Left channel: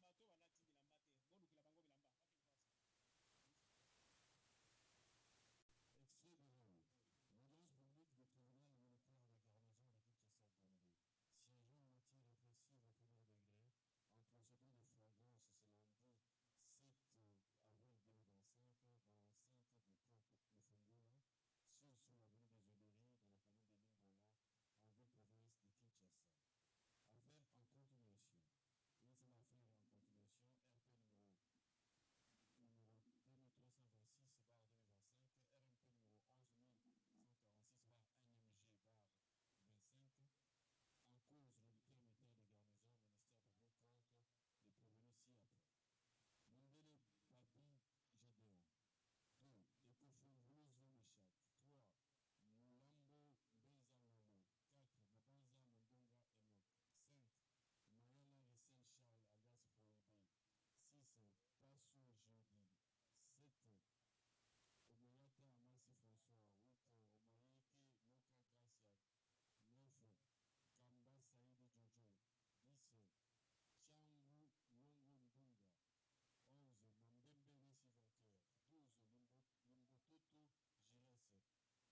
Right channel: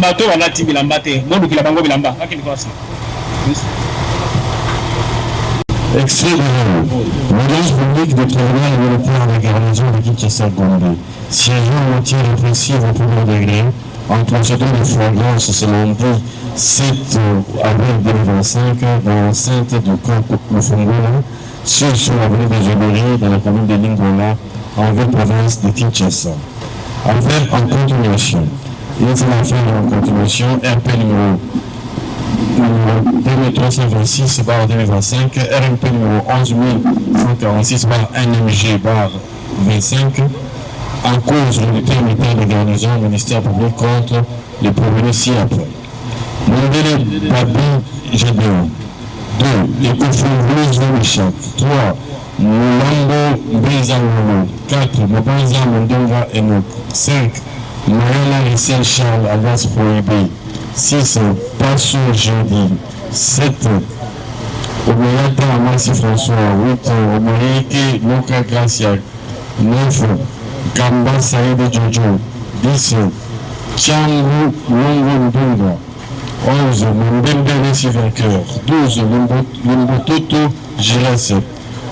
Bato balati bilamba te bodukila bango bilamba akini kwasi Extrait de l'audience publique de tribunal européen à la garnison de Kinshasa-Gombe. Siégeant moitié répressive au premier degré, en procédure de flagrance ce lundi 7 avril 2025 dans l'enceinte du camp Mufungola, sur l'avenue des Obéries dans la commune de Linggola, en ville province de Kinshasa. Affaire en continuation. Il est une affaire en continuation, RP numéro 2326 2025, RMP numéro 11146 NMG 25, en cause de l'unité militaire de garnison au ministère public contre les prévenus ci-après. Mondele Babi Gédéon. 2. Les conflits Michak. 3. Mulambo Mbezangolo. 4. Mobanza Mondonga Enoch. 5. Moyala Rissel Charles alias Prohibé. 6. Passo Jeudi. 7. Omoyata Amassi François. 8. Omoyeke Moka Gracia. 9. Gamba Saïd Jojo. 10. Tchangu Longo Ndunga. 11. Mbembe Messi vainqueur. 12. Lumbototo Giras.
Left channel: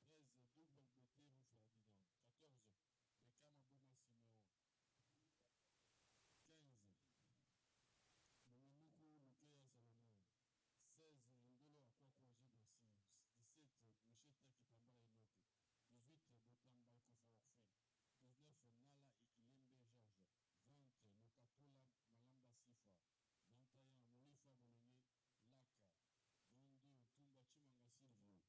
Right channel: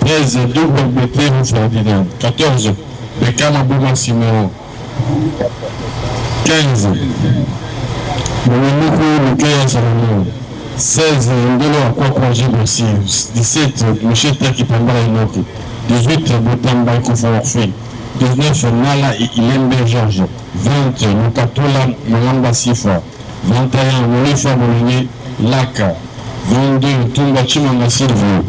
13. Double BT Ferdinand. 14. Bekama Bouma Siméon. 15. Mounoukou Lukaya Salomon. 16. Ndolo Akwakwa Jibosi. 17. Michel Taki Pambala Inoki. 18. Botamba Koufou Orphée. 19. Nala Ilembe Georges. 20. Mukatola Malamba Sifa. 21. Molifa Molinier Laka. 22. Tumba Chimanga Silvio.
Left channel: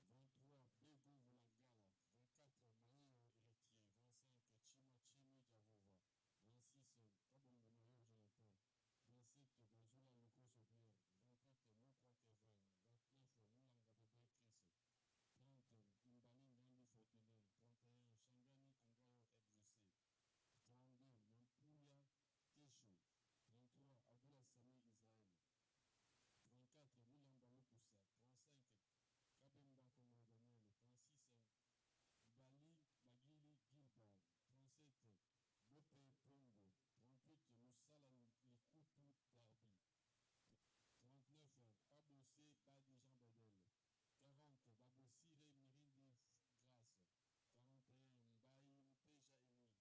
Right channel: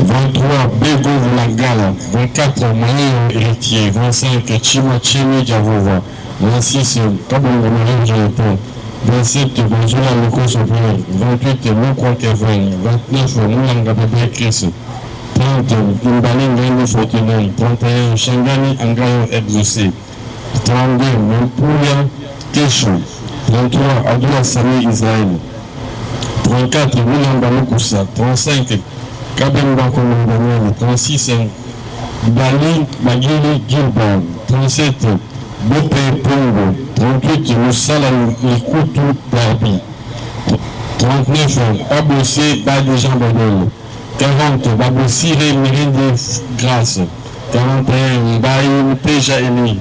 23. Bego Vulangala. 24. Maïo Héritier. 25. Chima Chimi Djavova. 26. Kabongo Marie Jonathan. 27. Bonjour Loko Sopel. 28. Mokwa Kevin. 29. Moulanga Bébé Chris. 30. Mbali Ngani Fortuné. 31. Shangani Angayo Exaucé. 32. Mpuya Kesho. 33. Abdullah Sami Israël. 34. Moulanga Moukoussa. 35. Kabemba Komandaniel. 36. Bali Magili Gilbert. 37. Bope Pongo. 38. Moussala Nikutu Darbi. 39. Babosé Badi Jean Badel. 40. Babossi Mérinde Grâce. 41. Mbaye Peja Eni.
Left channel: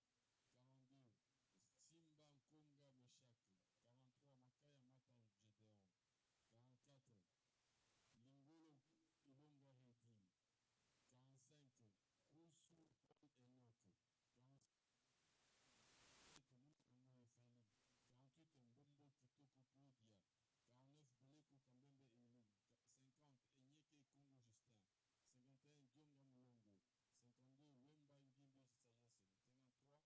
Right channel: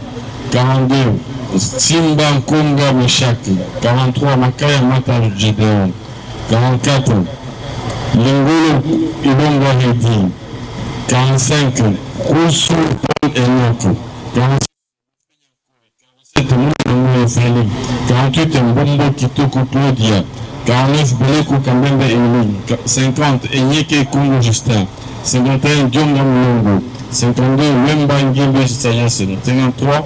42. Simba Konga Meshak. 43. Makaya Mata Gédéon. 44. Lingolo Ibonga Hedi. 45. Koussou Paul Enoch. 46. Feli, 48 Mbombo Kitoko Claudia, 49 Beleko Kambembe Emeline, 50 Enyeke Kongo Justin, 51 Dionga Mulongo, 52 Wemba Ngimbe Sagesse, 53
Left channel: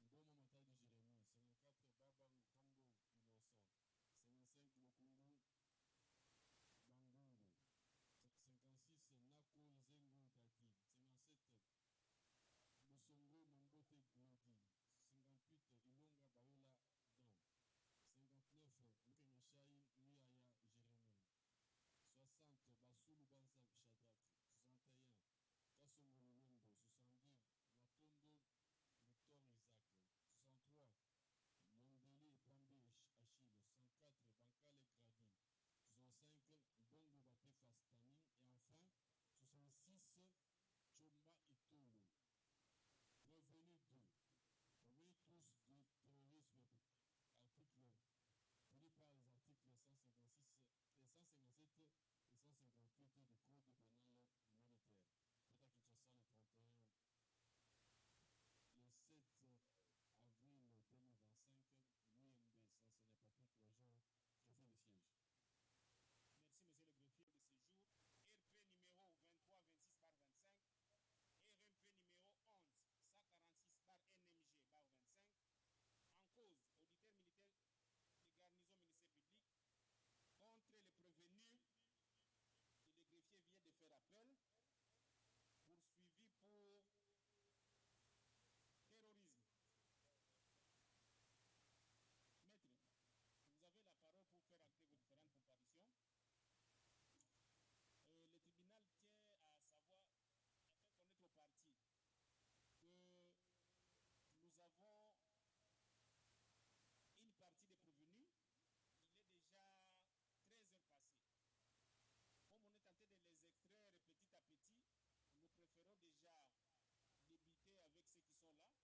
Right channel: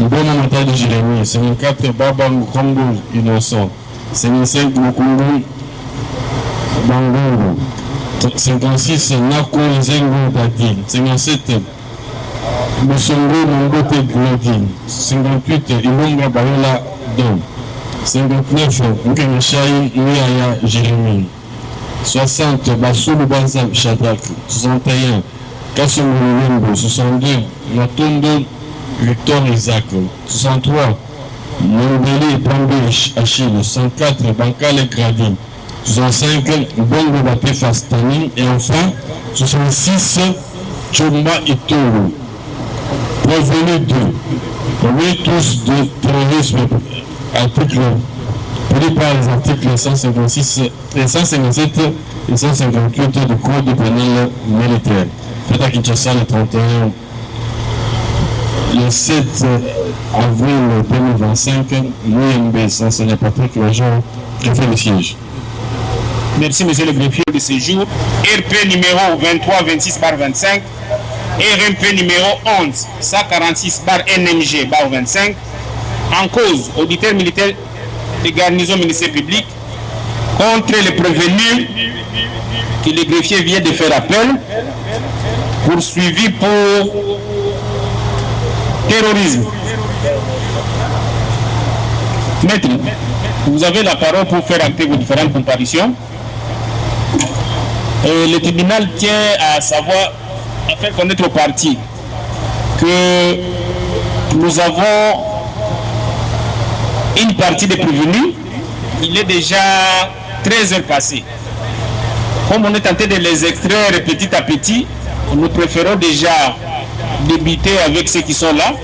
Mbona Matadi Jérémy, 54 Baba Nkombo Innocent, 55 Mukungu Bangongo, 56 Nako Nzengo Dadil, 57 Bosongo Mongote Claudine, 58 Ilonga Bayola Dom, 59 Nkemeshai Niaya Jérémy, 60 Basulu Banza Shadak, 61 Kassomo Wembo, 62 Matondo Victor Isaac, 63 Mondele Pambe Achille, 64 Bankale Gradin, 65 Bongo Baté Fastani et enfin 66 Chomba Itoro. Prévenus 2, oui tous de terrorisme, article, pris par les articles 156, 157 et 158 du Code pénal militaire. Fait à Kinshasa le 31, le 7 avril 2025, l'UMB, Sansonnet Patrick Lajon, préfet le siège. Merci, monsieur le greffier de ce jour. RP numéro 2326/25, RMP numéro 11 146/NMG/25, en cause auditeur militaire de garnison ministère public contre les prévenus que le greffier vient de faire appel, poursuivi pour terrorisme. Maître, vous avez la parole pour faire acter vos différentes comparutions. Et le tribunal tient à savoir, à faire connaître aux parties que nous avons une partie des prévenus. Il est déjà 13 heures passées. Comme on est tenté de les extraire petit à petit, nous préférons déjà débuter avec ceux qui sont là.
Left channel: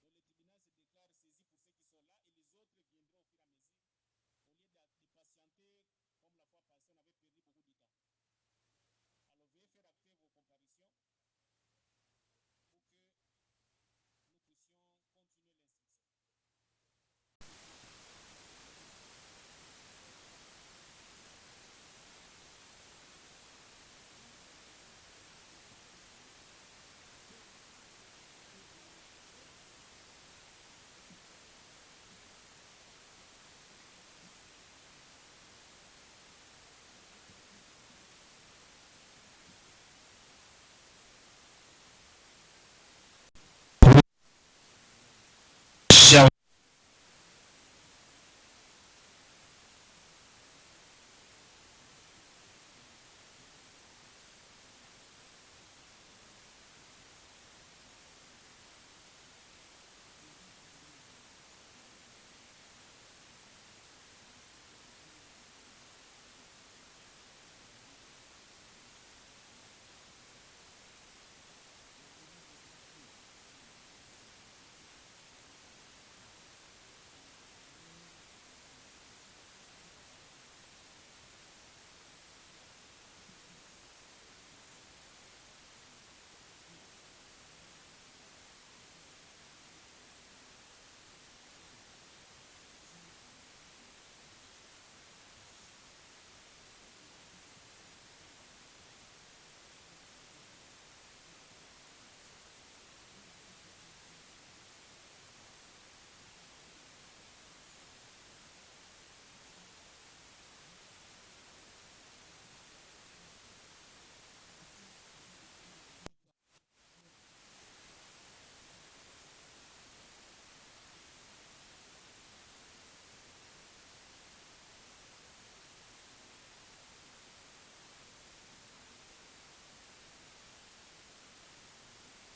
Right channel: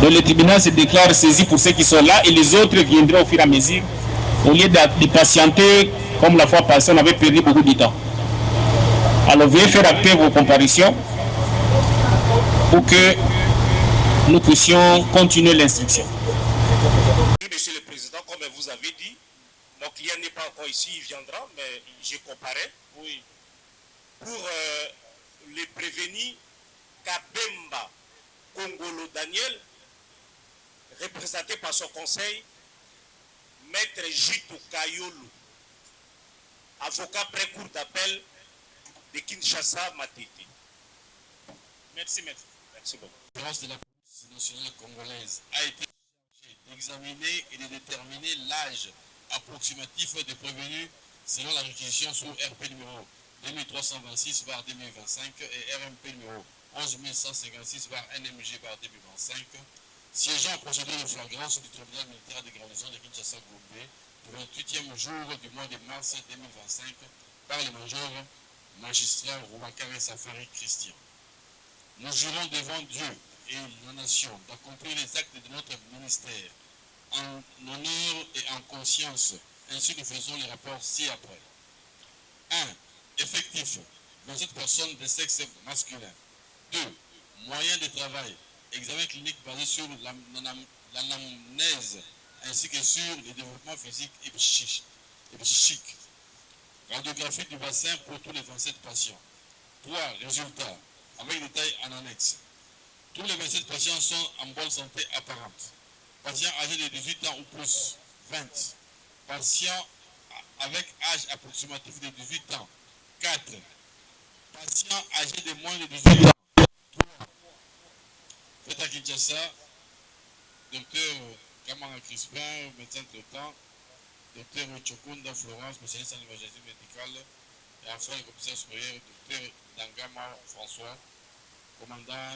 Donc le tribunal se déclare saisi pour ceux qui sont là et les autres viendront au fur et à mesure. Au lieu de patienter, comme la fois passée, on avait perdu beaucoup de temps. Alors veuillez faire acter vos comparutions pour que nous puissions continuer l'instruction. Monsieur le Président, comme vous avez dit, mon client n'est pas encore ici, il viendra, mais j'ai comparé. Oui. Pour les prévenir, Kabemba Kongolo Daniel, représenté par son conseil, Maître Jito Kayolo, avocat pré-cour d'appel de Kinshasa, Matete. Merci, maître. Merci beaucoup. La de la police nationale congolaise a été chargée d'examiner et de déterminer l'âge approximatif des prévenus selon la réquisition sur RP numéro 2326/2025 et RMP numéro 11156/NMG/2025, siégeant en procédure de flagrance du tribunal militaire de garnison de Kinshasa-Gombe le 28e jour du mois de mars 2025 par le major magistrat Rouakare Safari Christian. Nous jurons devant Dieu et la nation d'accomplir les actes de notre ministère en honneur et en conscience. Ainsi nous faisons les rapports ci-après. 1. Effectif, 27 personnes de sexe masculin. 2. Moyens de travail, examen clinique basé sur l'anamnèse ainsi que sur le développement physique et psychique. Radiographie du bassin pour tous les 27 patients. 3. Résultats, avec détails en annexe. Tous les 27 patients sont en bonne santé apparente. Patients âgés de 18 ans ou plus, 20. Patients avec âge approximatif de 18 ans, 4. Patients âgés de moins de 18 ans, 3. Fait à Kinshasa, docteur Kamara Crispin, médecin traitant, docteur Chokunda Florence, spécialiste en imagerie médicale, et enfin le commissaire supérieur, docteur Dangama François, commandant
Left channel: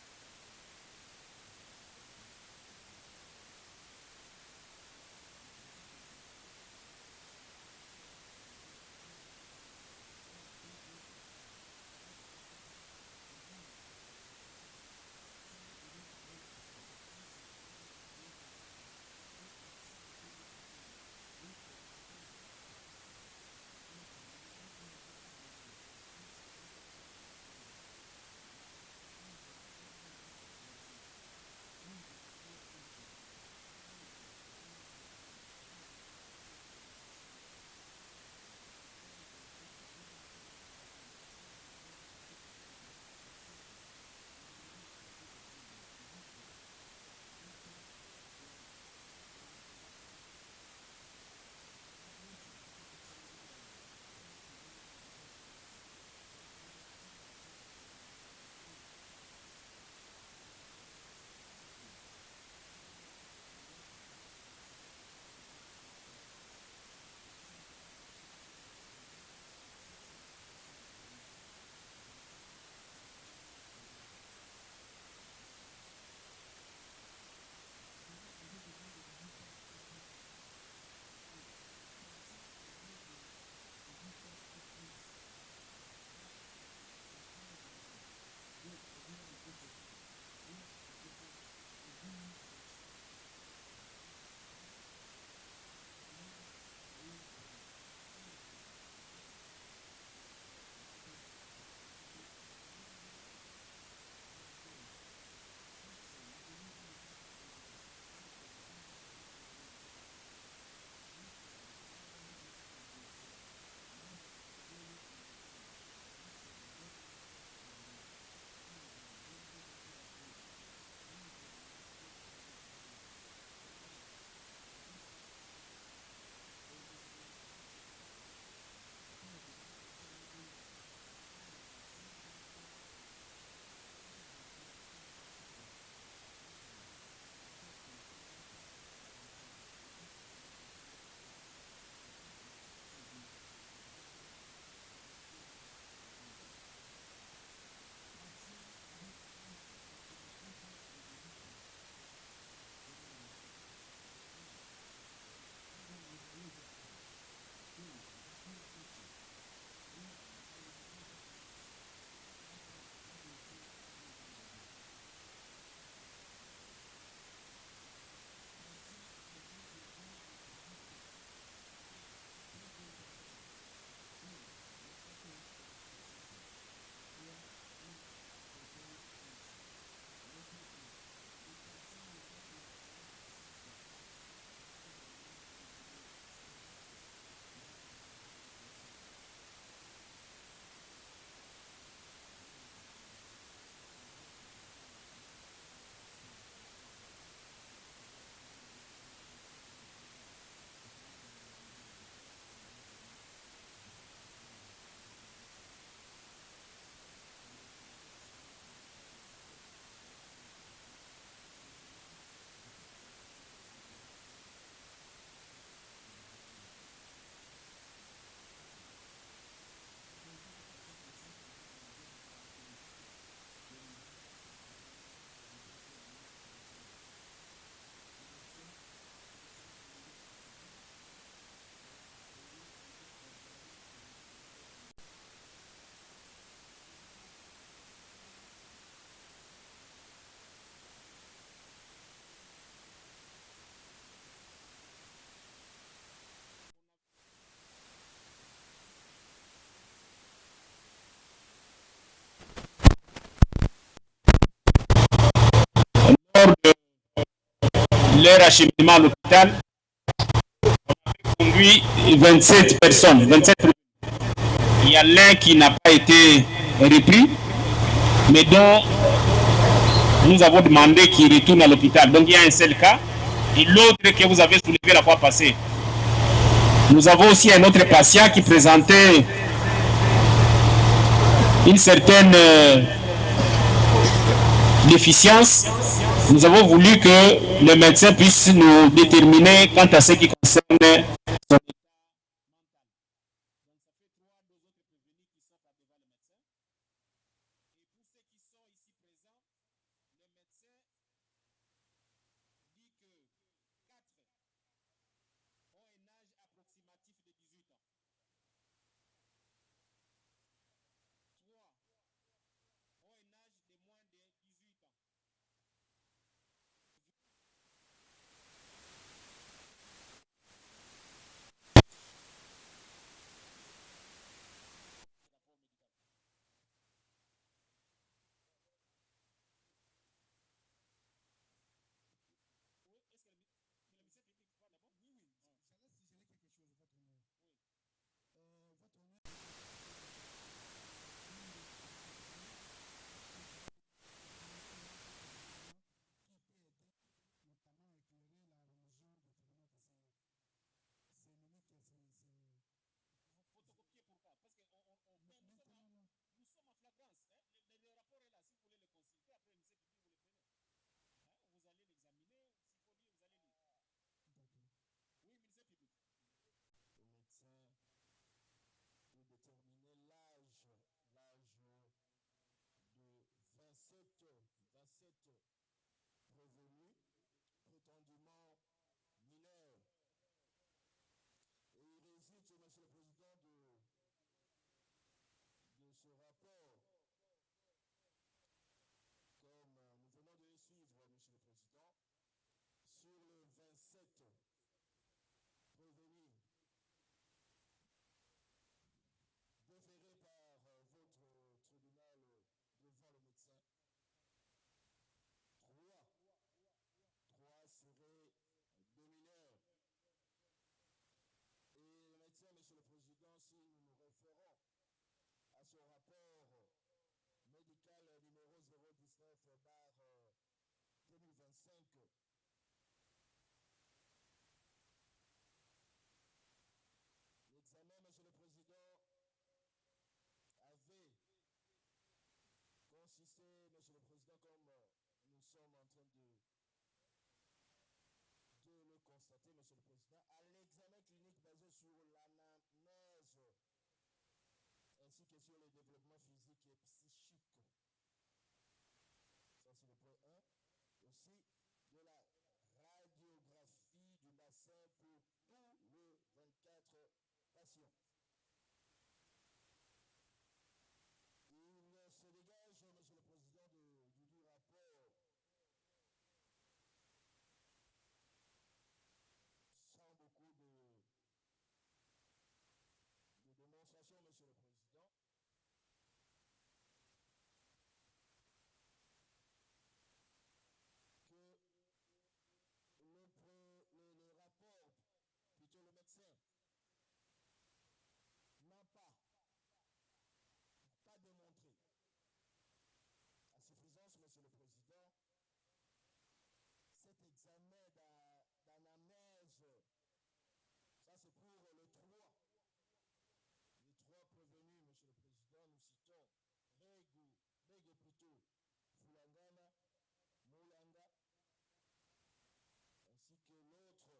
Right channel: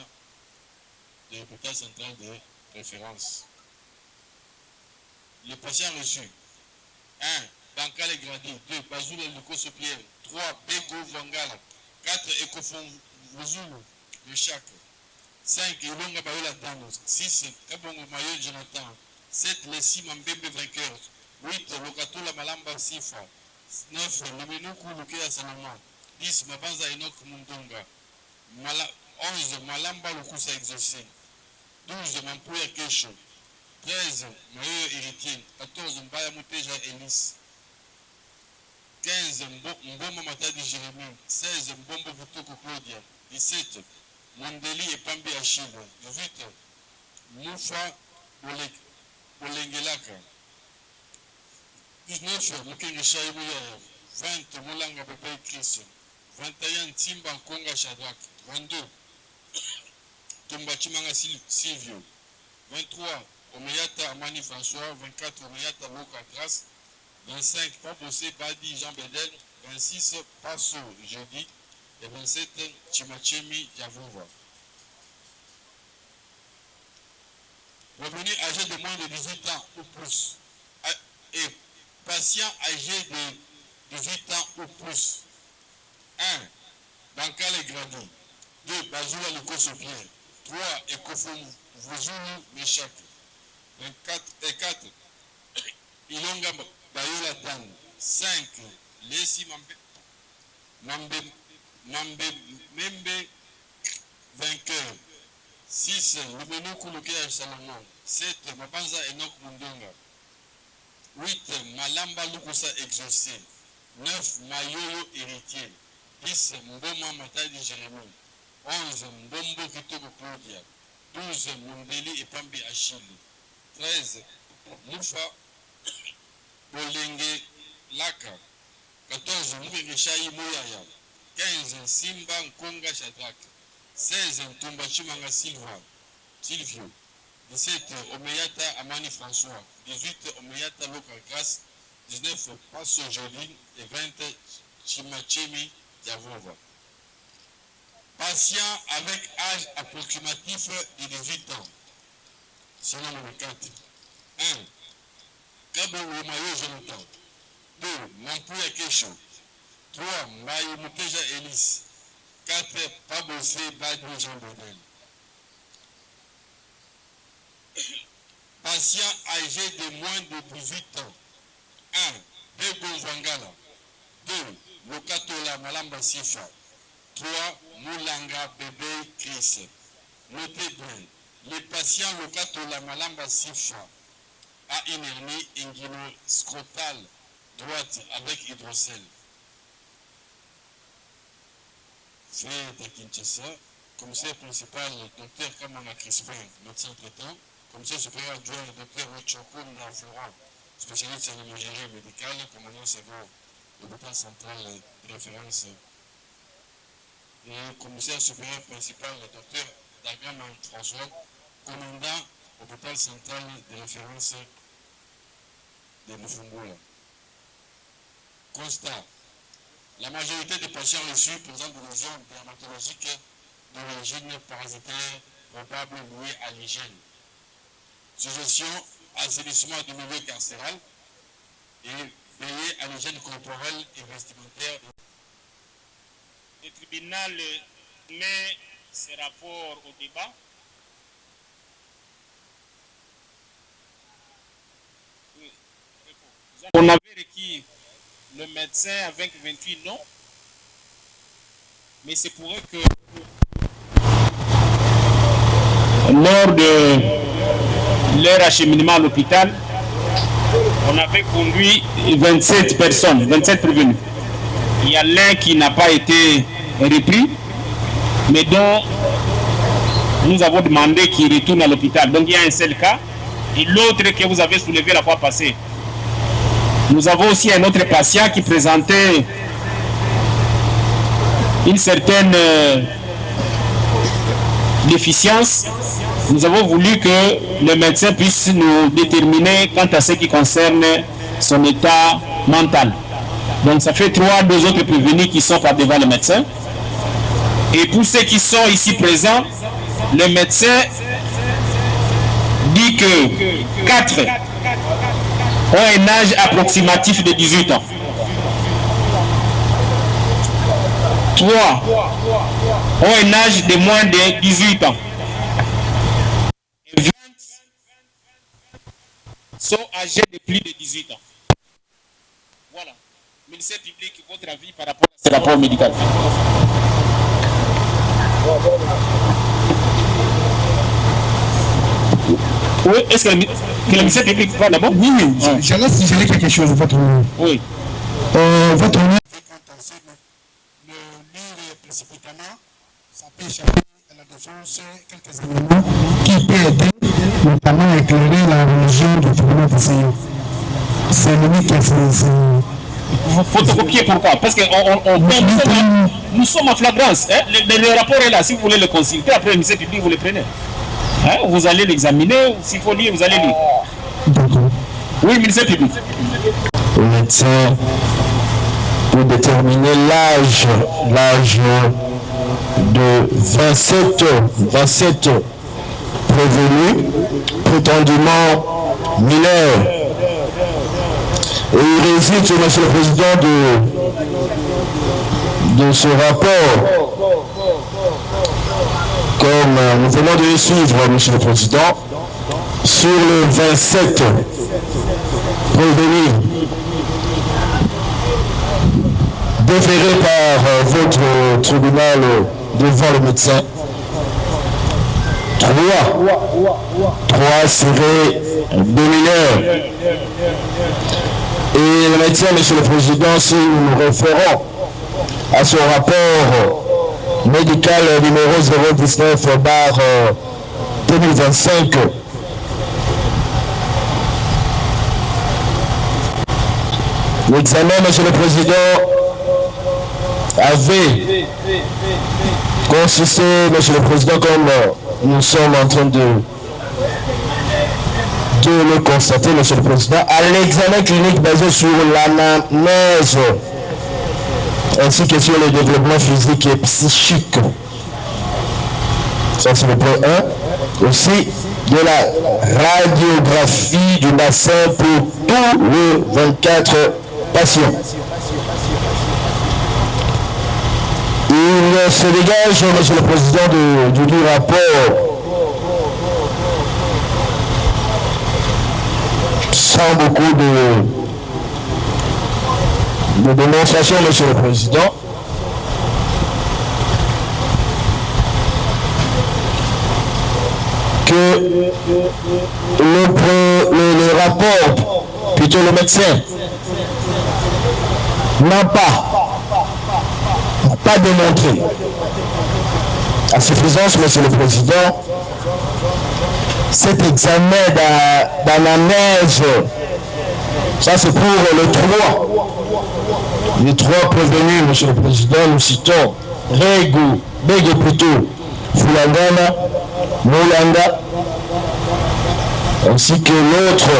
de l'hôpital central de référence. Les patients reçus: 1. Bankale Gradi, 2. Bazoula Lukoso-Pierre, 3. Bego Vangala, 4. Ekofon Vozulu, le Chac, 5. Ilonga Bayola Tano, 6. Kabongo Mayo Jonathan, 7. Lessi Mambembe vainqueur, 8. Lokatola Malamba Sifa, 9. Lemenuku Lukea Salama, 10. Mabanza Enoch Mundonga, 11. Malamba Lukusa exaucé, 12. Mampouya Kesho, 13 Mayo Héritier, 14 Mbaya Mouteja Elis, 15 Mbombo Matadi Jérémie, 16 Mbombo Vitoko Claudia, 17 Mondeli et Pambi Achille, 18 Moufa Olengelaka, 19 Mukenge Shaibouya, 20 Moulanga Bebe Chris, 21 Timba Konga Shadrach, 22 Tumbachimanga Silvio, 23 Omeyata Amani François, 24 Omeyata Loka Grace, 25 Paposé Badi Jean Bedel, 26 Passo Jeudi et 27 Chimachemi Yavova. Revenus âgés de moins de 18 ans ou plus et patients âgés de 18 ans ou plus. 1. Bankale Gradi. 2. Bazoula Lekosopien. 3. Ekofon Vozulu Meshak. 4. Ilonga Bayola Tan. 5. Lesi Membe vainqueur. 6. Lumenu Kouloukia Salomon. 7. Mabanza Enoch Mundonga. 8. Malamba Lukusa exaucé. 9. Mayoyo héritier. 10. Mboma Matadi Jérémie. 11. Mbombo Kitoko Claudia. 12. Mondeli et Pambi Achille. 13. Moufa Olenge Laka. 14. Mukenge Shai Mouyaya. 15. Simba Nkonga Shadrach. 16. Tumbachimanga Silvio. 17. Omeyata Amani François. 18. Omeyata Loka Grace. 19. Passo Joline. Et 20. Chimachemi Yavova. Patient avec âge approximatif de 18 ans. C'est le numéro 4. 1. Kabo Mayo Jonathan. 2. Mampouya Kesho. 3. Mayo Mouteja Elis. 4. Pabosé Badou Jean Bonel. Patient âgé de moins de 18 ans. 1. Bego Vangala. 2. Lokatola Malamba Sifa. 3. Moulanga Bébé Chris. Notez bien, les patients Lokatola Malamba Sifa a une hernie inguino-scrotale droite avec hydrocèle. Fait de Kinshasa, commissaire principal, Dr Kamana Crispin, médecin traitant, commissaire supérieur adjoint, Dr Rochoko Navura, spécialiste en imagerie médicale, commandant second, l'hôpital central de référence, et commissaire supérieur principal, Dr Dagama François, commandant l'hôpital central de référence de Mufungula. Constat. La majorité des patients reçus présentent des lésions dermatologiques d'origine parasitaire probable liée à l'hygiène. Suggestion, assainissement du milieu carcéral et veiller à l'hygiène corporelle et vestimentaire. Le tribunal met ses rapports au débat. On avait requis le médecin avec 28 noms, mais c'est pour eux que lors de leur acheminement à l'hôpital, on avait conduit 27 personnes, 27 prévenus. Il y a l'un qui n'a pas été repris, mais dont nous avons demandé qu'il retourne à l'hôpital. Donc il y a un seul cas, et l'autre que vous avez soulevé la fois passée. Nous avons aussi un autre patient qui présentait une certaine déficience. Nous avons voulu que le médecin puisse nous déterminer quant à ce qui concerne son état mental. Donc ça fait 2 autres prévenus qui sont par devant le médecin. Et pour ceux qui sont ici présents, le médecin dit que 4 ont un âge approximatif de 18 ans. 3 ont un âge de moins de 18 ans. Et 20 sont âgés de plus de 18 ans. Voilà. Ministère public, votre avis par rapport à ce rapport médical? Oui, est-ce que Que le ministère public va d'abord. Oui, oui. J'allais signaler quelque chose, votre honneur. Oui. Votre honneur. Précipitamment, ça peut échapper à la défense quelques éléments qui peuvent aider, notamment à éclairer la religion du tribunal de Seigneur. C'est lui qui a fait. Photocopier pourquoi? Parce que nous sommes en flagrance. Hein? Le rapport est là, si vous voulez le consulter, après le ministère public, vous le prenez. Hein? Vous allez l'examiner, s'il faut lire, vous allez lire. D'accord. Oui, ministère public. Au médecin, pour déterminer l'âge de 27 prévenus, prétendument mineurs. Et il résulte, Monsieur le Président, de ce rapport, comme nous venons de le suivre, Monsieur le Président, sur les 27 prévenus déférés par votre tribunal devant le médecin. 3 seraient des mineurs. Et le médecin, Monsieur le Président, si nous nous référons à son rapport médical numéro 019/2025, l'examen, Monsieur le Président, avait consisté, Monsieur le Président, comme nous sommes en train de le constater, Monsieur le Président, à l'examen clinique basé sur l'anamnèse ainsi que sur le développement physique et psychique. Ça, c'est le point 1. Aussi, de la radiographie du bassin pour tous les 24 patients. Il se dégage, Monsieur le Président, du rapport sans beaucoup de démonstration, Monsieur le Président. Que le rapport, plutôt le médecin, n'a pas démontré à suffisance, Monsieur le Président, cet examen d'anamnèse. Ça, c'est pour les 3 prévenus, Monsieur le Président. Nous citons Bego plutôt, Fulangana, Moulanga, ainsi que l'autre,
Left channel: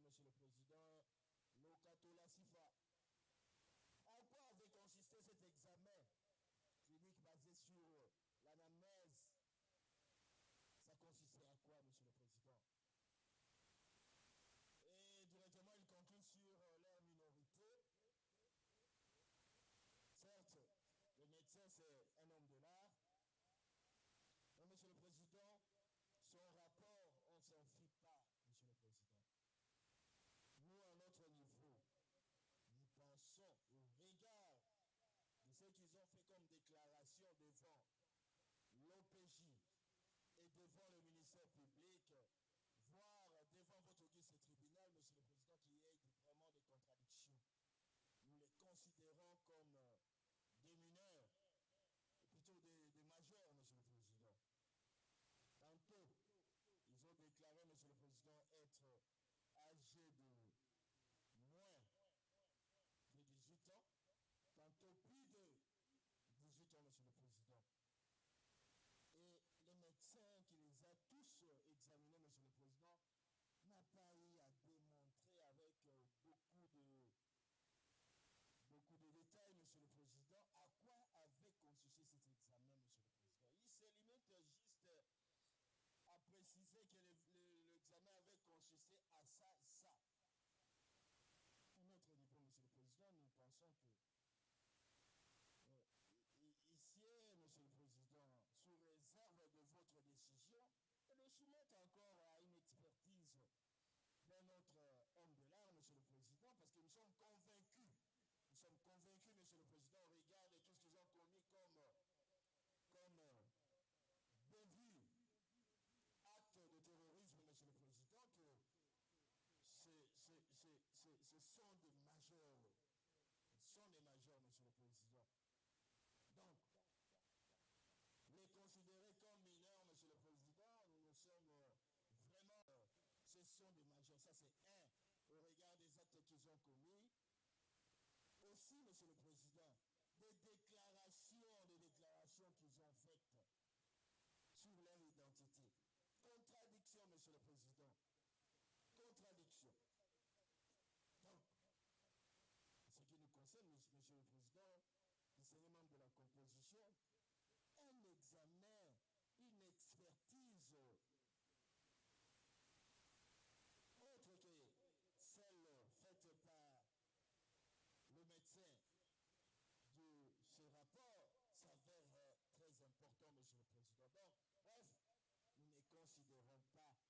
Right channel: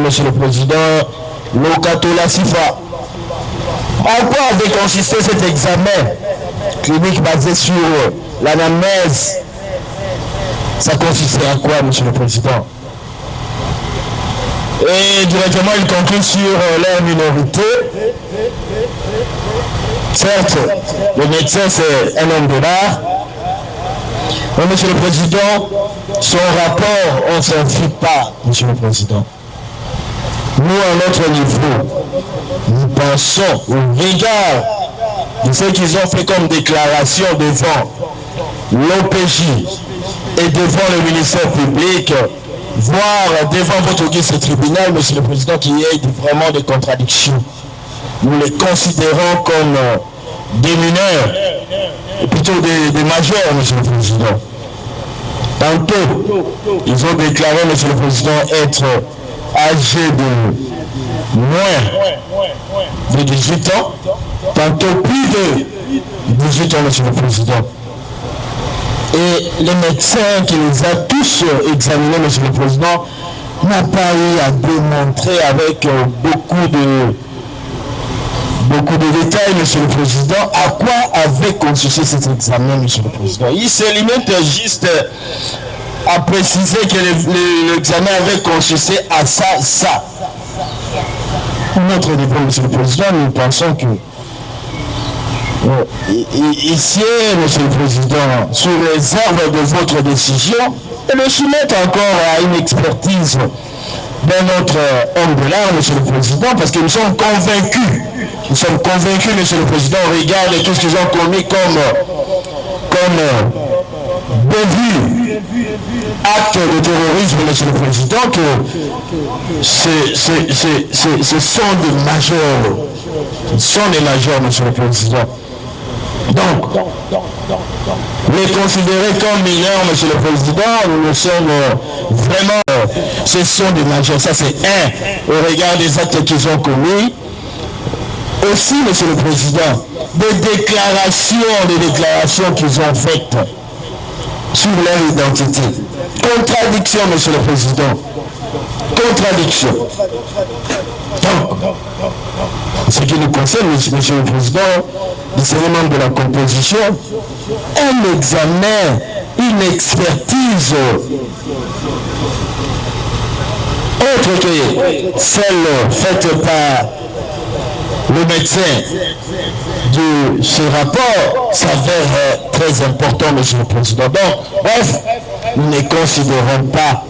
Monsieur le Président, Lokatola Sifa. En quoi avait consisté cet examen clinique basé sur l'anamnèse? Ça consistait à quoi, Monsieur le Président? Et directement, il conclut sur leur minorité. Certes, le médecin, c'est un homme de l'art. Mais, Monsieur le Président, son rapport, on ne s'en fie pas, Monsieur le Président. Nous, à notre niveau, nous pensons au regard de ce qu'ils ont fait comme déclaration devant l'OPJ et devant le ministère public, voire devant votre auguste tribunal, Monsieur le Président, qu'il y ait vraiment des contradictions. Nous les considérons comme des mineurs, ou plutôt des majeurs, Monsieur le Président. Tantôt, ils ont déclaré, Monsieur le Président, être âgés de moins de 18 ans, tantôt plus de 18 ans, Monsieur le Président. Et le médecin qui les a tous examinés, Monsieur le Président, n'a pas eu à démontrer avec beaucoup de détails, Monsieur le Président, à quoi avait consisté cet examen, Monsieur le Président. Il se limite juste à préciser que l'examen avait consisté à ça. Notre niveau, Monsieur le Président, nous pensons que ici, Monsieur le Président, sous réserve de votre décision, et le soumettre encore à une expertise d'un autre homme de l'art, Monsieur le Président, parce que nous sommes convaincus, Monsieur le Président, au regard de tout ce qu'ils ont commis comme bévue acte de terrorisme, Monsieur le Président, que ce sont des majeurs. Ce sont des majeurs, Monsieur le Président. Donc, les considérer comme mineurs, Monsieur le Président, nous sommes vraiment, ce sont des majeurs. Ça, c'est un, au regard des actes qu'ils ont commis. Aussi, Monsieur le Président, des déclarations qu'ils ont faites sur leur identité. Contradiction, Monsieur le Président. Contradiction. Donc, ce qui nous concerne, Monsieur le Président, des éléments de la composition, un examen, une expertise autre que celle faite par le médecin de ce rapport s'avère très important, Monsieur le Président. Donc, bref, nous ne considérons pas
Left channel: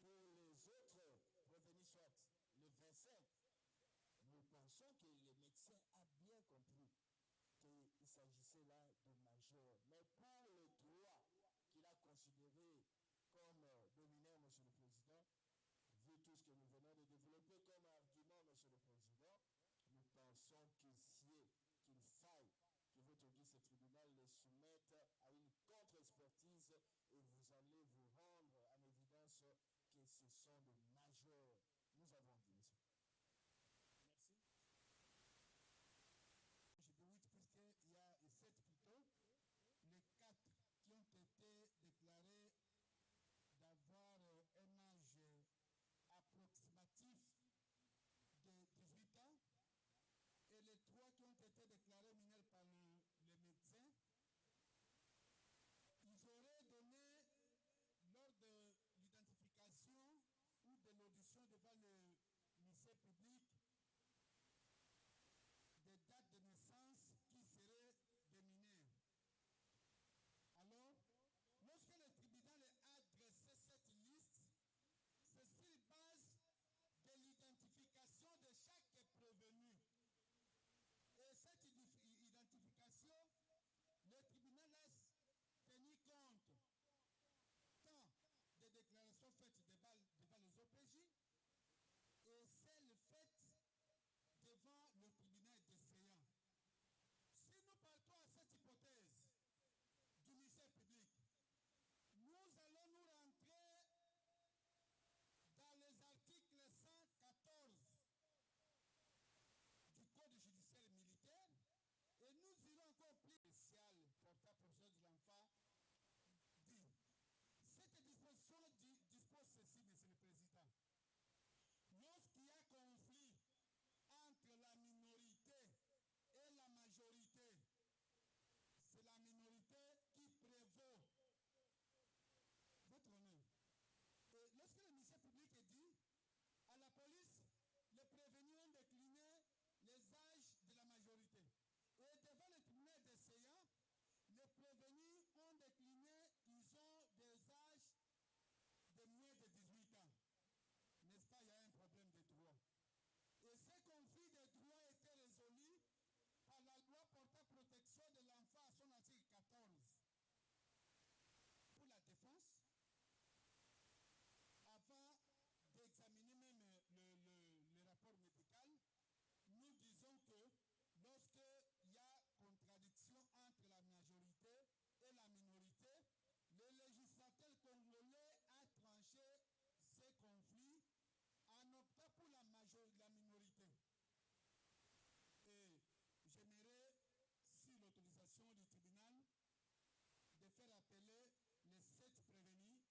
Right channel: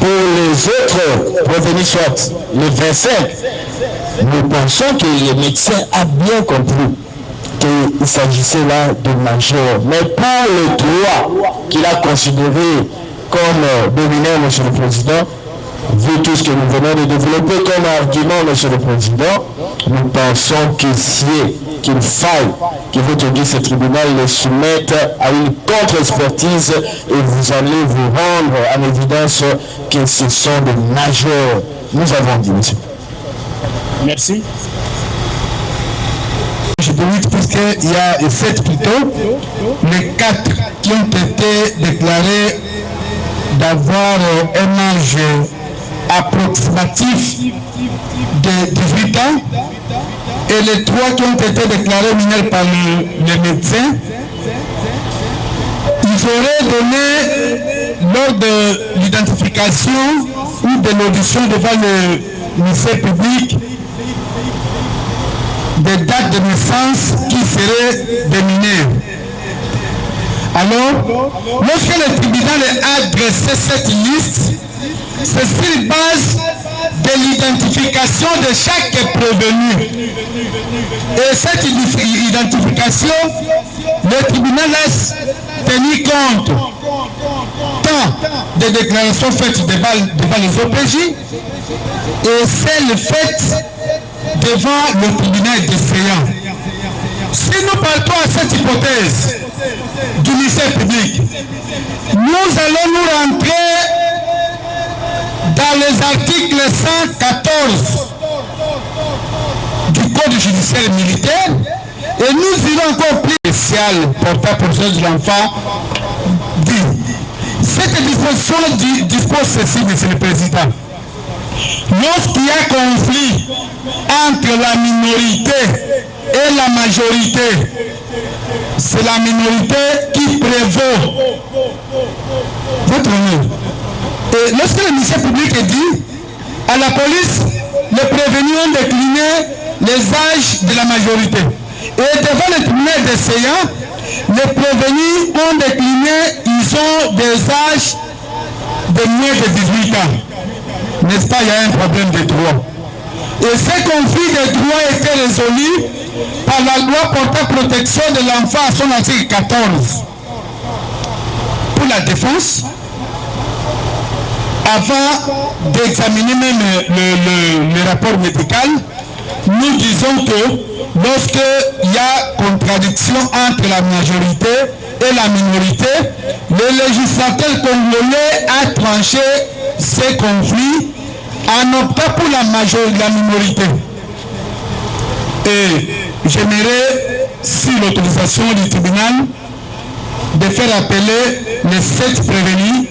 pour les autres revenus, soit le 25, nous pensons que le médecin a bien compris qu'il s'agissait là de majeur. Mais pour le droit qu'il a considéré comme dominant, Monsieur le Président, vu tout ce que nous venons de développer comme argument, Monsieur le Président, nous pensons qu'il faille que votre ce tribunal le soumette à une contre-expertise et vous allez vous rendre en évidence que ce sont des majeurs. Nous avons dit, monsieur. Merci. Je peux dire puisqu'il y a 7 plutôt, les 4 qui ont été déclarés d'avoir un âge approximatif de 18 ans et les 3 qui ont été déclarés mineurs par le médecin, ils auraient donné lors de l'identification ou de l'audition devant le ministère public des dates de naissance qui seraient des mineurs. Alors, lorsque le tribunal a dressé cette liste, c'est sur base de l'identification de chaque prévenu. Et cette identification, le tribunal a tenu compte tant des déclarations faites devant les OPJ et celles faites devant le tribunal défaillant. Si nous partons à cette hypothèse du ministère public, nous allons nous rentrer dans les articles 114 du Code judiciaire militaire et nous irons encore plus spécial portant protection de l'enfant dit. Cette disposition dispose ceci, Monsieur le Président. Lorsqu'il y a conflit entre la minorité et la majorité, c'est la minorité qui prévaut. Votre honneur. Et lorsque le ministère public dit à la police, les prévenus ont décliné les âges de la majorité. Et devant le tribunal défaillant, les prévenus ont décliné, ils ont des âges de moins de 18 ans. N'est-ce pas, il y a un problème de droit. Et ce conflit de droit a été résolu par la loi portant protection de l'enfant à son article 14. Pour la défense, avant d'examiner même le rapport médical, nous disons que lorsqu'il y a contradiction entre la majorité et la minorité, le législateur congolais a tranché ces conflits en optant pour la minorité. Et j'aimerais, si l'autorisation du tribunal, de faire appeler les 7 prévenus,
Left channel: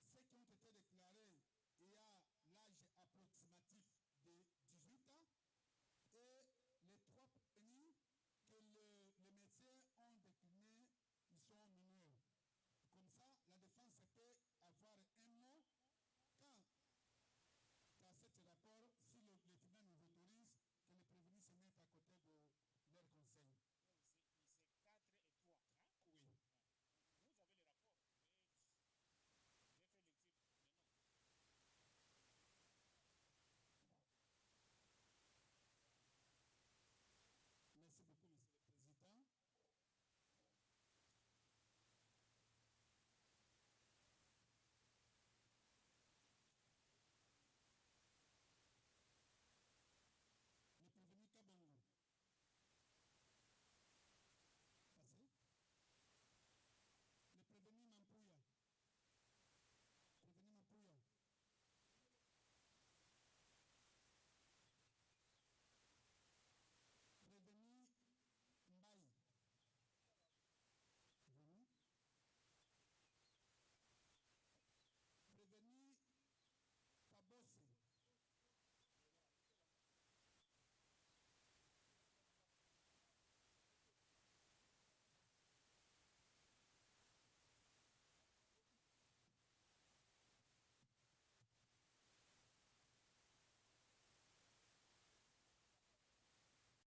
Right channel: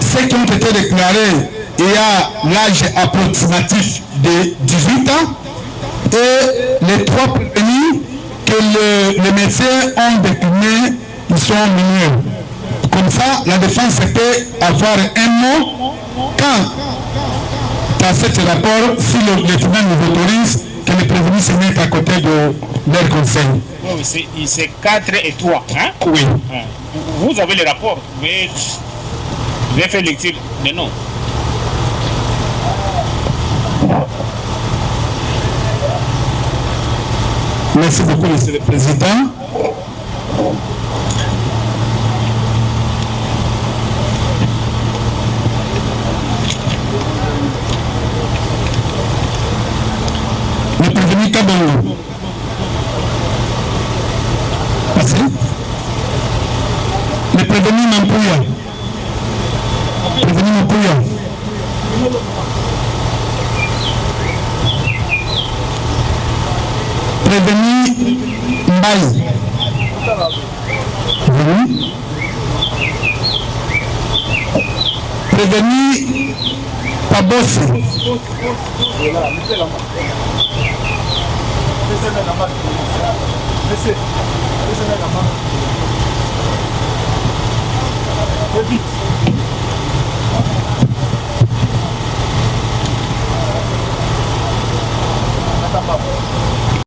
ceux qui ont été déclarés ayant l'âge approximatif de 18 ans, et les 3 prévenus que les médecins ont décliné, ils sont mineurs. Comme ça, la défense peut avoir un mot quand, dans ce rapport, si le tribunal nous autorise, que les prévenus se mettent à côté de leur conseil. Oui, c'est 4 et 3, hein? Oui. Vous avez le rapport, mais vous avez fait lecture des noms. Merci beaucoup, Monsieur le Président. Prévenu Mampouya. Prévenu Mampouya. Prévenu Mbaye. Prévenu Pabosse.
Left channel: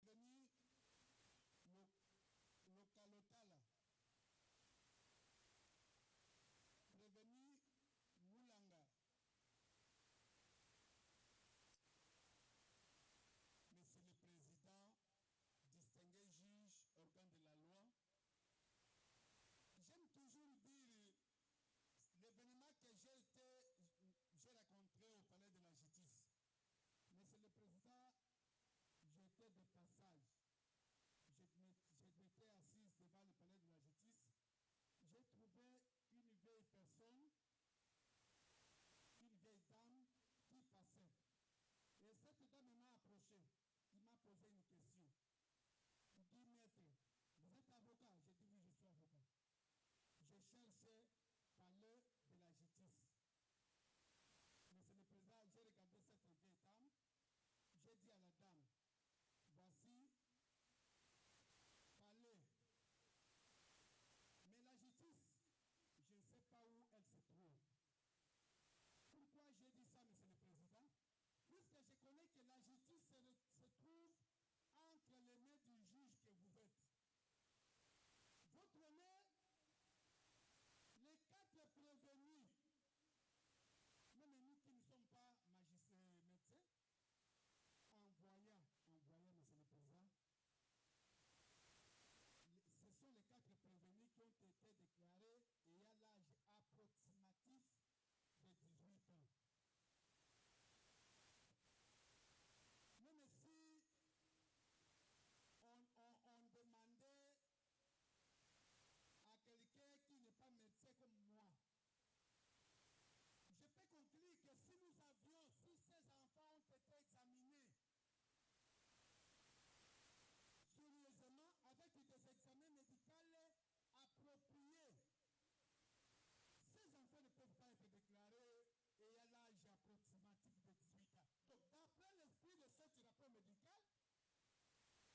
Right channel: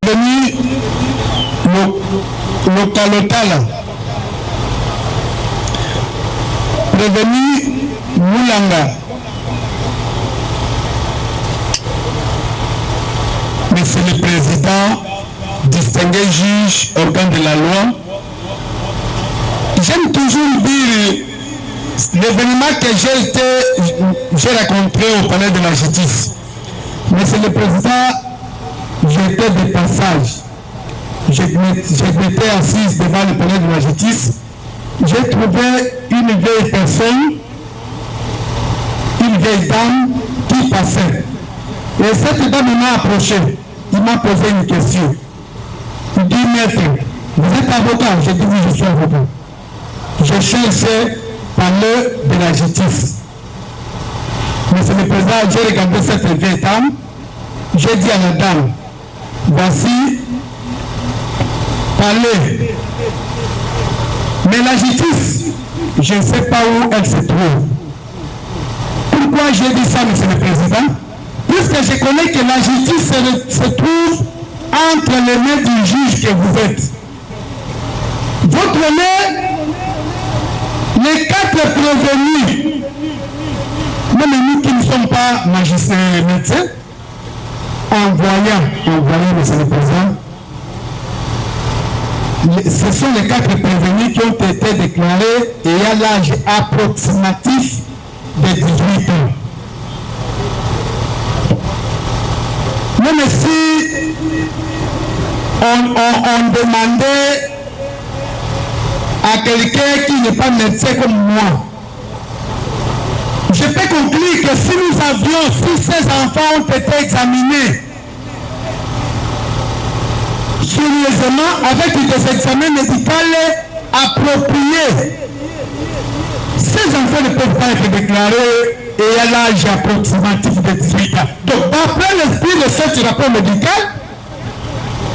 Prévenu Lokalotala. Prévenu Moulanga. Monsieur le Président, distingué juge, organe de la loi, j'aime toujours dire l'événement que j'ai rencontré au palais de la justice. Monsieur le Président, j'étais de passage. J'étais assise devant le palais de la justice. J'ai trouvé une vieille personne, une vieille dame qui passait. Et cette dame m'a approché. Il m'a posé une question. Il dit, maître, vous êtes avocat? J'ai dit oui, je suis avocat. Je cherchais parler de la justice. Monsieur le Président, j'ai regardé cette vieille dame. J'ai dit à la dame, voici, parlez. Mais la justice, je ne sais pas où elle se trouve. Pourquoi j'ai dit ça, Monsieur le Président? Puisque je connais que la justice se trouve entre les mains du juge que vous êtes. Votre main, les 4 prévenus, même nous qui ne sommes pas magistrats et médecins, envoyant, Monsieur le Président, ce sont les 4 prévenus qui ont été déclarés ayant l'âge approximatif de 18 ans. Même si on demandait à quelqu'un qui n'est pas médecin comme moi, je peux conclure que si nous avions, si ces enfants ont été examinés sérieusement avec des examens médicaux appropriés, ces enfants ne peuvent pas être déclarés et à l'âge approximatif de 18 ans. Donc, d'après l'esprit de ce rapport médical,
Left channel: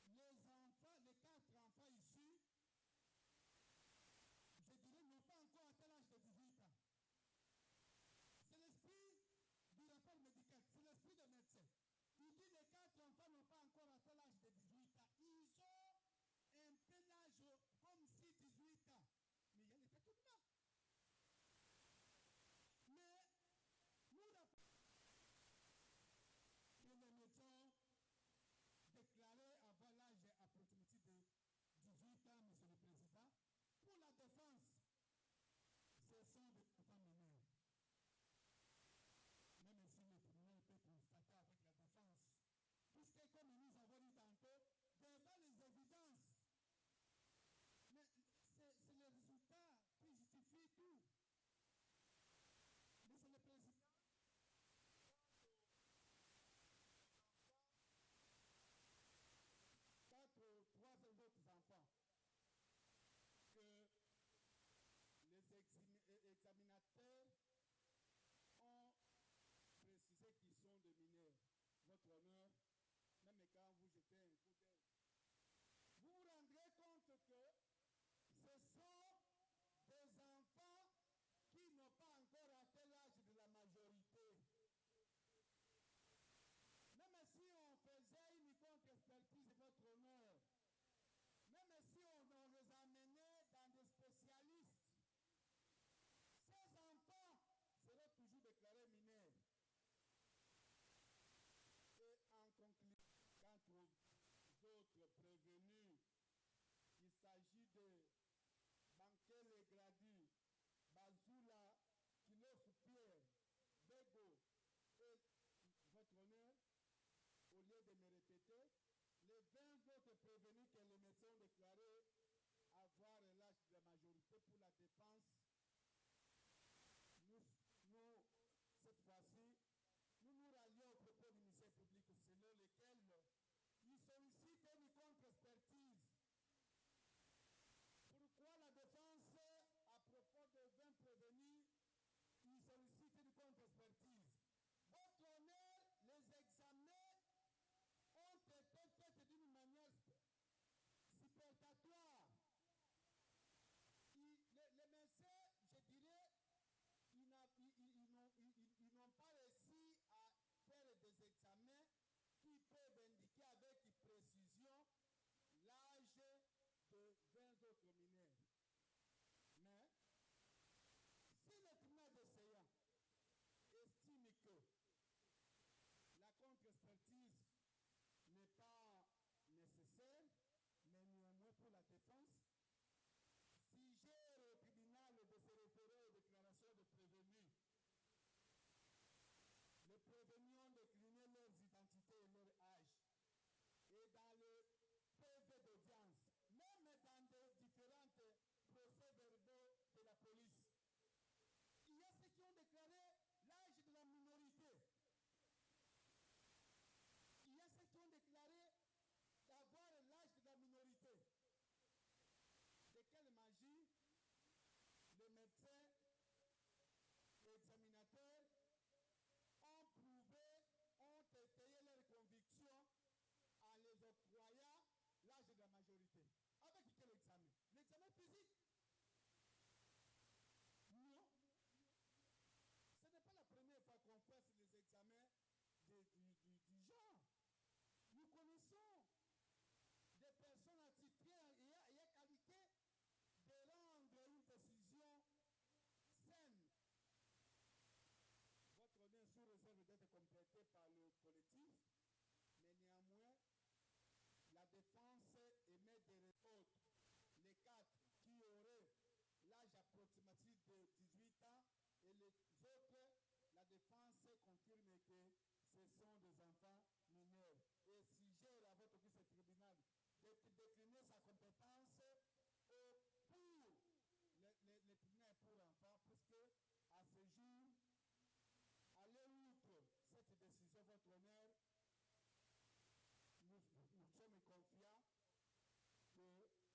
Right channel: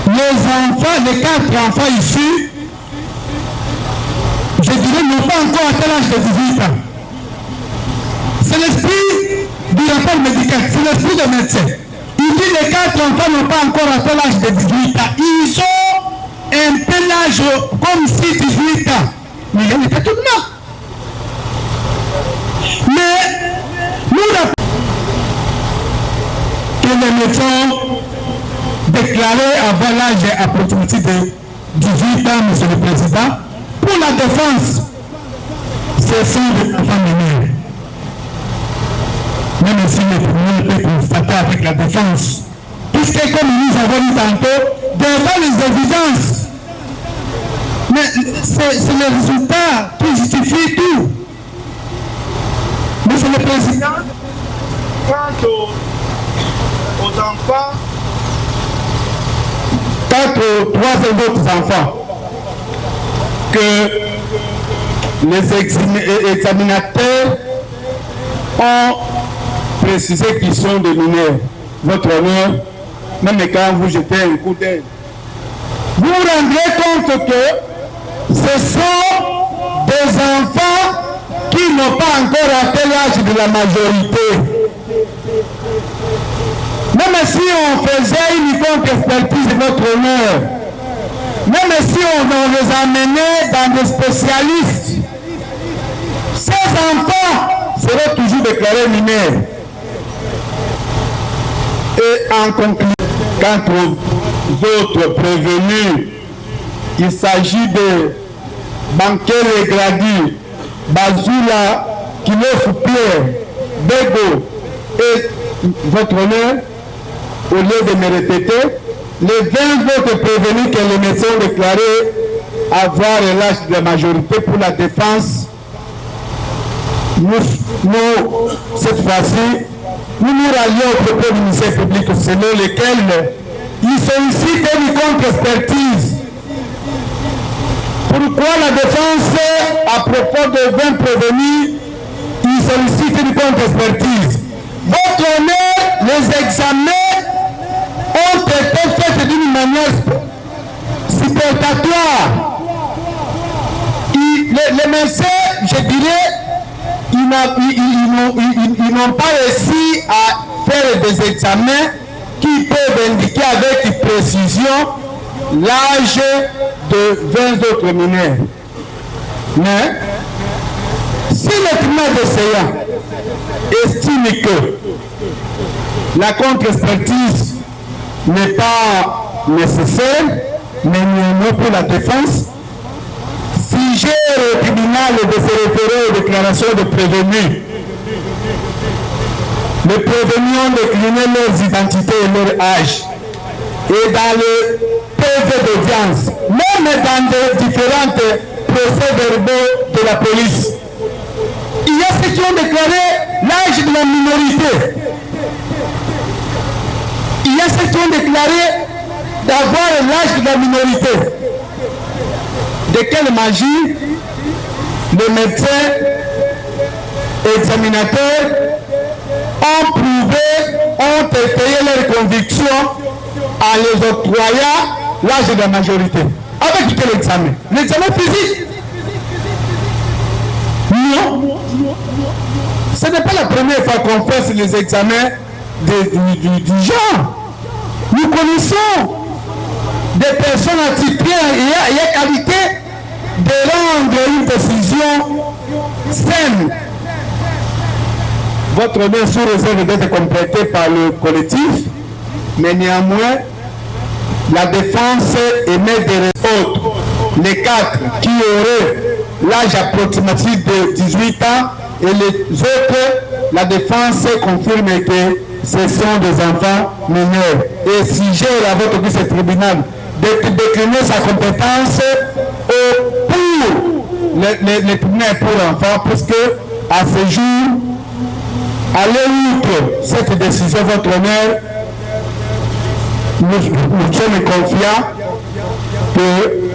les enfants, les 4 enfants ici, je dirais, n'ont pas encore atteint l'âge de 18 ans. C'est l'esprit du rapport médical, c'est l'esprit de médecin. Il dit que les 4 enfants n'ont pas encore atteint l'âge de 18 ans. Ils ont un peu l'âge comme si 18 ans. Mais il y a des tâtonnements. Mais nous rappelons que les médecins déclarés avant l'âge approximatif de 18 ans, Monsieur le Président, pour la défense, ce sont des enfants mineurs. Même si le tribunal peut constater avec la défense, puisque comme nous avons dit tantôt, devant les évidences, mais c'est le résultat qui justifie tout. Monsieur le Président, quant aux enfants, quant aux 3 autres enfants que les examinateurs ont précisé qu'ils sont des mineurs, votre honneur, même quand vous jetez un coup d'œil, vous vous rendrez compte que ce sont des enfants qui n'ont pas encore atteint l'âge de la majorité. Même si on faisait une contre-expertise de votre honneur, même si on les amenait dans des spécialistes, ces enfants seront toujours déclarés mineurs. Et en conclusion, quant aux autres prévenus, il s'agit de Bankele Gradi, Bazula, Kilof Pierre, Bego et votre honneur, au lieu de me répéter, les 20 autres prévenus que les médecins ont déclarés avoir l'âge de la majorité pour la défense cette fois-ci, nous nous rallions au propos du ministère public selon lequel il sollicite une contre-expertise. Pourquoi la défense, à propos de 20 prévenus, il sollicite une contre-expertise? Votre honneur, les examens ont été faits d'une manière superfétatoire. Les médecins, je dirais, ils n'ont pas réussi à faire des examens qui peuvent indiquer avec précision l'âge de 20 autres mineurs. Mais si le tribunal d'essayant estime que la contre-expertise n'est pas nécessaire, mais néanmoins pour la défense, si j'ai au tribunal de se référer aux déclarations de prévenus, les prévenus ont décliné leurs identités et leur âge. Et dans le PV d'audience, même dans les différents procès-verbaux de la police, il y a ceux qui ont déclaré l'âge de la minorité. Il y a ceux qui ont déclaré d'avoir l'âge de la minorité. De quelle magie les médecins examinateurs ont prouvé, ont étayé leurs convictions en les octroyant l'âge de la majorité. Avec quel examen? L'examen physique? Non. Ce n'est pas la première fois qu'on fait les examens du genre. Nous connaissons des personnes atypiques et qualité de rendre une décision saine. Votre honneur sous réserve d'être complété par le collectif, mais néanmoins, la défense émet des autres, les 4 qui auraient l'âge approximatif de 18 ans et les autres, la défense confirme que ce sont des enfants mineurs. Et si j'ai à votre guise tribunal de décliner sa compétence pour les tribunaux pour enfants, puisque à ce jour, allez outre cette décision, votre honneur, nous sommes confiants que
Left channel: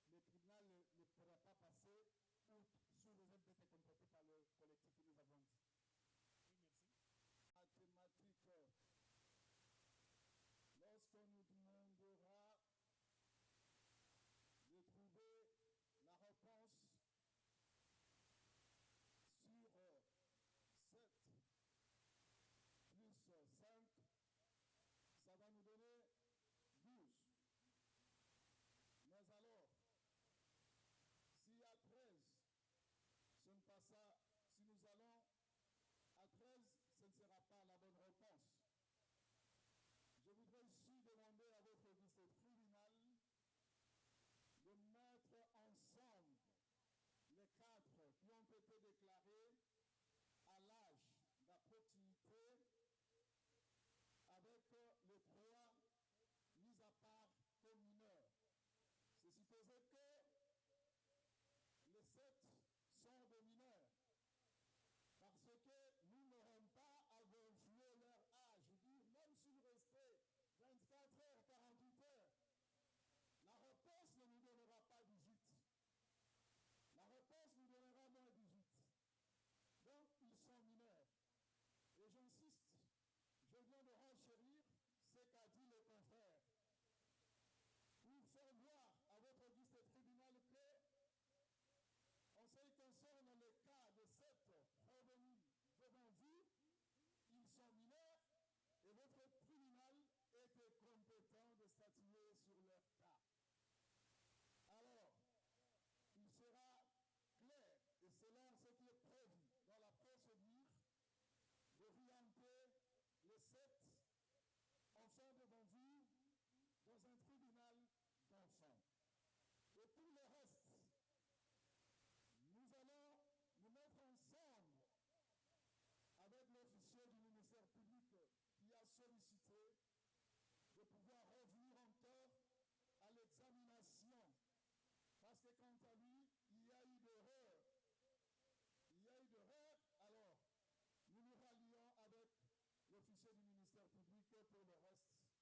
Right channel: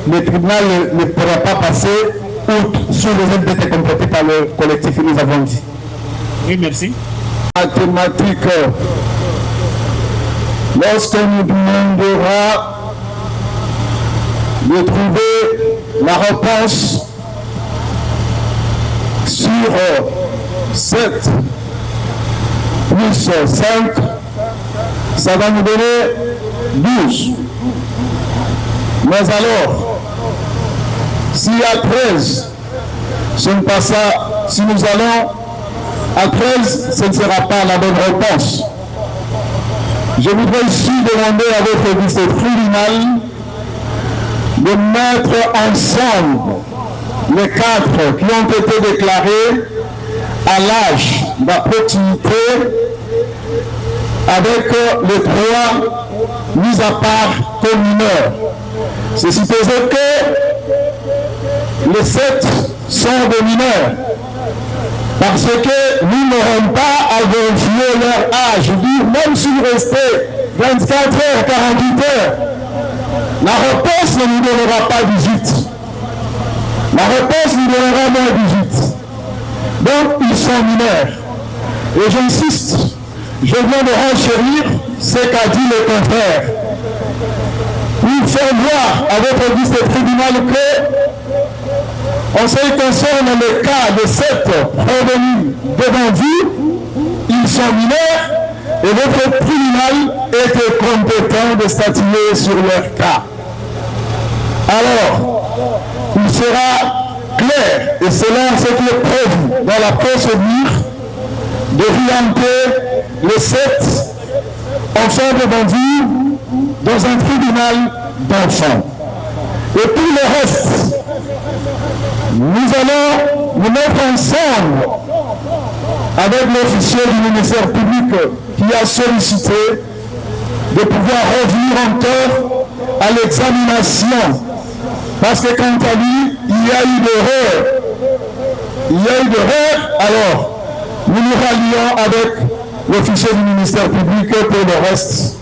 le tribunal ne pourra pas passer outre sous réserve d'être complété par le collectif que nous avons dit. Oui, merci. Mathématique, lorsqu'on nous demandera de trouver la réponse sur 7 plus 5, ça va nous donner 12. Mais alors, s'il y a 13, ce n'est pas ça. Si nous allons à 13, ce ne sera pas la bonne réponse. Je voudrais ici demander à votre vice-tribunal de mettre ensemble les 4 qui ont été déclarés à l'âge de la proximité avec les 3 mis à part comme mineurs. C'est supposé que les 7 sont des mineurs parce que nous n'aurons pas à vérifier leur âge. Je dis, même s'ils restaient 24 heures, 48 heures, la réponse ne nous donnera pas 18. La réponse nous donnera moins 18. Donc, ils sont mineurs. Et j'insiste, je viens de renchérir ce qu'a dit le confrère. Pour faire voir à votre vice-tribunal que, en ce qui concerne le cas de 7 prévenus devant vous, ils sont mineurs et votre tribunal est compétent de statuer sur leur cas. Alors, il sera clair, et selon ce qui est prévu dans la procédure, d'orienter les 7 enfants devant vous dans un tribunal d'enfants. Et pour le reste, nous allons nous mettre ensemble avec l'officier du ministère public qui a sollicité de pouvoir revenir encore à l'examination. Parce que quant à lui, il y a eu d'erreur. Il y a eu d'erreur Alors, nous nous rallions avec l'officier du ministère public pour le reste.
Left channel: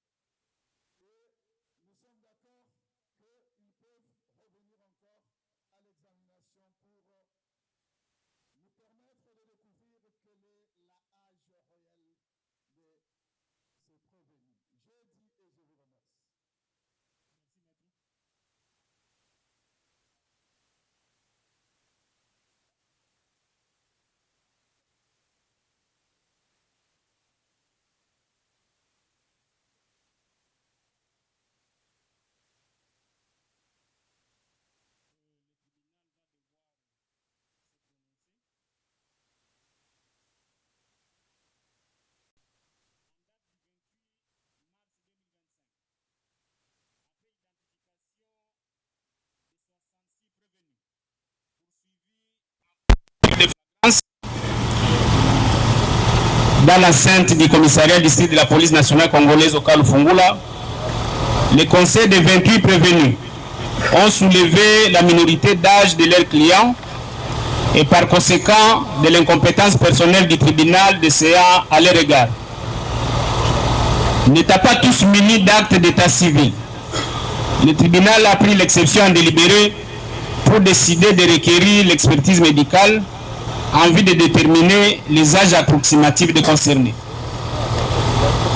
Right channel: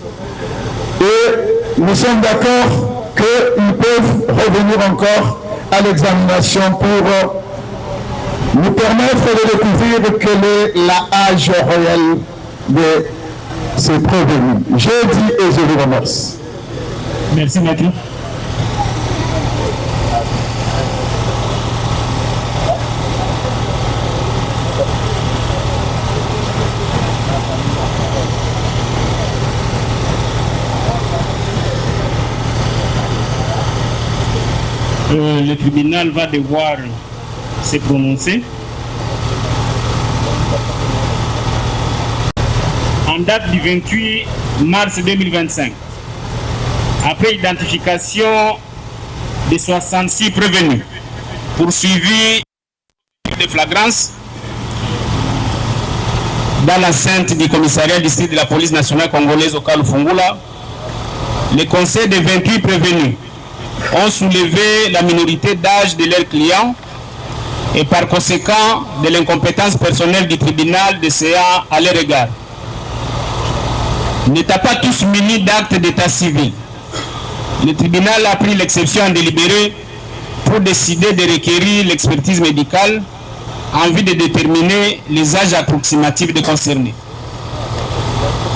Et nous sommes d'accord qu'ils peuvent revenir encore à l'examination pour nous permettre de découvrir quel est l'âge réel de ces prévenus. Je dis et je vous remercie. Merci, maître. Le tribunal va devoir se prononcer. En date du 28 mars 2025, après identification des 66 prévenus, poursuivis de flagrance dans l'enceinte du commissariat district de la police nationale congolaise au Kalufungula, le conseil des 28 prévenus ont soulevé la minorité d'âge de leurs clients et par conséquent de l'incompétence personnelle du tribunal de CA à leur égard. N'étant pas tous munis d'actes d'état civil, le tribunal a pris l'exception en délibéré pour décider de requérir l'expertise médicale en vue de déterminer les âges approximatifs des concernés.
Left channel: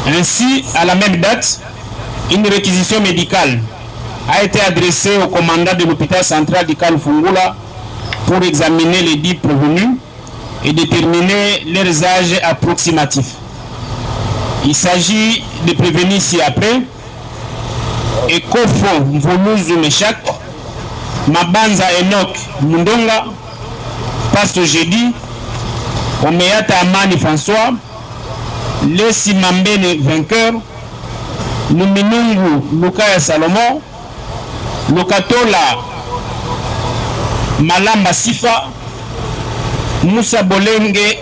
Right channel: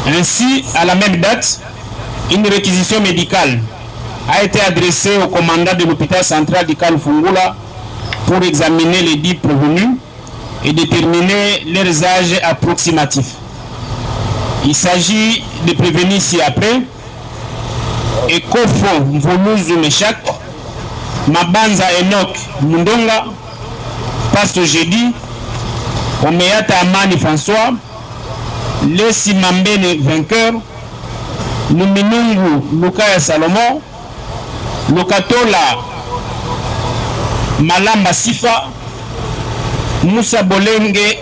Ainsi, à la même date, une réquisition médicale a été adressée au commandant de l'hôpital central du Kalufungula pour examiner les dits prévenus et déterminer leurs âges approximatifs. Il s'agit de prévenir ci-après Ekofo Mvoluzu Meshak, Mabanza Enoch Mundonga, Pasto Jeudi, Omeata Amani François, Lesi Mambene Vainqueur, Luminungu Lukaya Salomon, Lokatola Malamba Sifa, Moussa Bolenge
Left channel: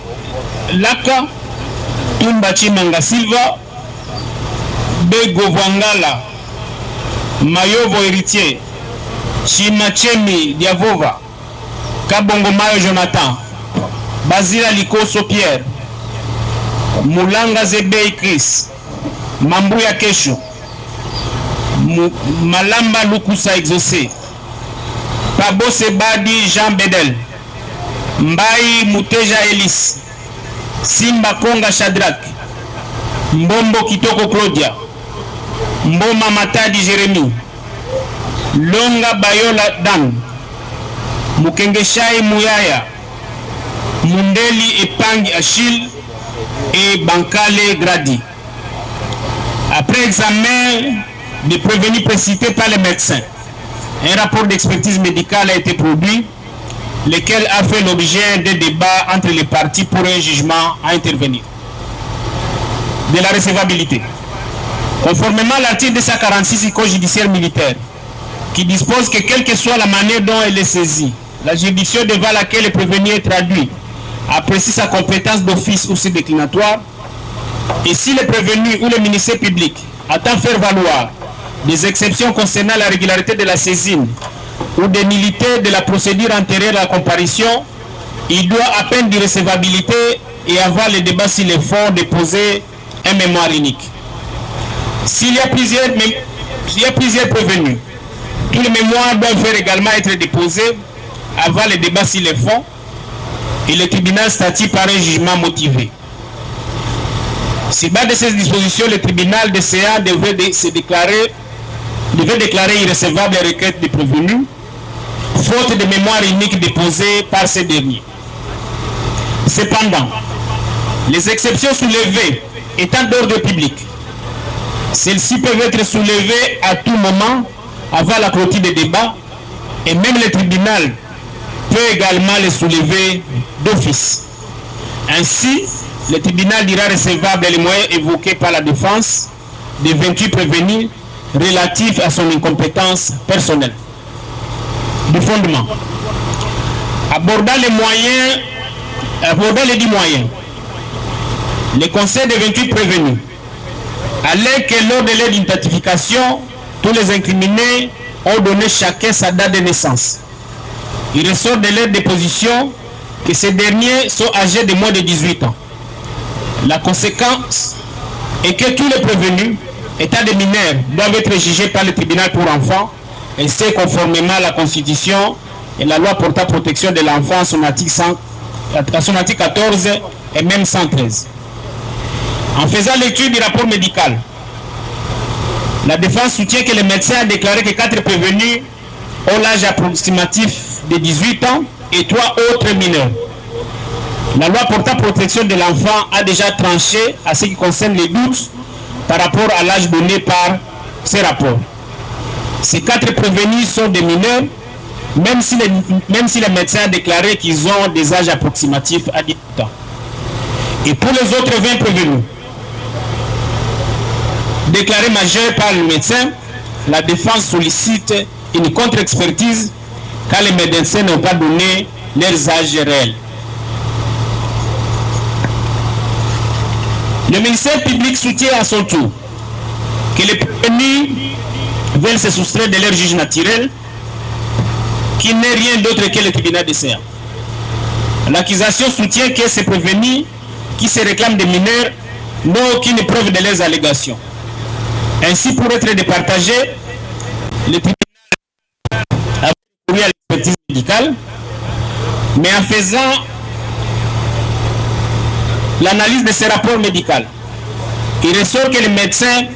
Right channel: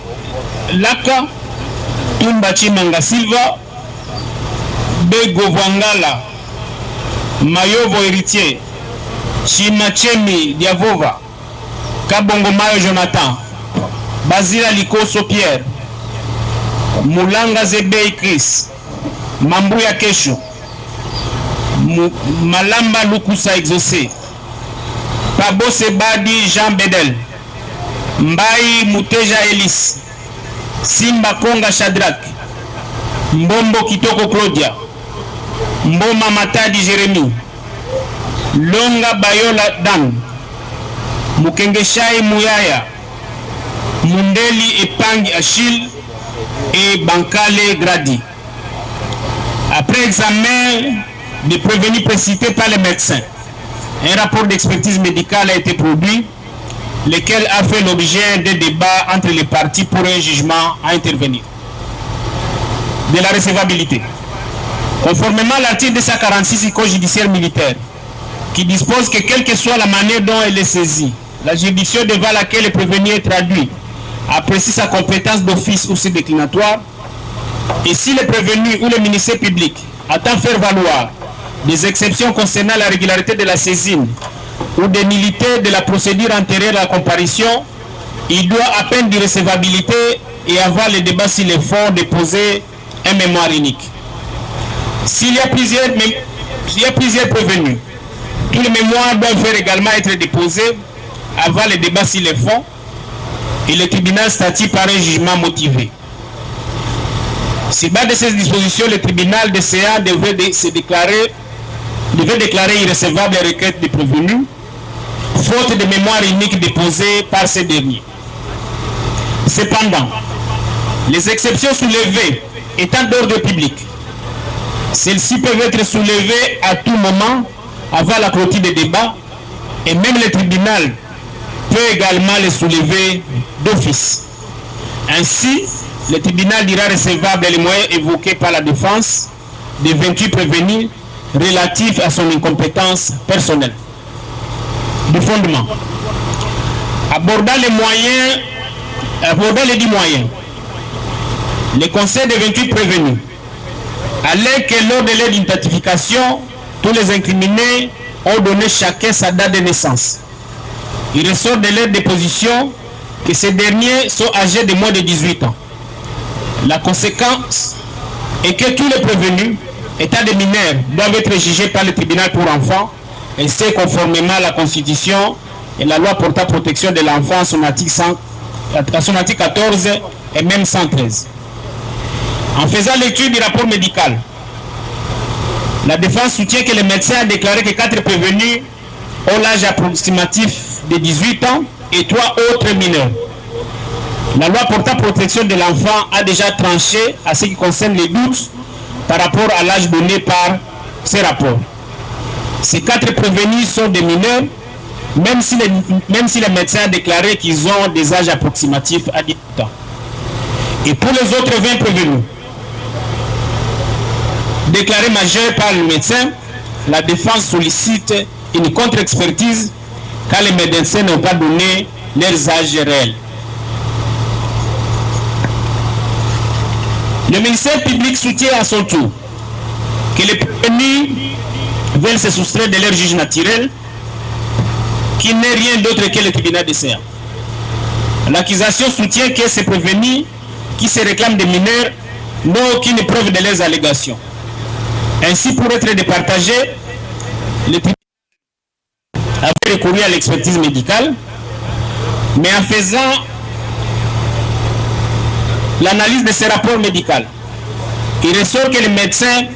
Laka, Tumba Chimanga Silva, Bego Vangala, Mayovo Héritier, Chimachemi Diavova, Kabongo Mayo Jonathan, Basila Likoso Pierre, Moulanga Zebei Chris, Mambuya Kesho, Malamba Lukusa Exaucé, Pabo Sebadi Jean Bedel, Mbaye Muteja Elis, Simba Konga Shadrach, Mbombo Kitoko Claudia, Mboma Matadi Jérémy, Longa Bayola Dan, Mukengeshai Mouyaya, Mundeli Epangi Achille et Bankale Gradi. Après examen des prévenus précités par les médecins, un rapport d'expertise médicale a été produit, lequel a fait l'objet d'un débat entre les parties pour un jugement à intervenir. De la recevabilité. Conformément à l'article 246 du Code judiciaire militaire, qui dispose que quelle que soit la manière dont elle est saisie, la juridiction devant laquelle le prévenu est traduit apprécie sa compétence d'office ou ses déclinatoire, et si le prévenu ou le ministère public attend faire valoir des exceptions concernant la régularité de la saisine ou des nullités de la procédure antérieure à la comparution, il doit à peine d'irrecevabilité et avoir le débat sur les fonds déposer un mémoire unique. S'il y a plusieurs prévenus, tous les mémoires doivent également être déposés avant le débat sur les fonds et le tribunal statue par un jugement motivé. Sur base de ces dispositions, le tribunal de CA devait déclarer irrecevable les requêtes des prévenus, faute de mémoire unique déposée par ces derniers. Cependant, les exceptions soulevées étant d'ordre public, celles-ci peuvent être soulevées à tout moment avant la clôture des débats et même le tribunal peut également les soulever d'office. Ainsi, le tribunal dira recevable les moyens évoqués par la défense des 28 prévenus relatifs à son incompétence personnelle. De fondement. Abordant les 10 moyens, le conseil des 28 prévenus allait que lors de leur identification, tous les incriminés ont donné chacun sa date de naissance. Il ressort de leur déposition que ces derniers sont âgés de moins de 18 ans. La conséquence est que tous les prévenus, état de mineurs, doivent être jugés par le tribunal pour enfants, et c'est conformément à la Constitution et la loi portant protection de l'enfant à son article 14 et même 113. En faisant l'étude du rapport médical, la défense soutient que le médecin a déclaré que 4 prévenus ont l'âge approximatif de 18 ans et 3 autres mineurs. La loi portant protection de l'enfant a déjà tranché à ce qui concerne les doutes par rapport à l'âge donné par ces rapports. Ces 4 prévenus sont des mineurs, même si le médecin a déclaré qu'ils ont des âges approximatifs à 18 ans. Et pour les autres 20 prévenus, déclarés majeurs par le médecin, la défense sollicite une contre-expertise car les médecins n'ont pas donné leurs âges réels. Le ministère public soutient à son tour que les prévenus veulent se soustraire de leur juge naturel, qui n'est rien d'autre que le tribunal de CA. L'accusation soutient que ces prévenus qui se réclament des mineurs n'ont aucune preuve de leurs allégations. Ainsi, pour être départagé, le tribunal avait recouru à l'expertise médicale, mais en faisant l'analyse de ce rapport médical, il ressort que le médecin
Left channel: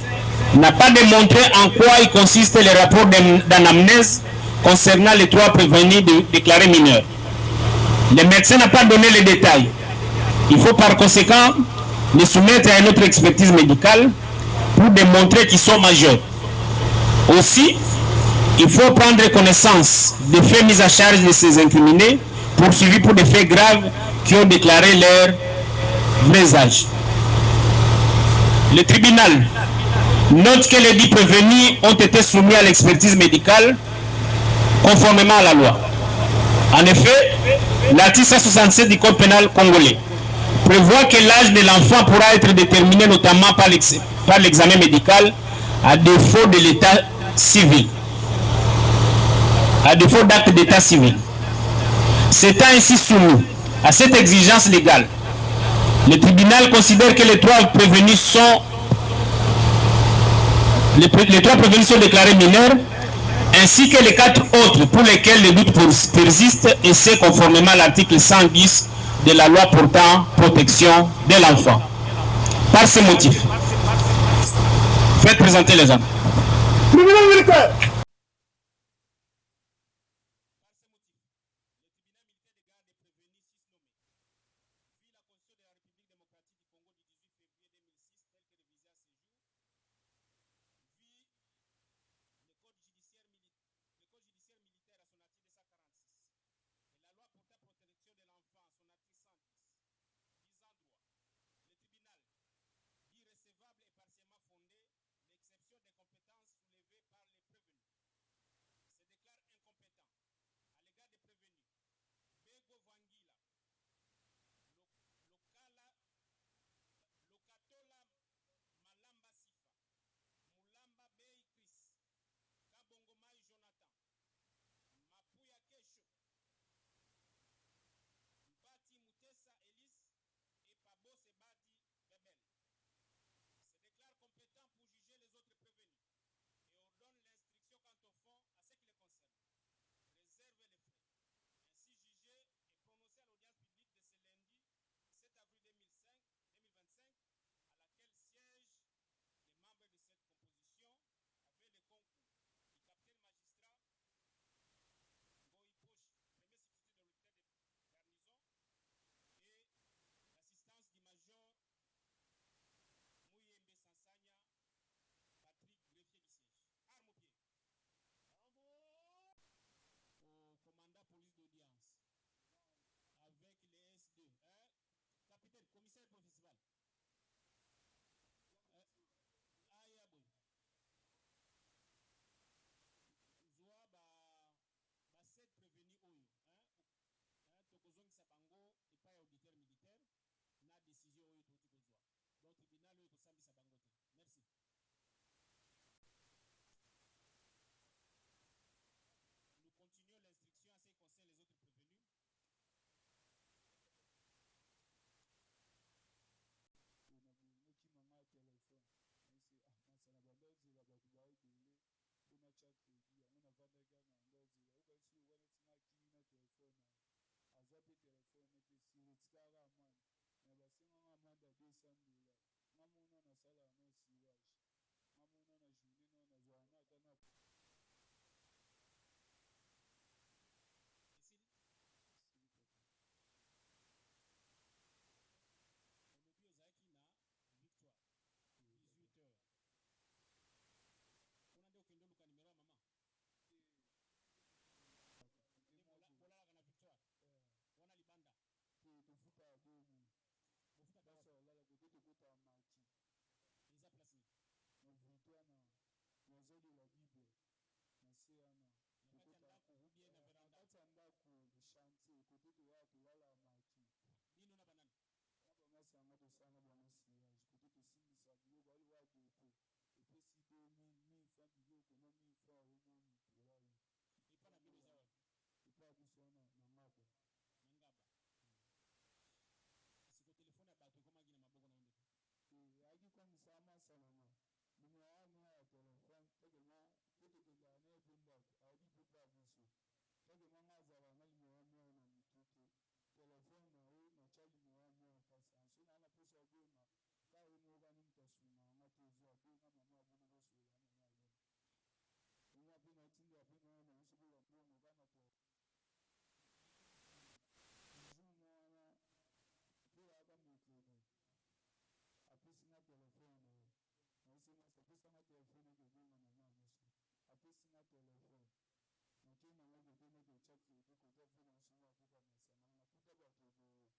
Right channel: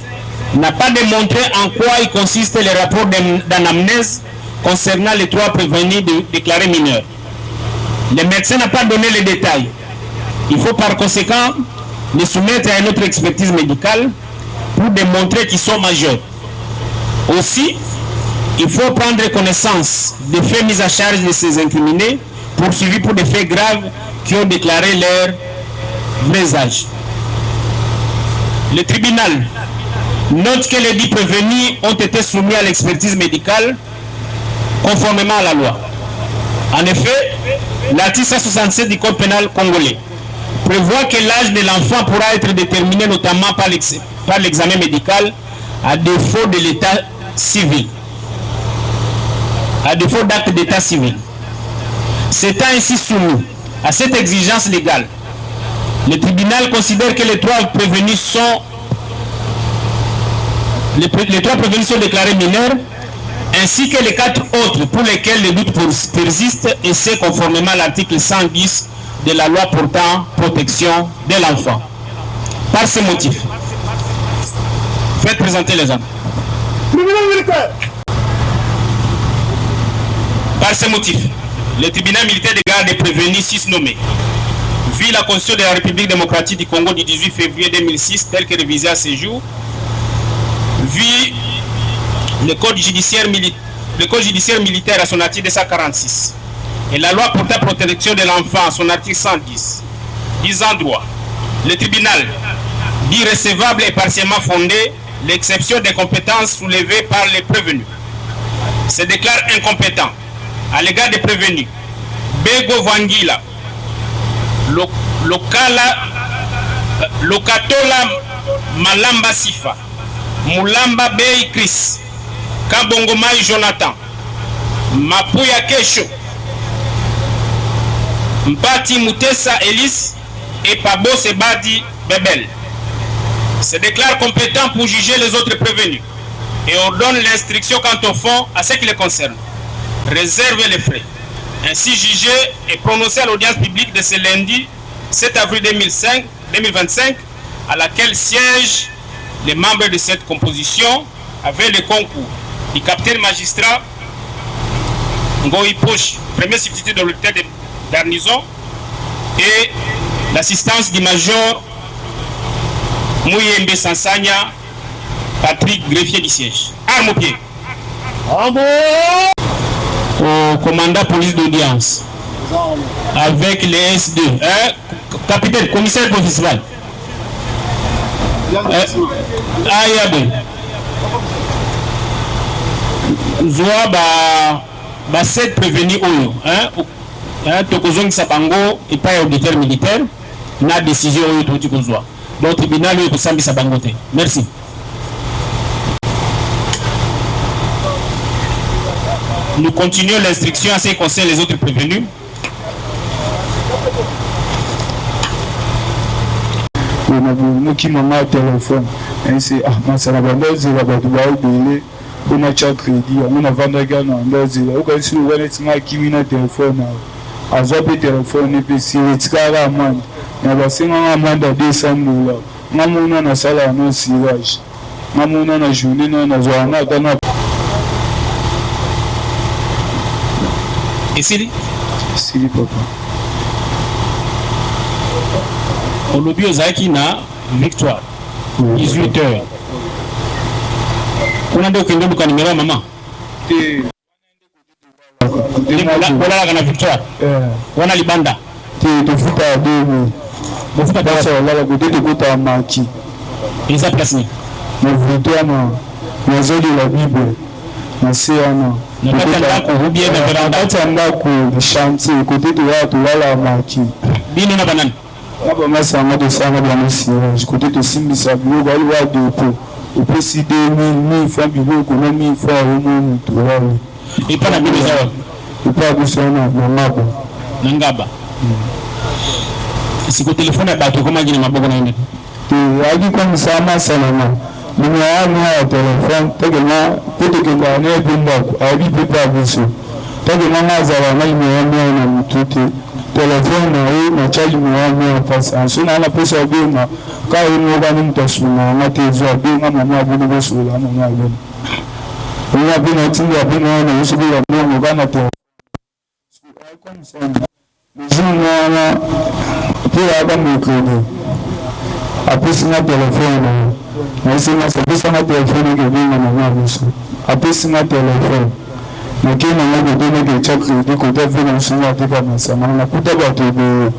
n'a pas démontré en quoi il consiste le rapport d'anamnèse concernant les 3 prévenus déclarés mineurs. Le médecin n'a pas donné les détails. Il faut par conséquent les soumettre à une autre expertise médicale pour démontrer qu'ils sont majeurs. Aussi, il faut prendre connaissance des faits mis à charge de ces incriminés poursuivis pour des faits graves qui ont déclaré leur vrai âge. Le tribunal note que les 10 prévenus ont été soumis à l'expertise médicale conformément à la loi. En effet, l'article 167 du Code pénal congolais prévoit que l'âge de l'enfant pourra être déterminé notamment par l'examen médical à défaut de l'état civil, à défaut d'acte d'état civil. S'étant ainsi soumis à cette exigence légale, le tribunal considère que les 3 prévenus sont déclarés mineurs, ainsi que les 4 autres pour lesquels les doutes persistent, et c'est conformément à l'article 110 de la loi portant protection de l'enfant. Par ce motif, faites présenter les hommes. Par ce motif, le tribunal militaire de garde des prévenus 6 nommés, vu la Constitution de la République démocratique du Congo du 18 février 2006, telle que révisée à ce jour, vu le Code judiciaire militaire à son article 246 et la loi portant protection de l'enfant à son article 110, disant droit, le tribunal dit recevable et partiellement fondé l'exception des compétences soulevées par les prévenus. Se déclare incompétent à l'égard des prévenus Bego Vangila, Lokatola Malamba Sifa, Mulamba Bei Chris, Kabongomai Jonathan, Mapuya Kesho, Mpati Mutesa Elis et Pabo Sebadi Bebel. Se déclare compétent pour juger les autres prévenus et ordonne l'instruction quant au fond à ce qui les concerne. Réserve les frais. Ainsi jugé et prononcé à l'audience publique de ce lundi 7 avril 2025, à laquelle siègent les membres de cette composition avec le concours du capitaine magistrat Ngoï Poche, premier substitut de l'unité de garnison, et l'assistance du major Mouyembe Sansanya, Patrick, greffier du siège. Arme au pied. Au commandant police d'audience, avec les S2, capitaine, commissaire principal. Ayabe. Zoa ba 7 prévenus oyo, tokozongi sabango et pas auditeur militaire, na décision oyo toti kozwa. Donc tribunal oyo kosambi sabango te. Merci. Nous continuons l'instruction à ce qui concerne les autres prévenus. Moki mama téléphone. C'est ça va bandozi la batu ba obele. On a chat crédit, on a vendu gana bandozi. O ka si o wana tinga kimi na téléphone. Azope téléphone et puis si etikala amande. Na basenga amande $200. Ngamuna na sala no sirage. Ngamuna na journée na zwana kana. Et Sili papa. Au lobby Ozaki na victoire 18h. On a donc une numéro maman. Voilà la victoire. On a libanda. Tu futa à deux. Mon futa pas ça là la côté de côté à Maki. Ils a placé. Mon victoire na zoli la Bible. Na séana. Na kata ko bien na veranda. Kata ndako de chantier côté de là to la Maki. Bino na banane. Aba masanga de sanga ba musira côté de simbisa bilo ba lwa de ko et puis si 2000 francs bilo ko na 1000 francs au monde to là et pas na bino zawa et pas kusana na mabo ngaba si ko téléphone ba to koma jina maboko na inde adi comme ça ma salama numéro ya téléphone tegema peut-être ba na bimba abi pepa buso tegema mazala na numéro na mutute téléphone na charge mo passe sona na pesa bima ka ino ga ni tasuna na tezo bima mama bunu bosula na ngalo ona bina tinga bina na usubira mo ga na te comme ça jina pour avoir mon crédit après ça téléphone na sina ça na téléphone que bina mama buso après ça téléphone na kina na godo na check crédit ko ta vina sina te ka masama na kuta ba to be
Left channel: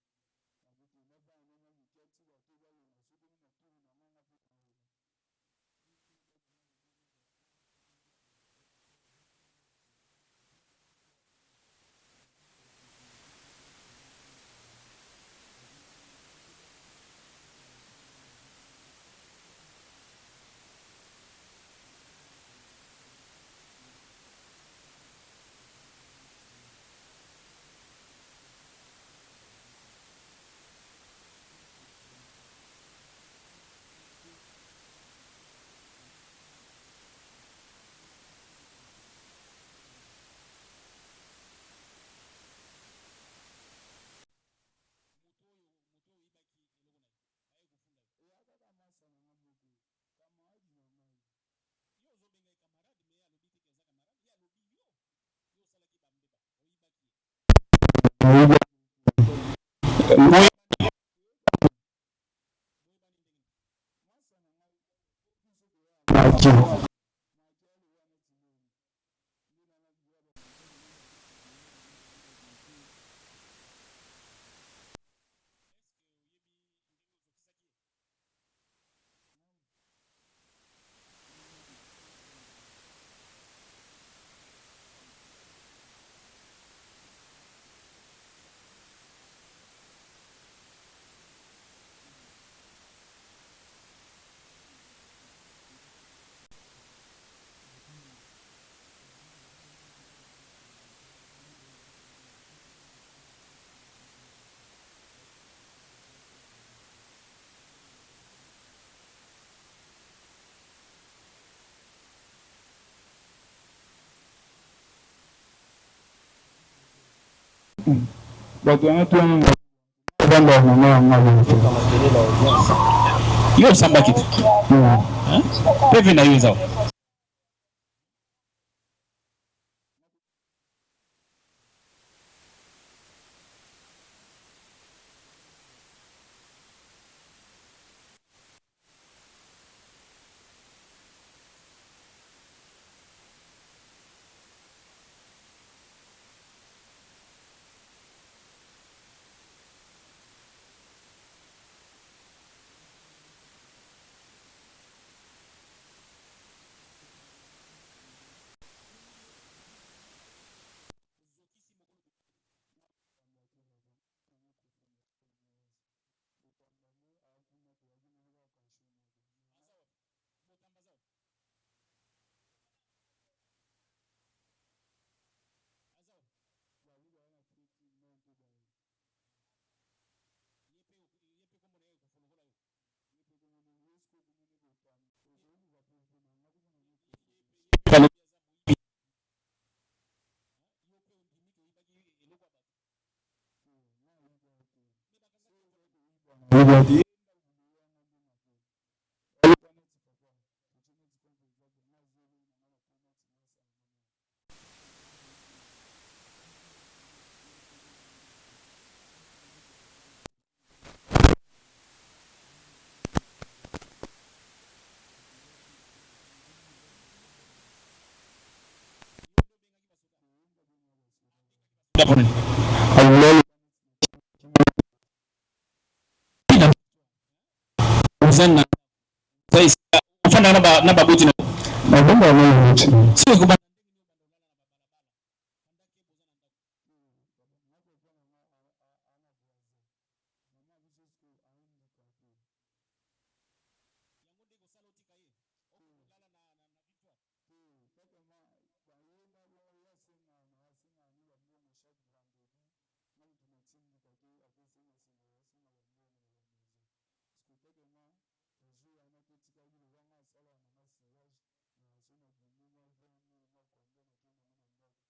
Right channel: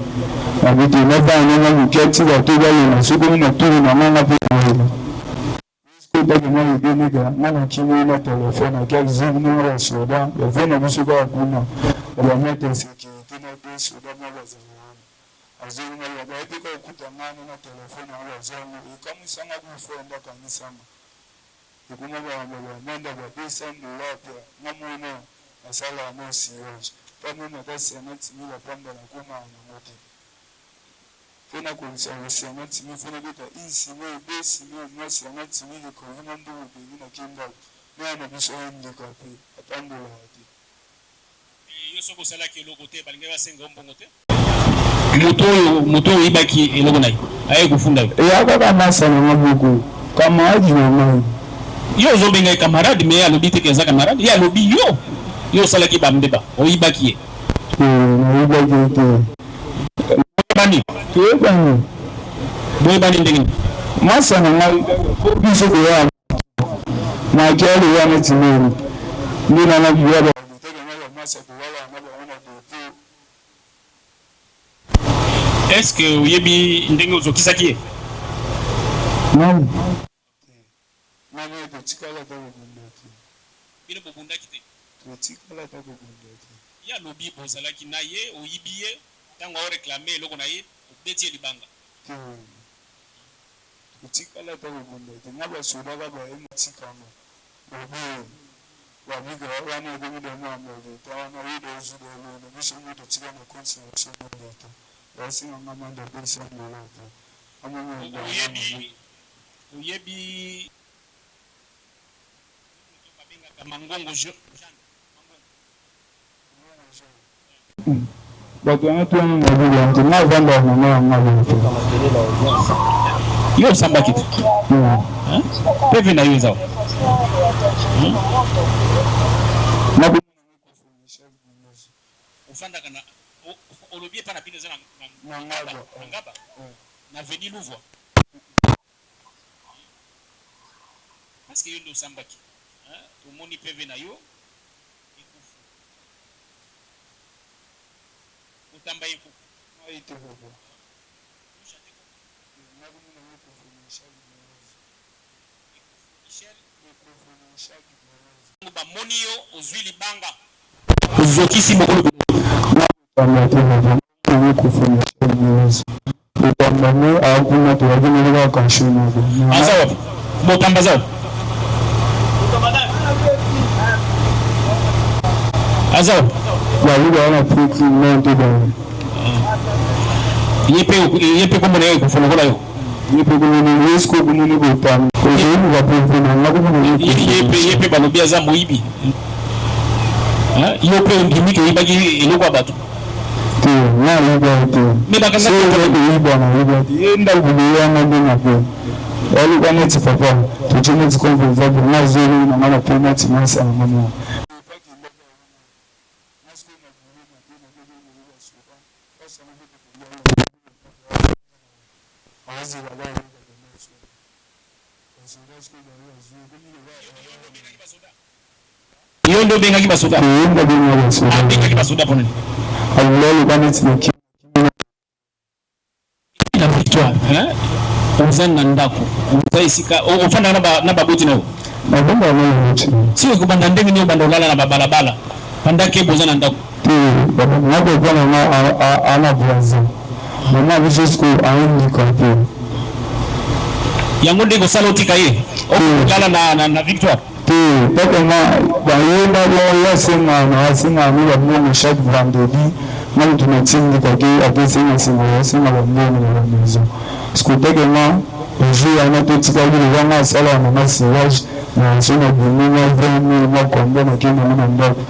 na bitu na ba na na kiti ba to ba na suko na to na mama pe na ko da na be ne ga na kini na telefone na ga zin na ra soda ya vina musu ba kuna ba mete security na be soda na ba zama azini na ba pe ko kuta na telefone na zama kama sanga ku fonda kanisama kuma ba manda ba pesa ndolapo namona asala no sirage kama na kasi na timi la pamba la kuma na moto fona ko nsa na timi fona beta insi no besi no mwasi na timi ko na ndo bi na kimba na biso ndi ka pe atando la ati yo soko sala ki logo te balinga basenga mbongo te moto ibaki eloko nai aye kufunda ya baba masa na maboko kama aji na mai yo zobenga camarade mais alobi te keza camarade ya lobi yo salaki bambeba oyibaki oyibaki te boyebani ndenge masa na ngai biso ko ya maki ali ya netimeri ndina na biya ba masa ko wala na ba ona ko est-ce que oyebi ndenge ozokisaki ye non tikala ta bundaki bino bundaki te tikala ta bundaki ya lobi bozalaki na ye oyibiye tango o réclamer eloko na ye betie libanga tikala ta bundaki na ba soda ba ba emutikama ba biga wana gomi da na mo ta na wido zudo na biso muto tika na constitution na data basi mama da pesa na lata amama oyebi Mangongo Jean. Yo samba kitu. Pevi na yuza. Ufanda kana olobie pana bino zana ngaba. Na veni louvo. Parce que yo samba kitu. Moni PV na yo utamba yiku aite bobo ba moni yo ozwi libanga ozokisi mokolo tamba te bobo kufanya kazi utamba ne akuna to wajina kwa kashini azawa motamba zawa Azao, la luga wana piki monte da. yepe comme on est pour faire là. Yepe comme on est jusqu'au bout de l'automne. Aujourd'hui va prévenir. Yepe pas le biaza moibi. Hein? Yepe ndimi que ibagi eloko batu. Mais bakanga ko ibona yenda kubiyana ndinako. Alikuwa papa tuchome zikomboza na zero na mara pena timasa mama. Yondo benga kibasoda. Yondo benga kibasoda. Benga kibasoda pone. Allah bana tsinaki. Ila victoire, hein? Uzana ndako. Uzaisika ufanda na baboti nako. Babamba na nchi. Sio kubanda ndenge ni banda ulala na babalabala. Pandake bozana ndako. Baba ngabo bwana na ana bwaza. Mama biso school aindi kapo. Yango ndego salotika ye. Okala na victoire. Parce bayenda yasema na asema ni bamu chaque vendredi même tunatsindika ke akesema sema yasema bamboni na maison sikutegema jour ana totika ile wana sala na massage na sona bimina vraiment ma kombe na kina na ndako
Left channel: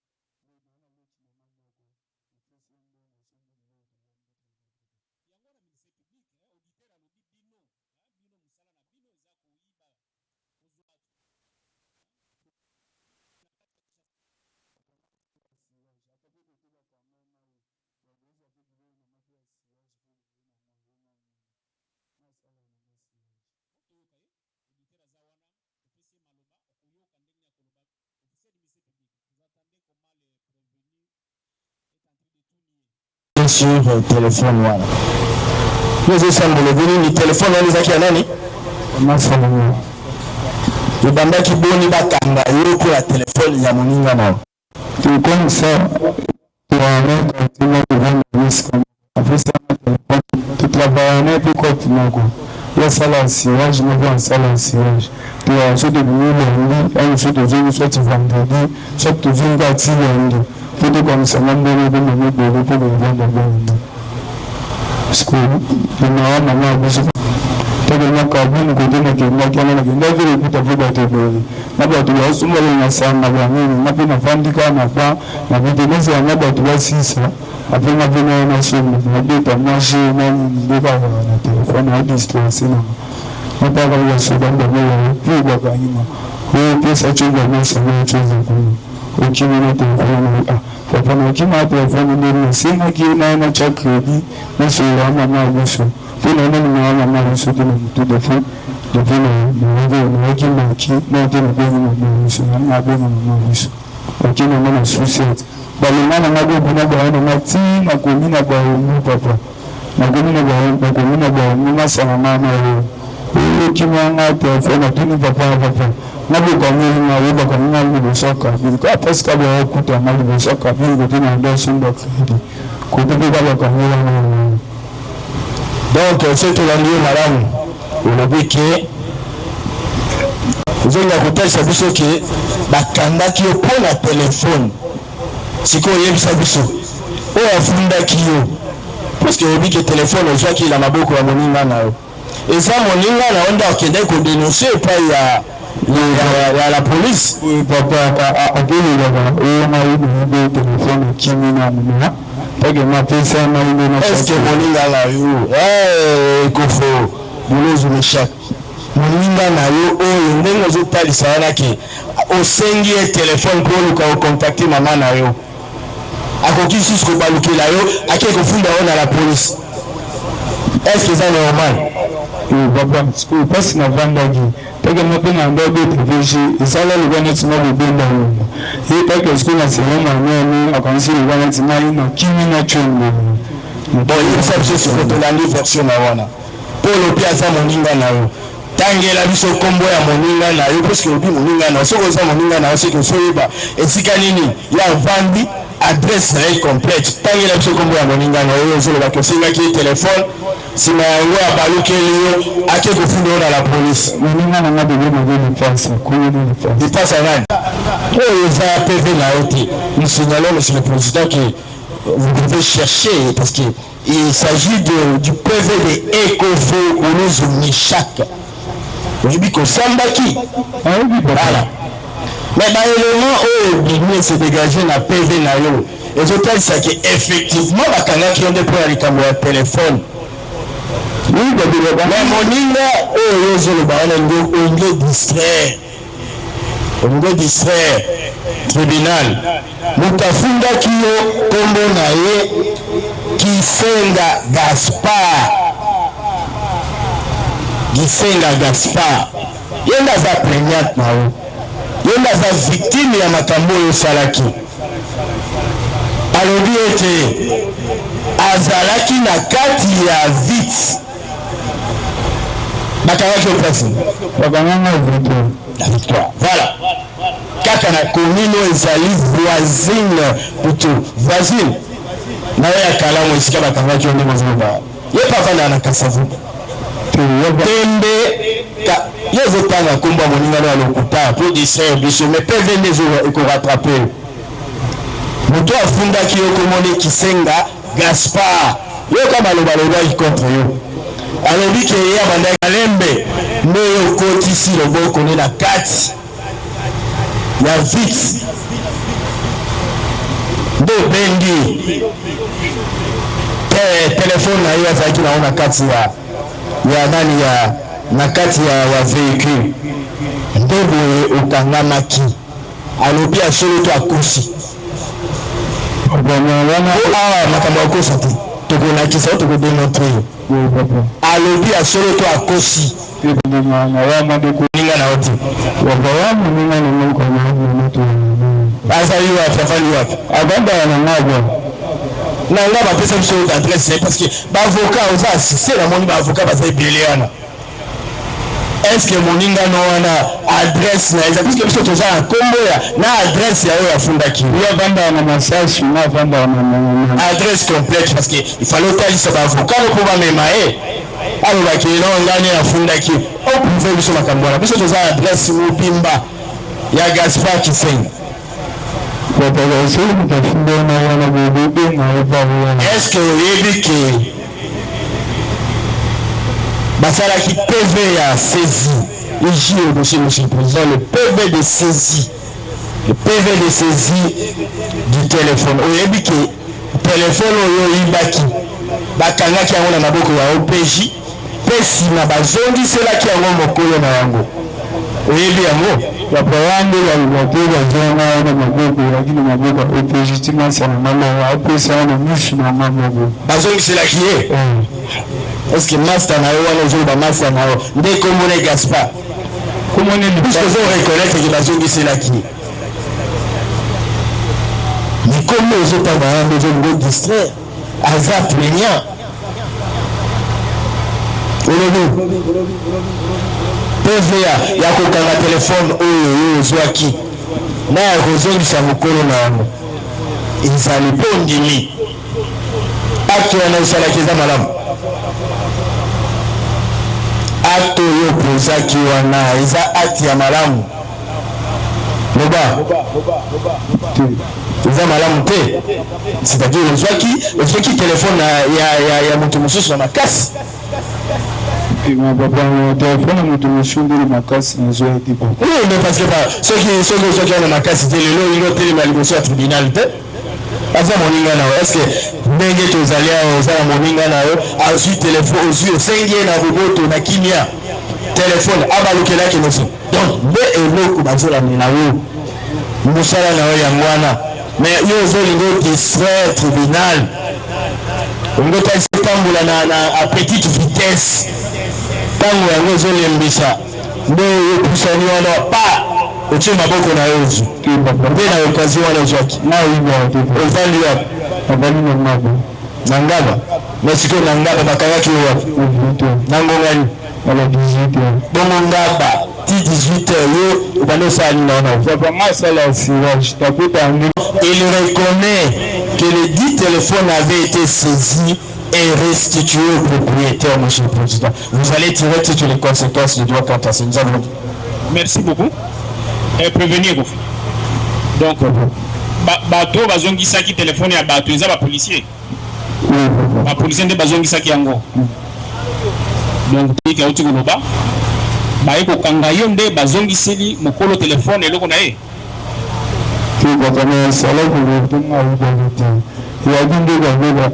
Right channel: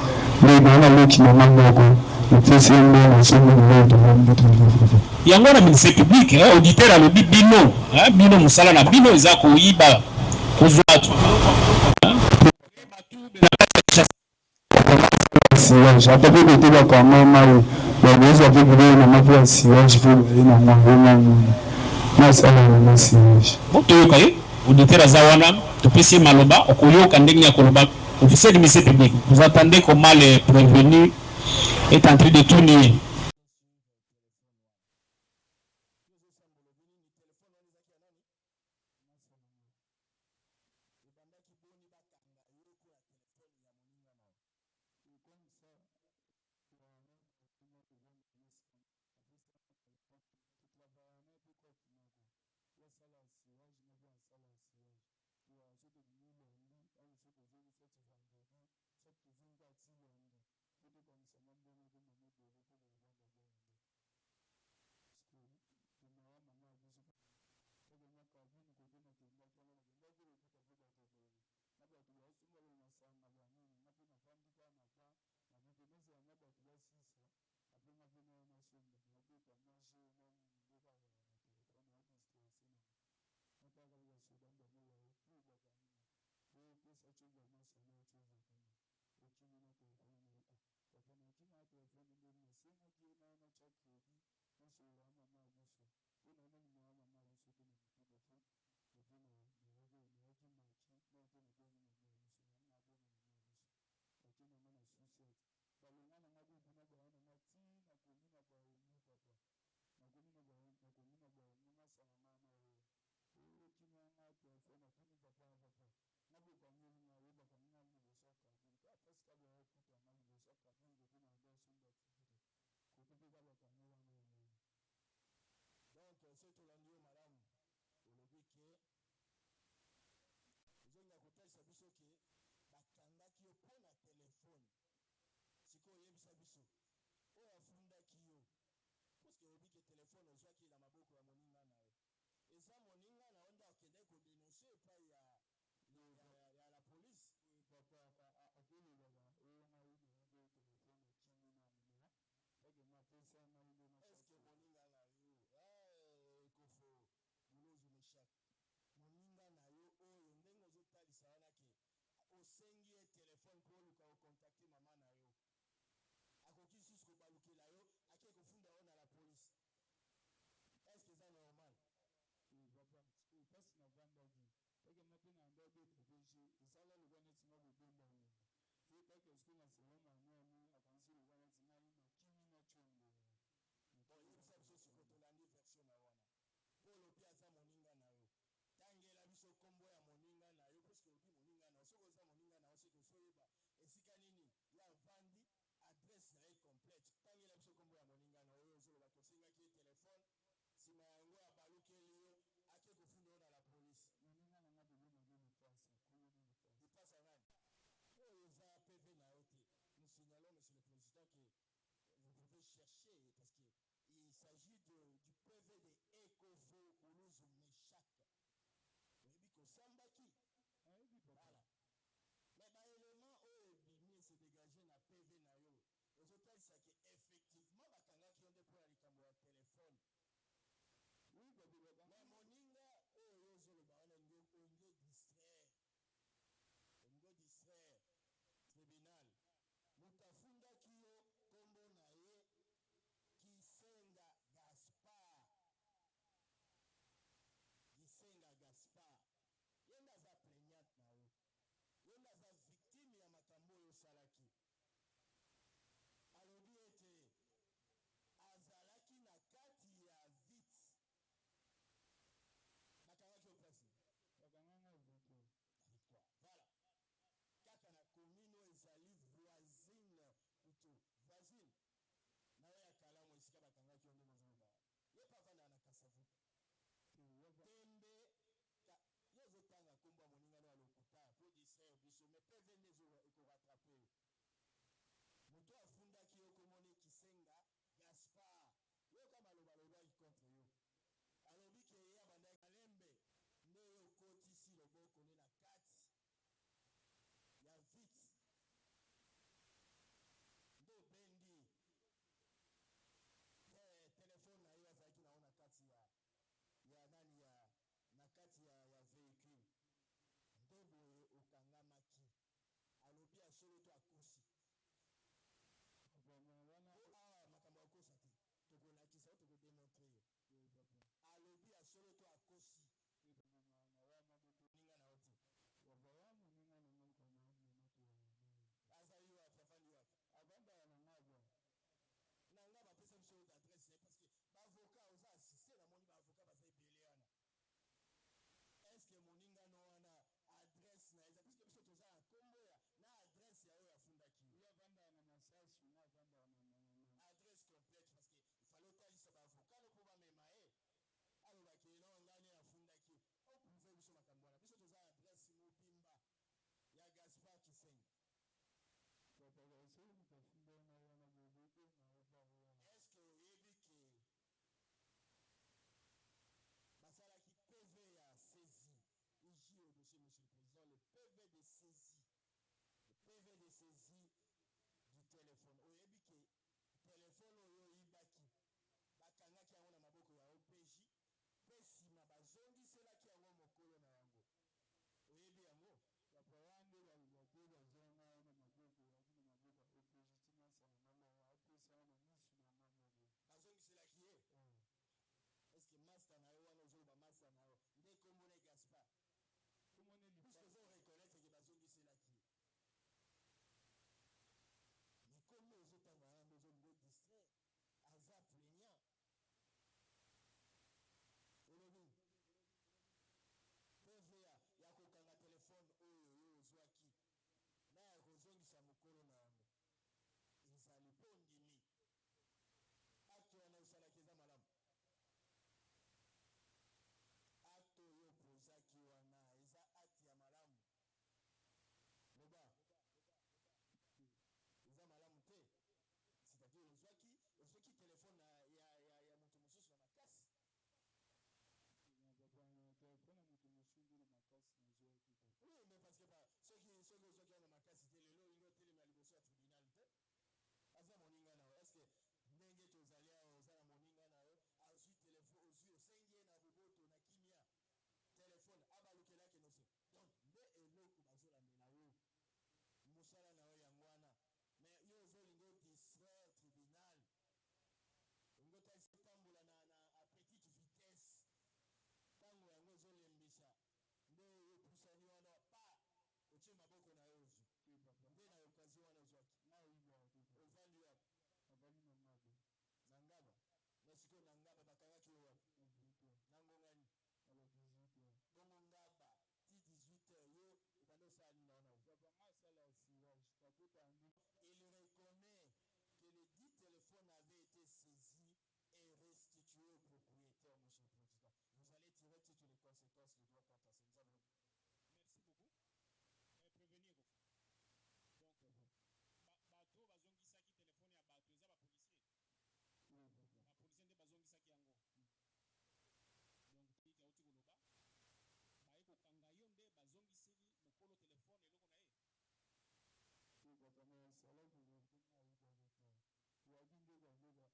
ni na loki na mandako nfisi ndo na sona ndo ndo yango na ministère public auditeur alo bino bino musala na bino eza koyiba kozwatu siège après que tu vas quand même la maison avec lui na mafia siège pour na mwana na sala na siège boto yokai auditeur azawana topesi maloba okoyoka ndenge ya koloba officier du ministère public vous attendez comment les prévenus est en train de tourner sur téléphone voilà nous sommes le venu ni téléphone on les a nani masala le banda ki boni bakanga yo pour la téléphone ya moninga na comme ça, tu vas continuer de vendre le risque. Après ça, tu travailles pour continuer. Il y a ça là, je me vois ça là, tu as soit de lundi, soit de jour, soit de vendredi, soit de jour, gâti lundi. Faut que comme ça, même de me donner pour le vendre lundi. Parce que le maman a besoin. Tellement kabini kudina kenda kana na kenda vile kutafuta tebele na watu wasumba na sana bwana na pina fandika na kwa na vitengeneza ya watu wa sisa apena vile na simu na data maji na ndika na telefoni hadi distance na mpaka kwa sababu ndio kwa kwa nyuma huyo pesa chunga na sana chunga kwa ukimina telefoni kwa na ukimina telefoni ndio sina kiona na cha credit na sura mama mwisho kuna nani mwana mwana sote na mtu defu depuis na qui manque na tena kwa mwisho na bwana mwisho lakini mwana suicide bali mwana magogo na bwana mati na kumina kwa papa na kumina kwa mama sana mama huyo kimanga telefoni tuni papa na kwa mimi na wewe kwa mimi na soka kwa paska kwa kuta mali na soka mimi tena ndio sunda kwa kwa mimi. Donc, c'est tout l'année, madame. On a dit que vous avez écouté ça, vous que la canda qui est pour la téléphone, c'est qu'on y a ça, vous ou un funda qui est parce que vous dites que le téléphone, on voit qu'il a beaucoup à mon ingana. Et ça, mon ingana, on a qu'il qu'on dénonce, pas il y a la police. Oui, papa, à quel niveau on a eu des téléphones qui m'ont est-ce que moninga na yo kofo bolozo meshak moninga na yo oyo ndenge ozotalisa wana ke osengi telefone pour luka ocontacter mama na yo akoki susu kobalukela yo ake kofunda yo na la police est-ce que c'est normal baba school passe na vandagi peke mope na ndo be TVG isala le bana tsima le benda yo e peke school na sema mama akansi le bana tsima ina kimi na chongo bon il s'agit sur de la version na wana pour le piaza moninga na yo tangela biso kombo ya moninga na yo parce que obi moninga na soko za moninga na soko soyeba esika nini ya vandi adresse réelle complète tangela biso kombo ya moninga na yo zo le bakosinga ki téléphone si na yango abalukeli yo ake kofunda na la police moninga na ngade na ngade passe kuyo ni passe il passe à nani oh ils a PV na oti nous signalons monsieur le président que vous devez chercher parce que il s'agit du PV de Ecofo Olozo Mishak. Vous avez dit qu'on s'embaki. Voilà. Mais l'élément où il s'est dégagé dans le PV nayo, les hôtels, c'est qu'effectivement, il y a des points avec un téléphone. Oui, mais mon on est distraire tribunal. Mutafunda kiyo kombo naye Kisenga Gaspard. Yenda za plaignante nao. Yenda za victime ya makambo yo salaki. Alobi ete azalaki na kati ya vite. Bakawaki au place. Bakanganga la victoire. Voilà. Kaka na commune ezali voisine. Na ya kala mo isika bakangaki onde mozoba. Ye papa na kasavu. Tembe ka yezo tanga komba moninga na lokuta pour distraire biso mais PV nezo eko rattraper. Moto afundaki yo komone Kisenga Gaspard. Yo kama loba contre yo. alobi ke ya banda kalembe ndeyo kotisi loboko ne na kati ya vite ndo bengi telefone na yo azalaki na ona kati ya nani ya na kati ya véhicule ndo boye okangamaki alobi asolo to akosi makambo akosa te tokolakisa tokodemontre alobi asolo to akosi ninga na oti azali wapi afali wapi abanda na ngabo na nga bapesa biso adresse parce que bavocat oza assisté na moni bavocat baza ebele wana est-ce que moninga no wana adresse na eza parce que biso toza na kombo na adresse ya oyo afundaki ya vanda na masashi na vanda na adresse complète parce que il fallait otalisa bavocat po bamema alo bakeli na ngani afundaki oprouve biso makambo wana biso toza na adresse mobimba ya Gaspard Kisenga. Est-ce que vous avez que Basalaki PV a saisi ici monsieur le président le PV de saisie du téléphone vous avez que téléphone oyo ibaki bakangaki yango na maboko ya OPJ pesi na bazongi selaki yango mokolo na yango oyebi yango baprograme ya bazonga na maboko lakini maboko ya OPJ timasa na mama apesa na misu na maboko bazongi selaki ye est-ce que master na yo wana ozoba master na yo nde komone Gaspard komone ni puisque vous reconnaître que bazongi selaki mais comment ozotanga yango ozolingo distraire aza plaignant olobi PVA ya kokanga telefone oyo ozwaki na ya kozongisa mokolo na yango ezali mpo ndimi acte wana esalaki eza malamu acte oyo pozaki wana eza acte ya malamu loba eza malamu te c'est-à-dire ozwaki telefone ya moto mosusu na makasi telefone moto mosusu ndeli makasi nazwaki mais parce que soki ozwaki wana makasi te lelo olingo otelema liboso ya tribunal te aza moninga na yo est-ce que ndenge tozali awa oza na moninga na yo azwi telefone ozwi osengi ye na boboto na kimia telefone abalukelaki noso donc nde eloko bazolamela yo mosala na yo yango wana mais yo ozolingo distraire tribunal olingo talisa tambola na petite vitesse ntango yango ezolembisa nde opusani wana pa otie maboko na yo ozwi nde na okazi wana ozwaki ovandi wapi ovandi na ngaba na ngaba na sikoyo na ngaba bakangaki yo wapi na ngongani ala 18 bongo ngaba ti 18 yo obanda osala naona il reconnaît que le dit téléphone avait été saisi et restitué au propriétaire, monsieur le président. Vous allez tirer toutes les conséquences du droit quant à ça. Nous avons... Merci beaucoup. Et prévenir. Donc, bateau, bazongi saki téléphone à bateau, ils ont policier. ba policier nde bazongisaki yango. Donc tiki auti koloba baye kokanga yo nde bazongiseli mokolo telefone eloko na ye. Ki batana sala ko tunga ubalite. Ya binde ba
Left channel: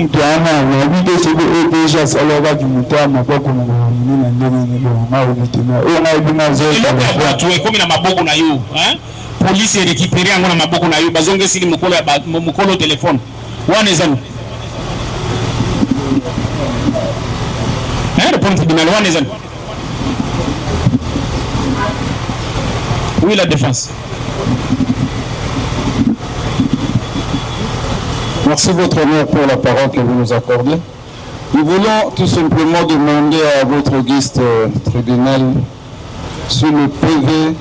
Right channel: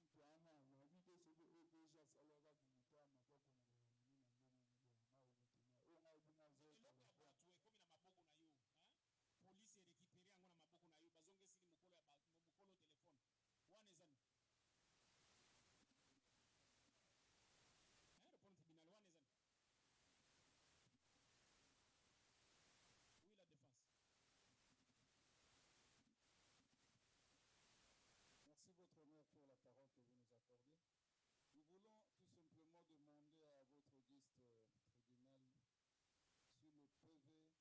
mtu ana na bide sebe deja sala ba jumutama kwa kuna nina ndeni na ulitina. O na ibina zote kwa tu ekomi na maboko na yo, hein? Police récupérer yango na maboko na yo bazongiseli mokolo telefone. Wana ezani. Le point tribunal, oui, la défense. Merci votre honneur pour la parole que vous nous accordez. Nous voulons tout simplement demander à votre auguste tribunal si le PV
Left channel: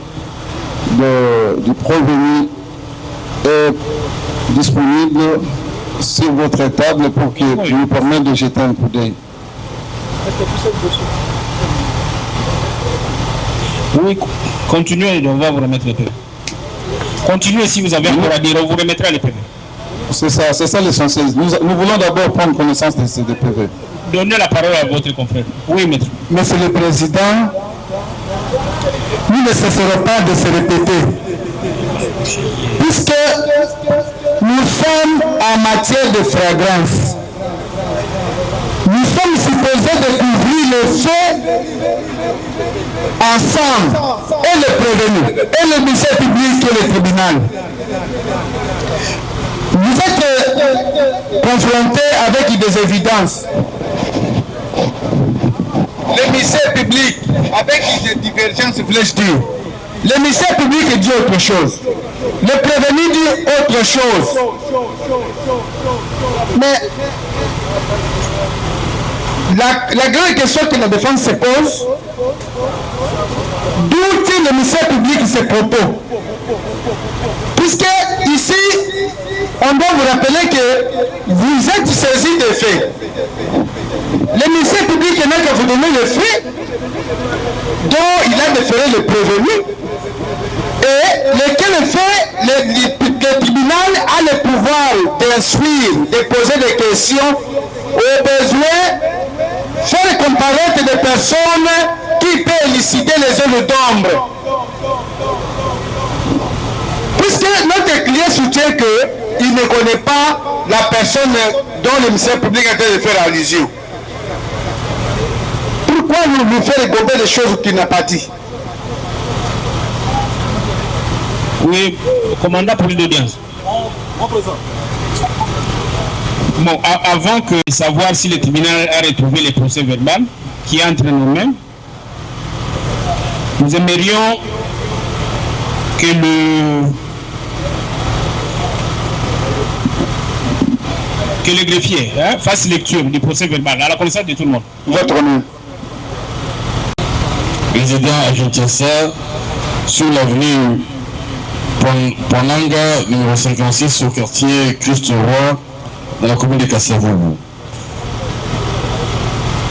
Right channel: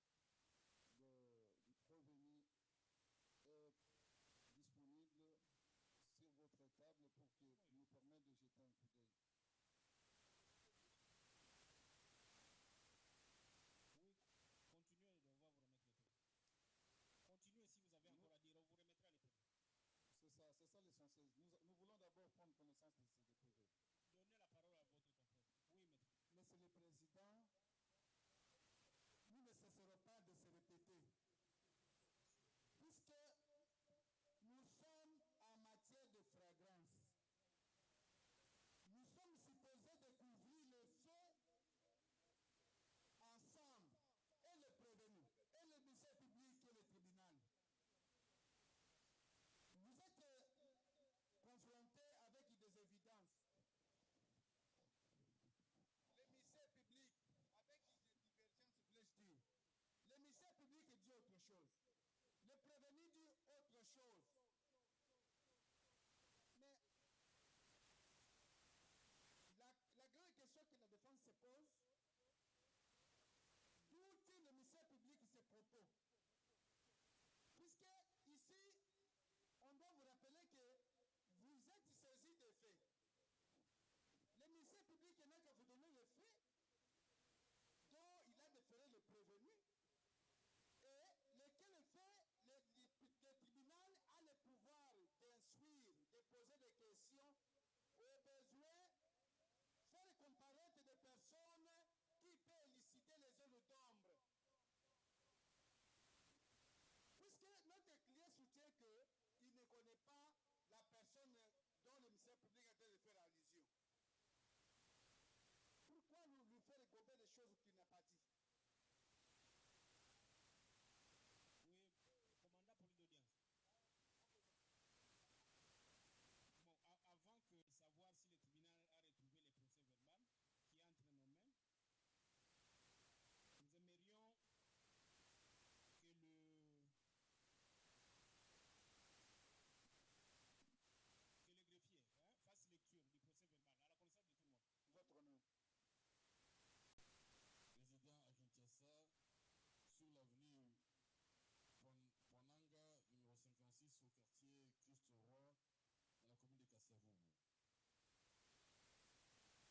du prévenu est disponible sur votre table pour qu'il nous permette de jeter un coup d'œil. Oui, continuez, on va vous remettre les PV. Continuez si vous avez encore à dire, on vous remettra les PV. C'est ça l'essentiel. Nous voulons d'abord prendre connaissance de ces PV. Donnez la parole à votre confrère. Oui, maître. Monsieur le Président, nous ne cesserons pas de se répéter. Puisque nous sommes en matière de flagrance. Nous sommes supposés découvrir le fait ensemble, et le prévenu, et le ministère public et le tribunal. Vous êtes confrontés avec des évidences. Le ministère public, avec des divergences, voulais-je dire. Le ministère public dit autre chose. Le prévenu dit autre chose. Mais la grande question que la défense se pose, d'où tient le ministère public ses propos? Puisque ici, on doit vous rappeler que vous êtes saisi des faits. Le ministère public n'a qu'à vous donner les faits dont il a déféré le prévenu et lesquels faits le tribunal a le pouvoir d'instruire, de poser des questions au besoin, faire comparaître des personnes qui peuvent élucider les zones d'ombre. Puisque notre client soutient qu'il ne connaît pas la personne dont le ministère public a été de faire allusion. Pourquoi nous faire gober des choses qu'il n'a pas dit? Oui, commandant pour l'audience. Bon, avant de savoir si le tribunal a retrouvé les procès verbaux qui est entre nous-mêmes, nous aimerions que le greffier fasse lecture du procès verbal à la connaissance de tout le monde. Votre honneur. Résident à Kinshasa, sur l'avenue Ponanga, numéro 56, au quartier Christ-Roi, dans la commune de Kasavubu.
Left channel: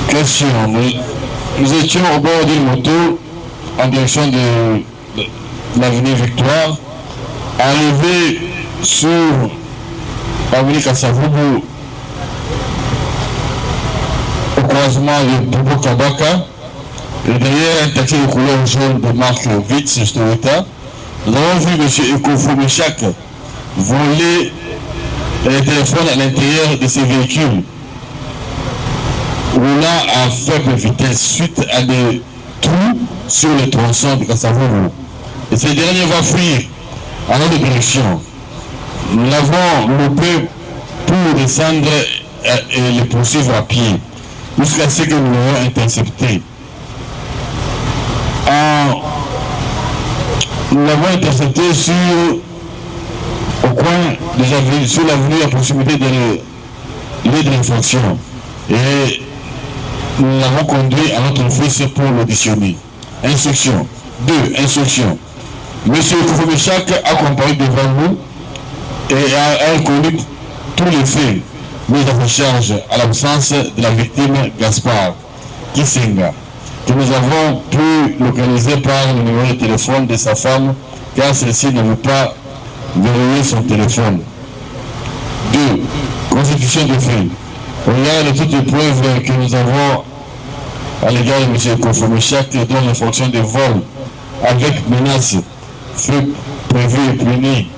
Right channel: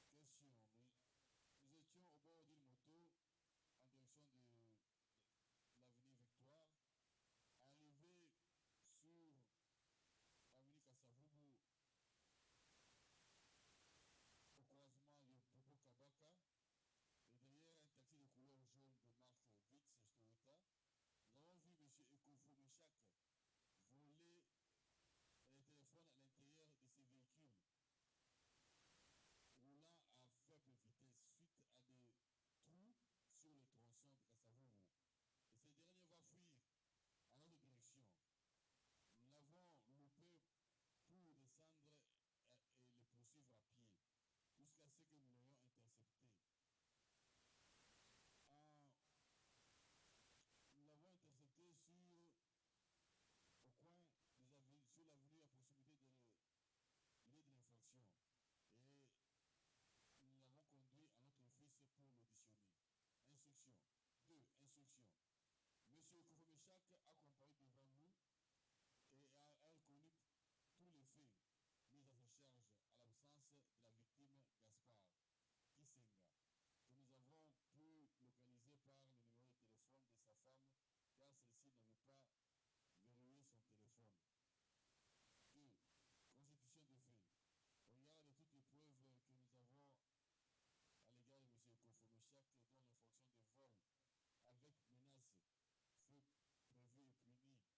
Question. Nous étions au bord d'une moto en direction de l'avenue Victoire, arrivé sur l'avenue Kasavubu au croisement de Bobo Kabaka, et derrière un taxi de couleur jaune de marque Vitz Toyota. Nous avons vu M. Ekofo Meshak voler les téléphones à l'intérieur de ces véhicules, roulant à faible vitesse suite à des trous sur le tronçon de Kasavubu. Et ces derniers vont fuir en notre direction. Nous l'avons loupé pour descendre et les poursuivre à pied, jusqu'à ce que nous l'ayons intercepté. Nous l'avons intercepté au coin sur l'avenue à proximité de lieu de l'infraction. Et nous l'avons conduit à notre office pour l'auditionner. Instruction. 2. Instruction. Monsieur Koufomechak a comparu devant nous et a reconnu tous les faits mis en charge à l'absence de la victime Gaspard Kisenga, que nous avons pu localiser par le numéro de téléphone de sa femme, car celle-ci ne veut pas verrouiller son téléphone. 2. Constitution de faits. Au regard de toutes les preuves que nous avons à l'égard de M. Kofomichak, dont l'infraction de vol avec menace fut prévue et punie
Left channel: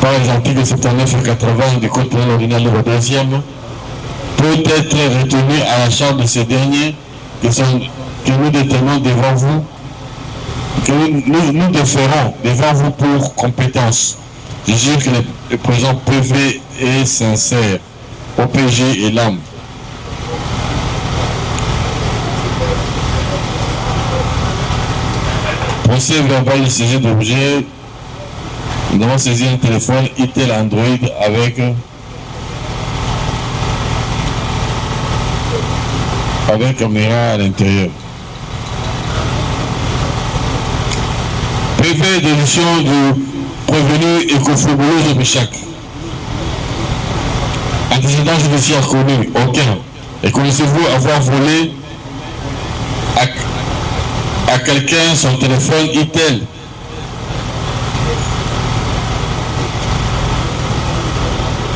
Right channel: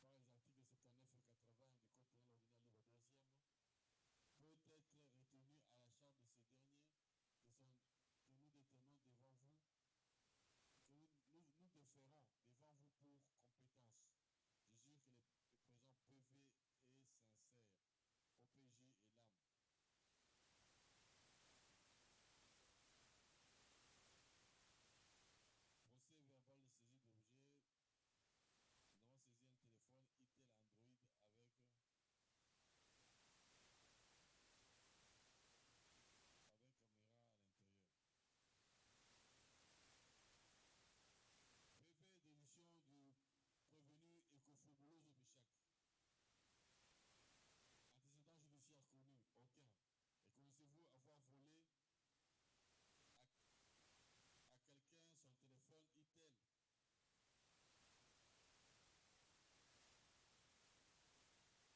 par les articles 79 et 80 du Code pénal ordinaire numéro 2e, peut être retenu à la charge de ces derniers que nous détenons devant vous, que nous déférons devant vous pour compétence. Je jure que le présent PV est sincère, OPG et l'âme. Procès verbal de saisie d'objet. Nous avons saisi un téléphone Itel Android avec caméra à l'intérieur. PV d'édition du prévenu Ekofobolo Zobichak. Antécédent judiciaire connu, aucun. Et connaissez-vous avoir volé à quelqu'un son téléphone Itel?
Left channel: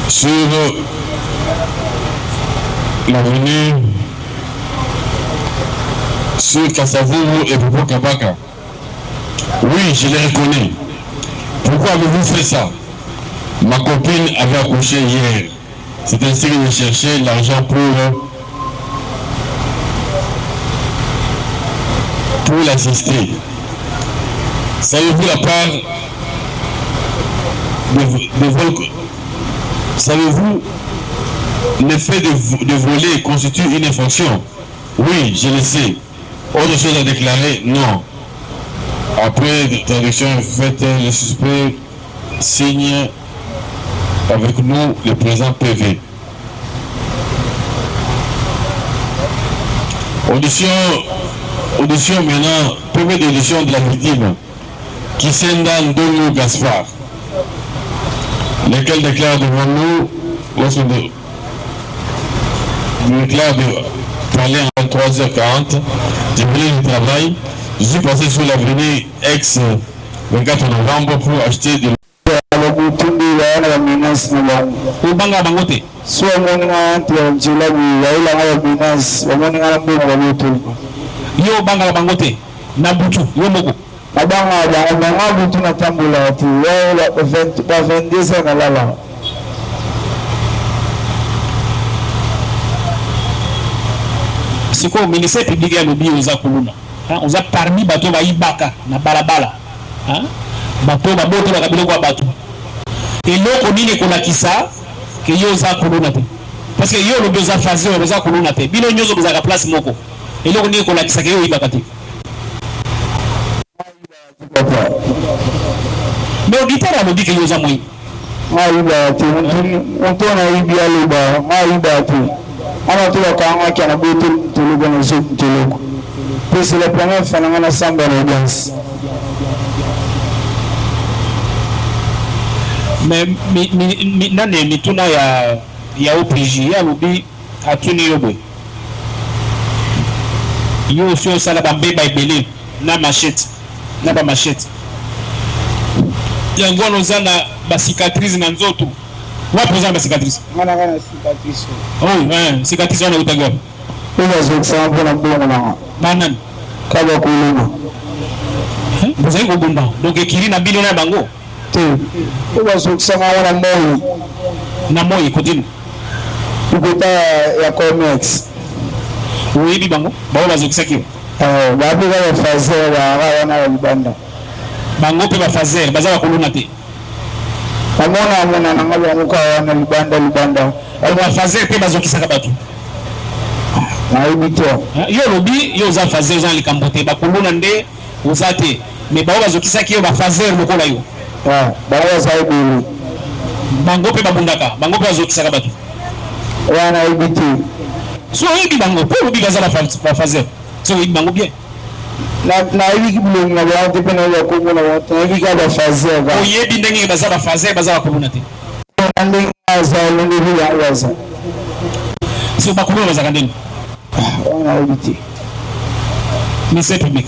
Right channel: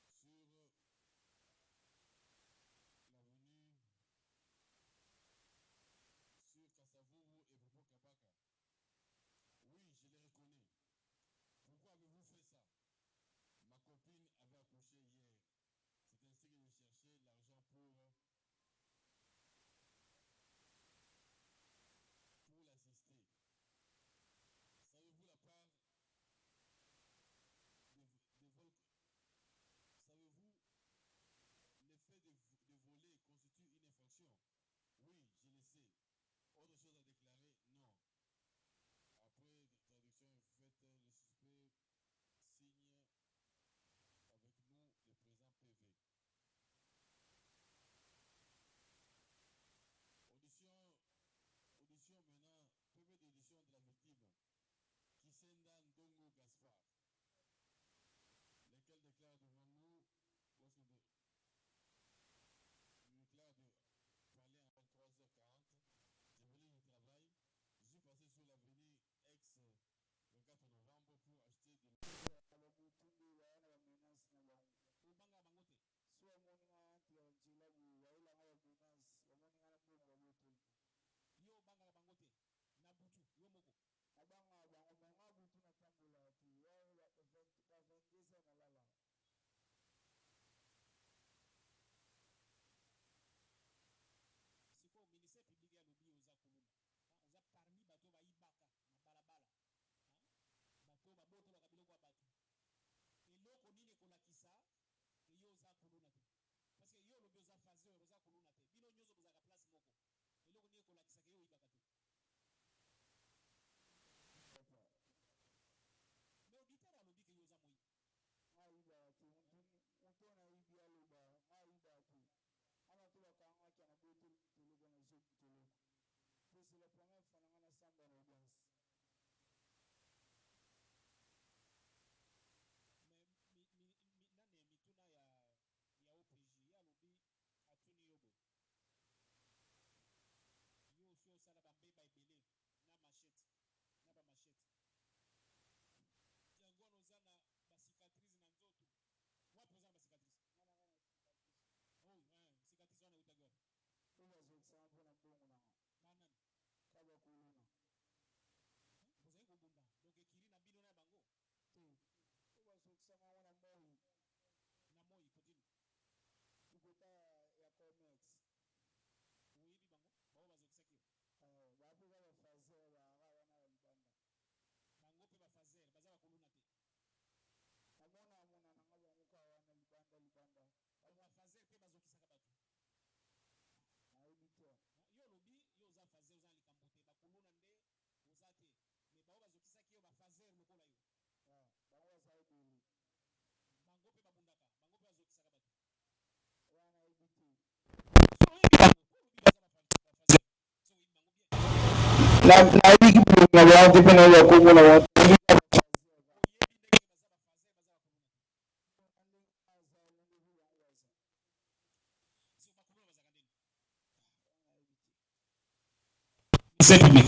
Sur l'avenue, sur Kassavourou et Popo Kabaka. Oui, je les reconnais. Pourquoi avez-vous fait ça? Ma copine avait accouché hier. C'est ainsi que je cherchais l'argent pour l'assister. Savez-vous la part de vol? Savez-vous, le fait de voler constitue une infraction? Oui, je le sais. Autre chose à déclarer? Non. Après traduction faite, le suspect signe avec nous le présent PV. Audition maintenant, PV d'audition de la victime, Kisenda Ndongo Gaspard, lequel déclare devant nous, lorsque nous déclare de parler en 23h40, j'ai venu du travail, je suis passé sur l'avenue ex 24 novembre pour acheter de Ubanga bangote. So mona tianjila biyaila ngaya binas wamoni ngala mbongo babutu. Yo banga bangote na butu yo moko. Abanga butu na tambula ati wala ba vendisa na lala. Siko ministère public ya lobi oza kuluna. Oza parmi bato ba ibaka na balabala. Bato ba boto ba kabilo kwa bato. Eloko nini kolakisa ke yo oza kuluna te. Parce que yo lobi oza fazer oza kuluna te. Bino nyozo oza ka place moko. Eloko nini kolakisa ke yo ibaka te. Mais auditeur alobi ke yo oza moi. Maiba te ntona ibia loba maiba te. Ana tu wakanga kana boto tulugo na zo tulugo. C'est la première fois que nous sommes dans l'audience. Mais nani tuna ya OPG ya lobi atuni yobo. Yo aussi sala bambe baibele na machette na ba machette. Yango nozana ba cicatrice na nzoto. Wapo za ba cicatrice. Ngana cicatrice. Oh, cicatrice ona utaga. Oza zoksa mpona mbongo na. Banani? Kaba kuluma. Vous avez un donc écrit na bino na bango. Te. Oza zoksa wana moyo. Na moyo kodini. Ukota ya Comex. Oui, bi bango. Ba bazokisa kiyo. Babu ba fazer ba wana libanda. Bango pe ba fazer bazala kuluna te. Amona na ngalo amuka wana libanda. Ba fazer pe bazokisa ka batu. Yo lobi yo za fazer za likambote ba kuluna nde uzate me ba bazokisa kiyo ba fazer lokola yo. Ba za ibulu. Bango pe babundaka, bango pe bazokisa ka batu. Wana ibiti. So yibi bango pe lobi bazala ba fazer. So yibi bango bien. Na yibi kibu na ba te pena ya kongo na watu. Yibi ka ba fazer ba. O yibi ndenge bazala fazer bazala kuluna te. Ndenge za ndenge ya waza. So ba kuluna bazaka ndenge. On a évité. Ministère public.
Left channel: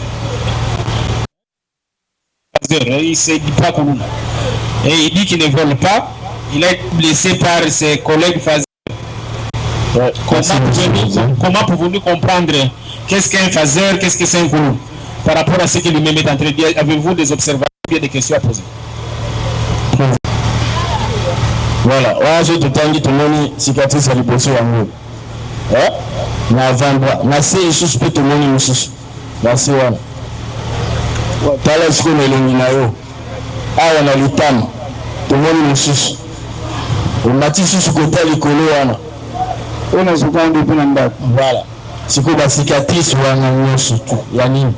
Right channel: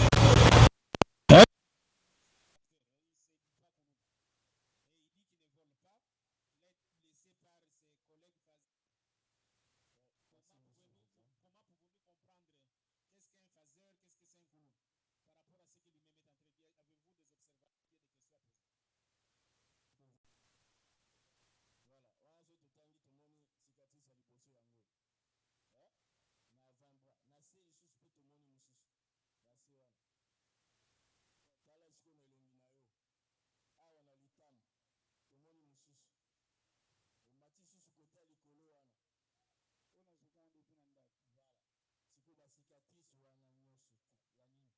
Il s'est dit pas comme et il dit qu'il ne vole pas. Il a été blessé par ses collègues. Comment pouvez-vous comprendre qu'est-ce qu'un phaser, qu'est-ce que c'est un koulou? Par rapport à ce que lui-même est en train de dire, avez-vous des observations ou des questions à poser? Voilà, je te tangi tout le monde cicatrice à l'hypothèse en haut. Na avant-bras, na c'est juste tout le monde aussi. Na c'est wana. Tala siko melongi na yo. Awa na litama. Tout le monde aussi. On mati sous côté likolo wana. On a souvent depuis l'endroit. Voilà. Siko ba cicatrice wana nyonso tu. Ya nini?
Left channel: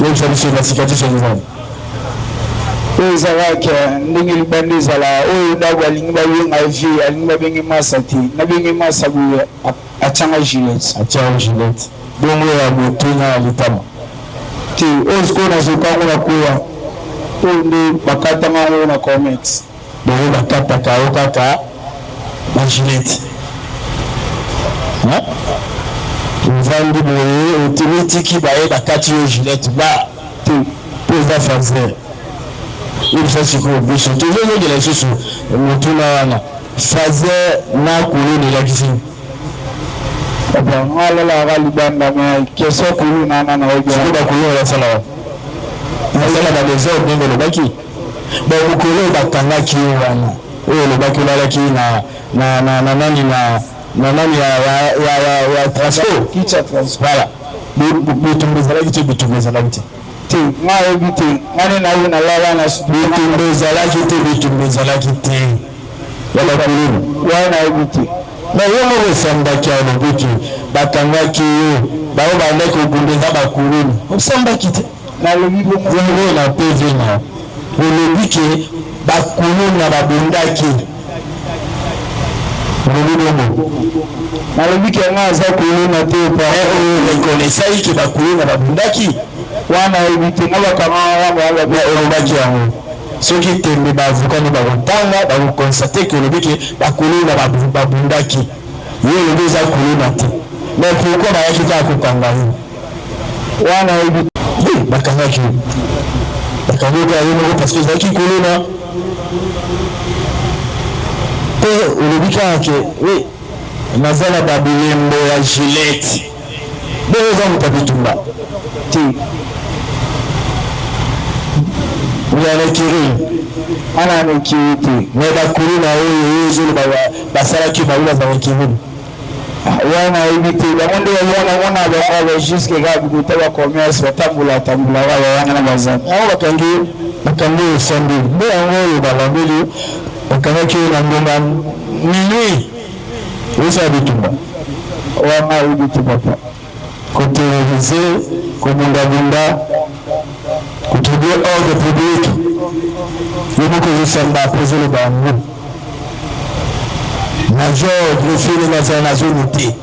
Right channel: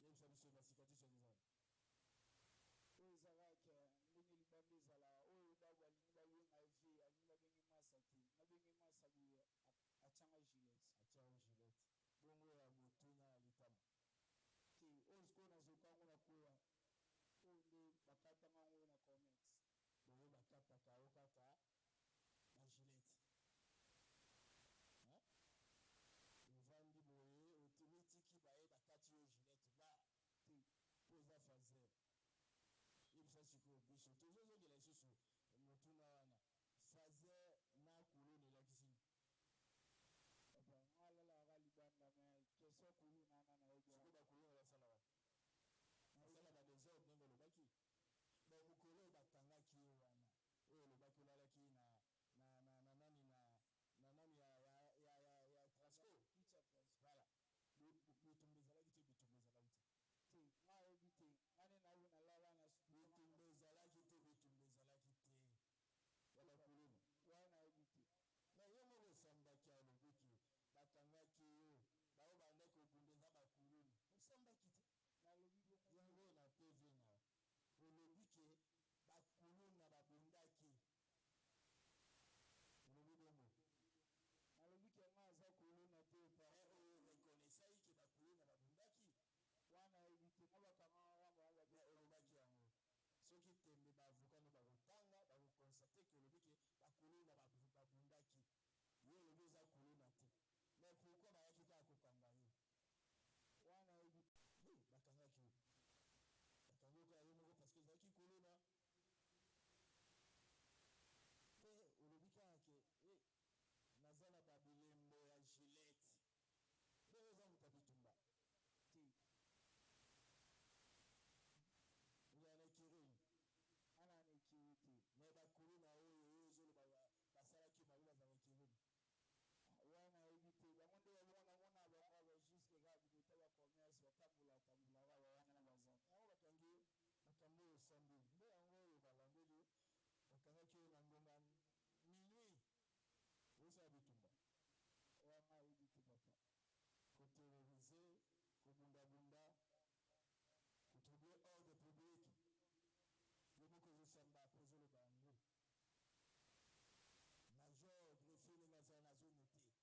Yo sabisi ba cicatrice wana. Oyo ezalaki ndenge libanda ezala oyo ndako alingi babenga vie alingi babenge masa te nabenge masa boye atianga gilet bongo ya moto na litama te oyo sikoyo nazokango na koya oyo nde bakatanga yango na comex bongo bakataka yo kaka bagilet ovandi boye otimitiki baye bakati yo gilet ba te mpo eza fazer il faut se corriger toujours de la chose motuna fazer na koloni la cuisine ngala la ga libanda ma keso kulu na ojo ba koloni la sala ba désordre ndenge lo baki ba koloni ba kanga ki wana oyo lo baki la ki na nani ya transport kicha transport voilà bitumbiza la kitu bitumbiza la kitu te ngayo bite ngane na una lala na bitumbeza la kite wala kululu wana bite na yemo samba kyalo biki bakanga kiyo bawo bande ko gundeza bakululu osamba kite na lobibo ngo na PV na olobike bakululu na babundaki lobibo na lobike ngaza kululu na te pa reconnaissai ke bakululu na babundaki wana ebite ngabakama olobaki yango soki tembe bavukani bakotanga bakokonstate ke olobiki bakulu na babundaki ye olobi eza kuluna te mais pourkui bayaki kaka kokanga ye wana ebite bakangaki bakangaki ye moko parce que ezalaki kuluna mpe olobi kaka ke naza na babilembo ya gilete nde eza moto abitumba te ana nekirite me bakulu na oyo ezolo basalaki baula za bakiruni wana ebite bango nde wana bango jusque kaka bikuta bacommerce batambola wala wana na bazana yango bakangi osambi nde yango oyo balambeli bakangaki oyo na ngonga minui osala bitumba wana ebite papa koterorize kobundabunda kutudia ordre public yomoko yosamba apozoloba yango major greffier nazala na zone te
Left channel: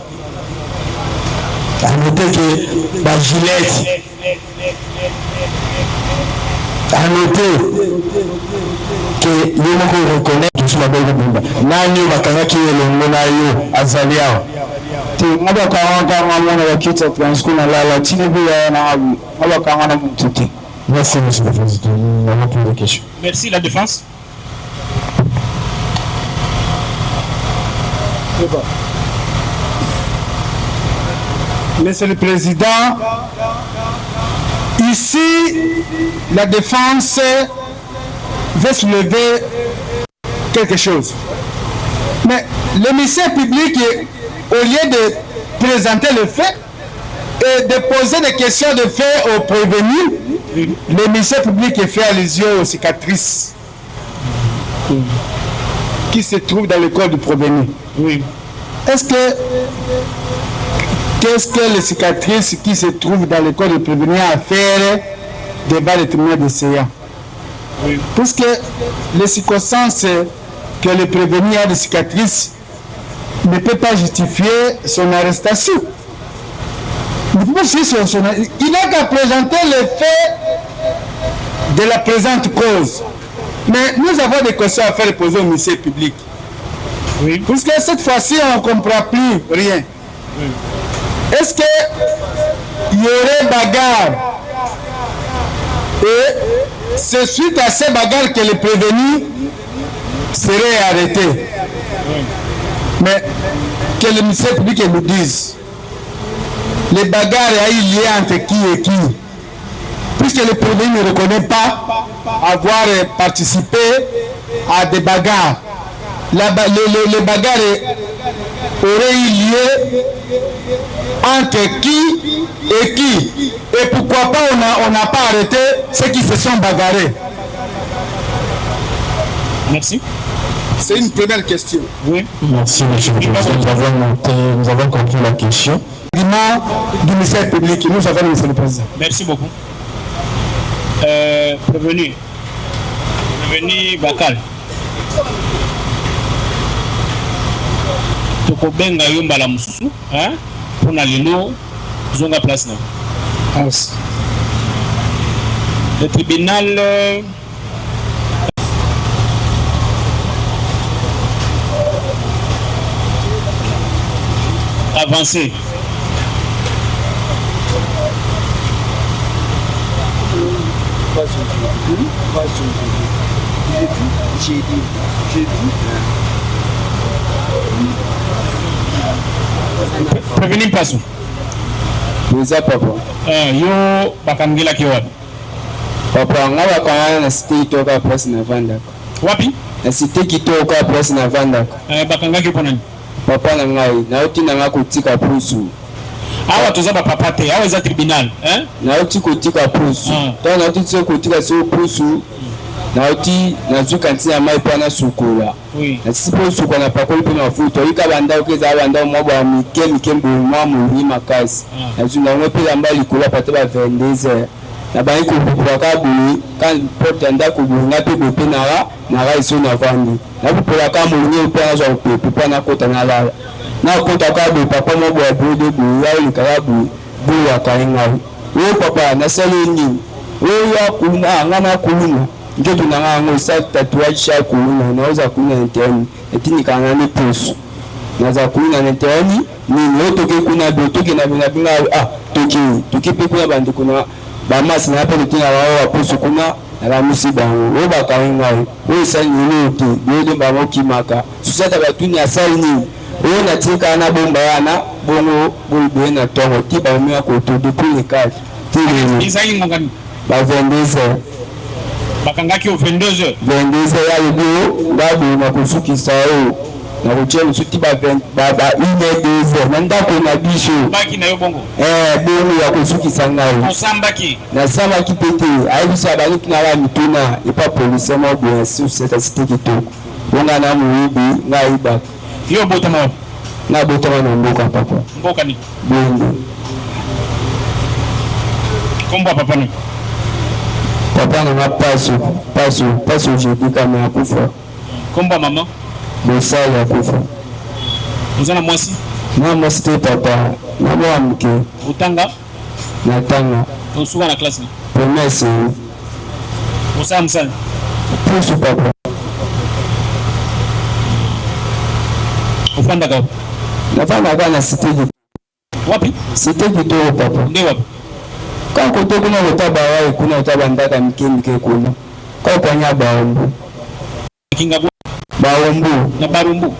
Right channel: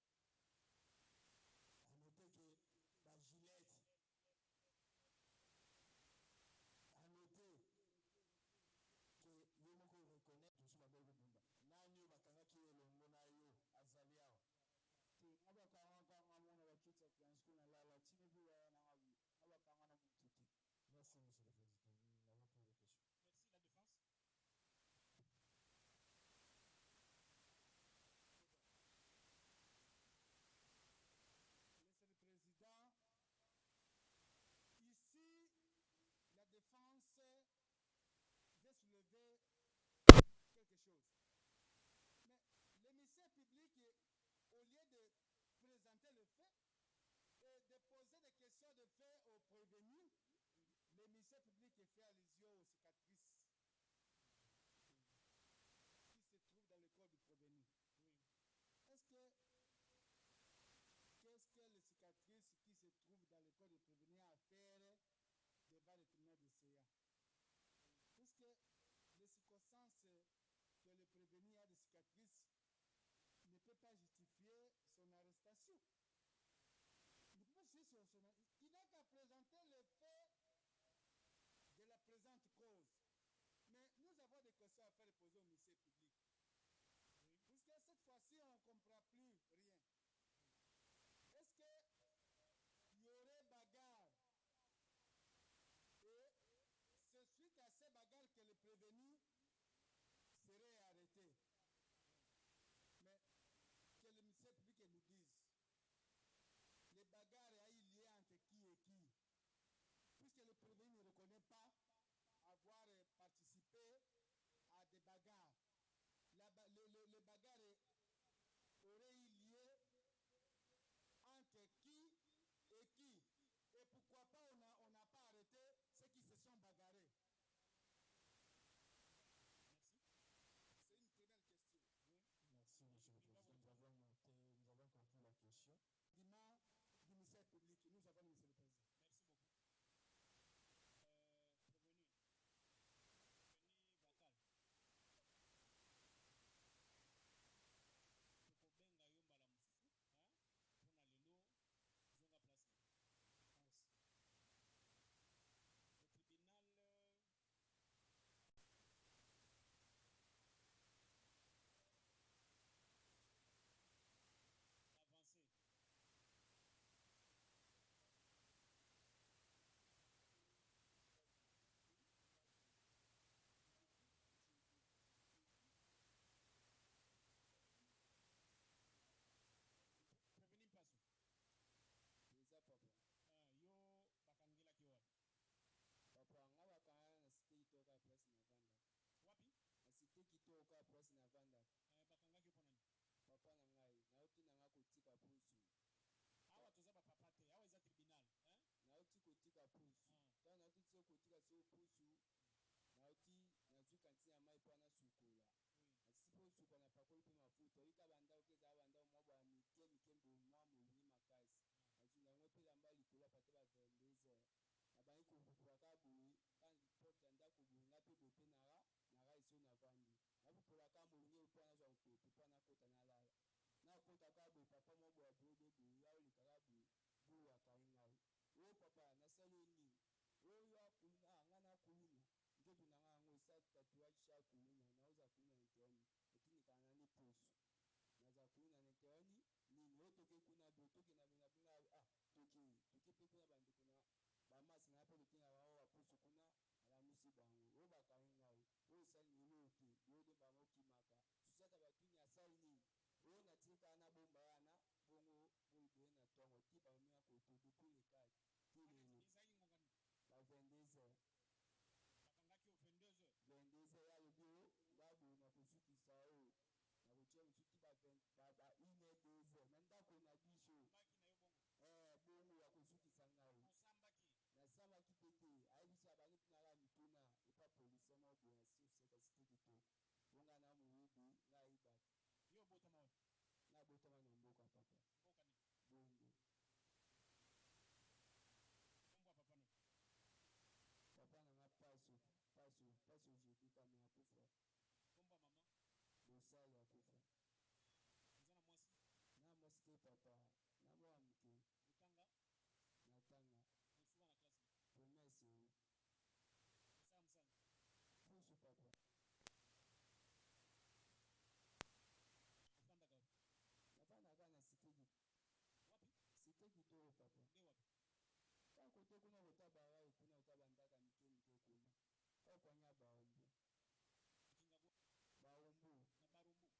anote ke bagilete anote ke yomoko reconnaître tosula bakobunda nani oyo bakangaki elongo na yo azali awa te nga bakanga mona bakita transport na lala tini bila na abu nga bakanga na muntu te. Merci, monsieur le président. Nous n'avons plus de questions. Merci, la défense. Monsieur le Président, ici, la défense veut soulever quelque chose. Mais le ministère public, au lieu de présenter le fait et de poser des questions de fait aux prévenus, le ministère public fait allusion aux cicatrices qui se trouvent dans le corps du prévenu. Oui. Qu'est-ce que les cicatrices qui se trouvent dans le corps du prévenu à faire devant le tribunal de séance? Oui. Parce que les circonstances que le prévenu a de cicatrices ne peut pas justifier son arrestation. Il n'a qu'à présenter les faits de la présente cause. Mais nous avons des questions à faire poser au ministère public. Oui. Parce que cette fois-ci, on ne comprend plus rien. Oui. Est-ce qu'il y aurait bagarre? Et c'est suite à ces bagarres que les prévenus seraient arrêtés. Oui. Mais que le ministère public nous dise, les bagarres il y a entre qui et qui, puisque le prévenu ne reconnaît pas avoir participé à des bagarres. Les bagarres auraient eu lieu entre qui et qui, et pourquoi pas on n'a pas arrêté ceux qui se sont bagarrés. Merci. C'est une première question. Oui. Merci, monsieur le président. Nous avons compris la question. Du ministère public, nous avons monsieur le président. Merci beaucoup. Prévenu Bakal. Tokobenga yomba la mususu, hein? Pour na lelo, zonga place na. Le tribunal avancé. Prévenir passo. Pesa papa. Yo bakangela ki wapi? Papa ngaba kana na cité toka place na vanda. Wapi? Na cité kitoka place na vanda. Bakanga ki ponani? Papa na ngai na uti na ngakutika pusu. Awa tozaba papa te, awa za tribunal, hein? Na uti kutika pusu. To na uti tso kutika so pusu. Na uti na zuka ntia mai pana sukola. Oui. Na sipo sukola na pakoli pe mafuta. Ika banda ukeza banda mwaba mike mbuma muri makasi. Na zuna ngope mbali kula pate ba vendeze. Na ba iko bukaka bui kan porte anda kubunga pe bope na ga iso na vandi. Na bupola ka mulunye pe na zo pe pana kota na la. Na kota ka be papa mo bo bode bu ya likala bu ya kainga. Wo papa na sele ni. Wo ya kuna ngana kuluna. Ndio tunang'ango sa tatouage cha kuluna naweza kuna nteni etini kana ni pusu. Naza kuna nteni ni notoke kuna dotoke na binga toki pe kuna bandu kuna ba masi na pe tina wao pusu kuna na musiba wo ba kainga wo sa ni lote ndio ba moki maka susata batuni asali ni wo na tika na bomba yana bongo bulbe na tongo tiba mwa ko to depuis le cadre tiri Isaïe ngongani ba vendeze bakanga ki au 22h. Vendeze ya yugo babu na kusukisa o na kuchelu suti ba 1h nanda ko na bisho Baki na yo bongo. Bongo ya kusukisa ngai. Osambaki. Na sama kipete aibisa bali kinala mituna ipa police mo bien sur cette cité kitoko. Bonga na muibi ngai ba. Yo botama. Na botama na mboka papa. Mboka ni. Bongo. Kombo papa ni. Papa na paso jeudi kama ya kufa. Kombo mama. Bosa ya kufa. Uzana mwasi. Na mwasi te papa. Na mwamke. Utanga. Na tanga. Usuwa na klasi. Promesse. Usa msani. Pusu papa. Ufanda kwa. Nafanya kana sitegi. Wapi? Sitegi to papa. Ndio wapi? Kwa kote kuna utaba wai kuna utaba ndaka mike kuna. Kwa panya baombu. Kinga Baombu. Na barumbu.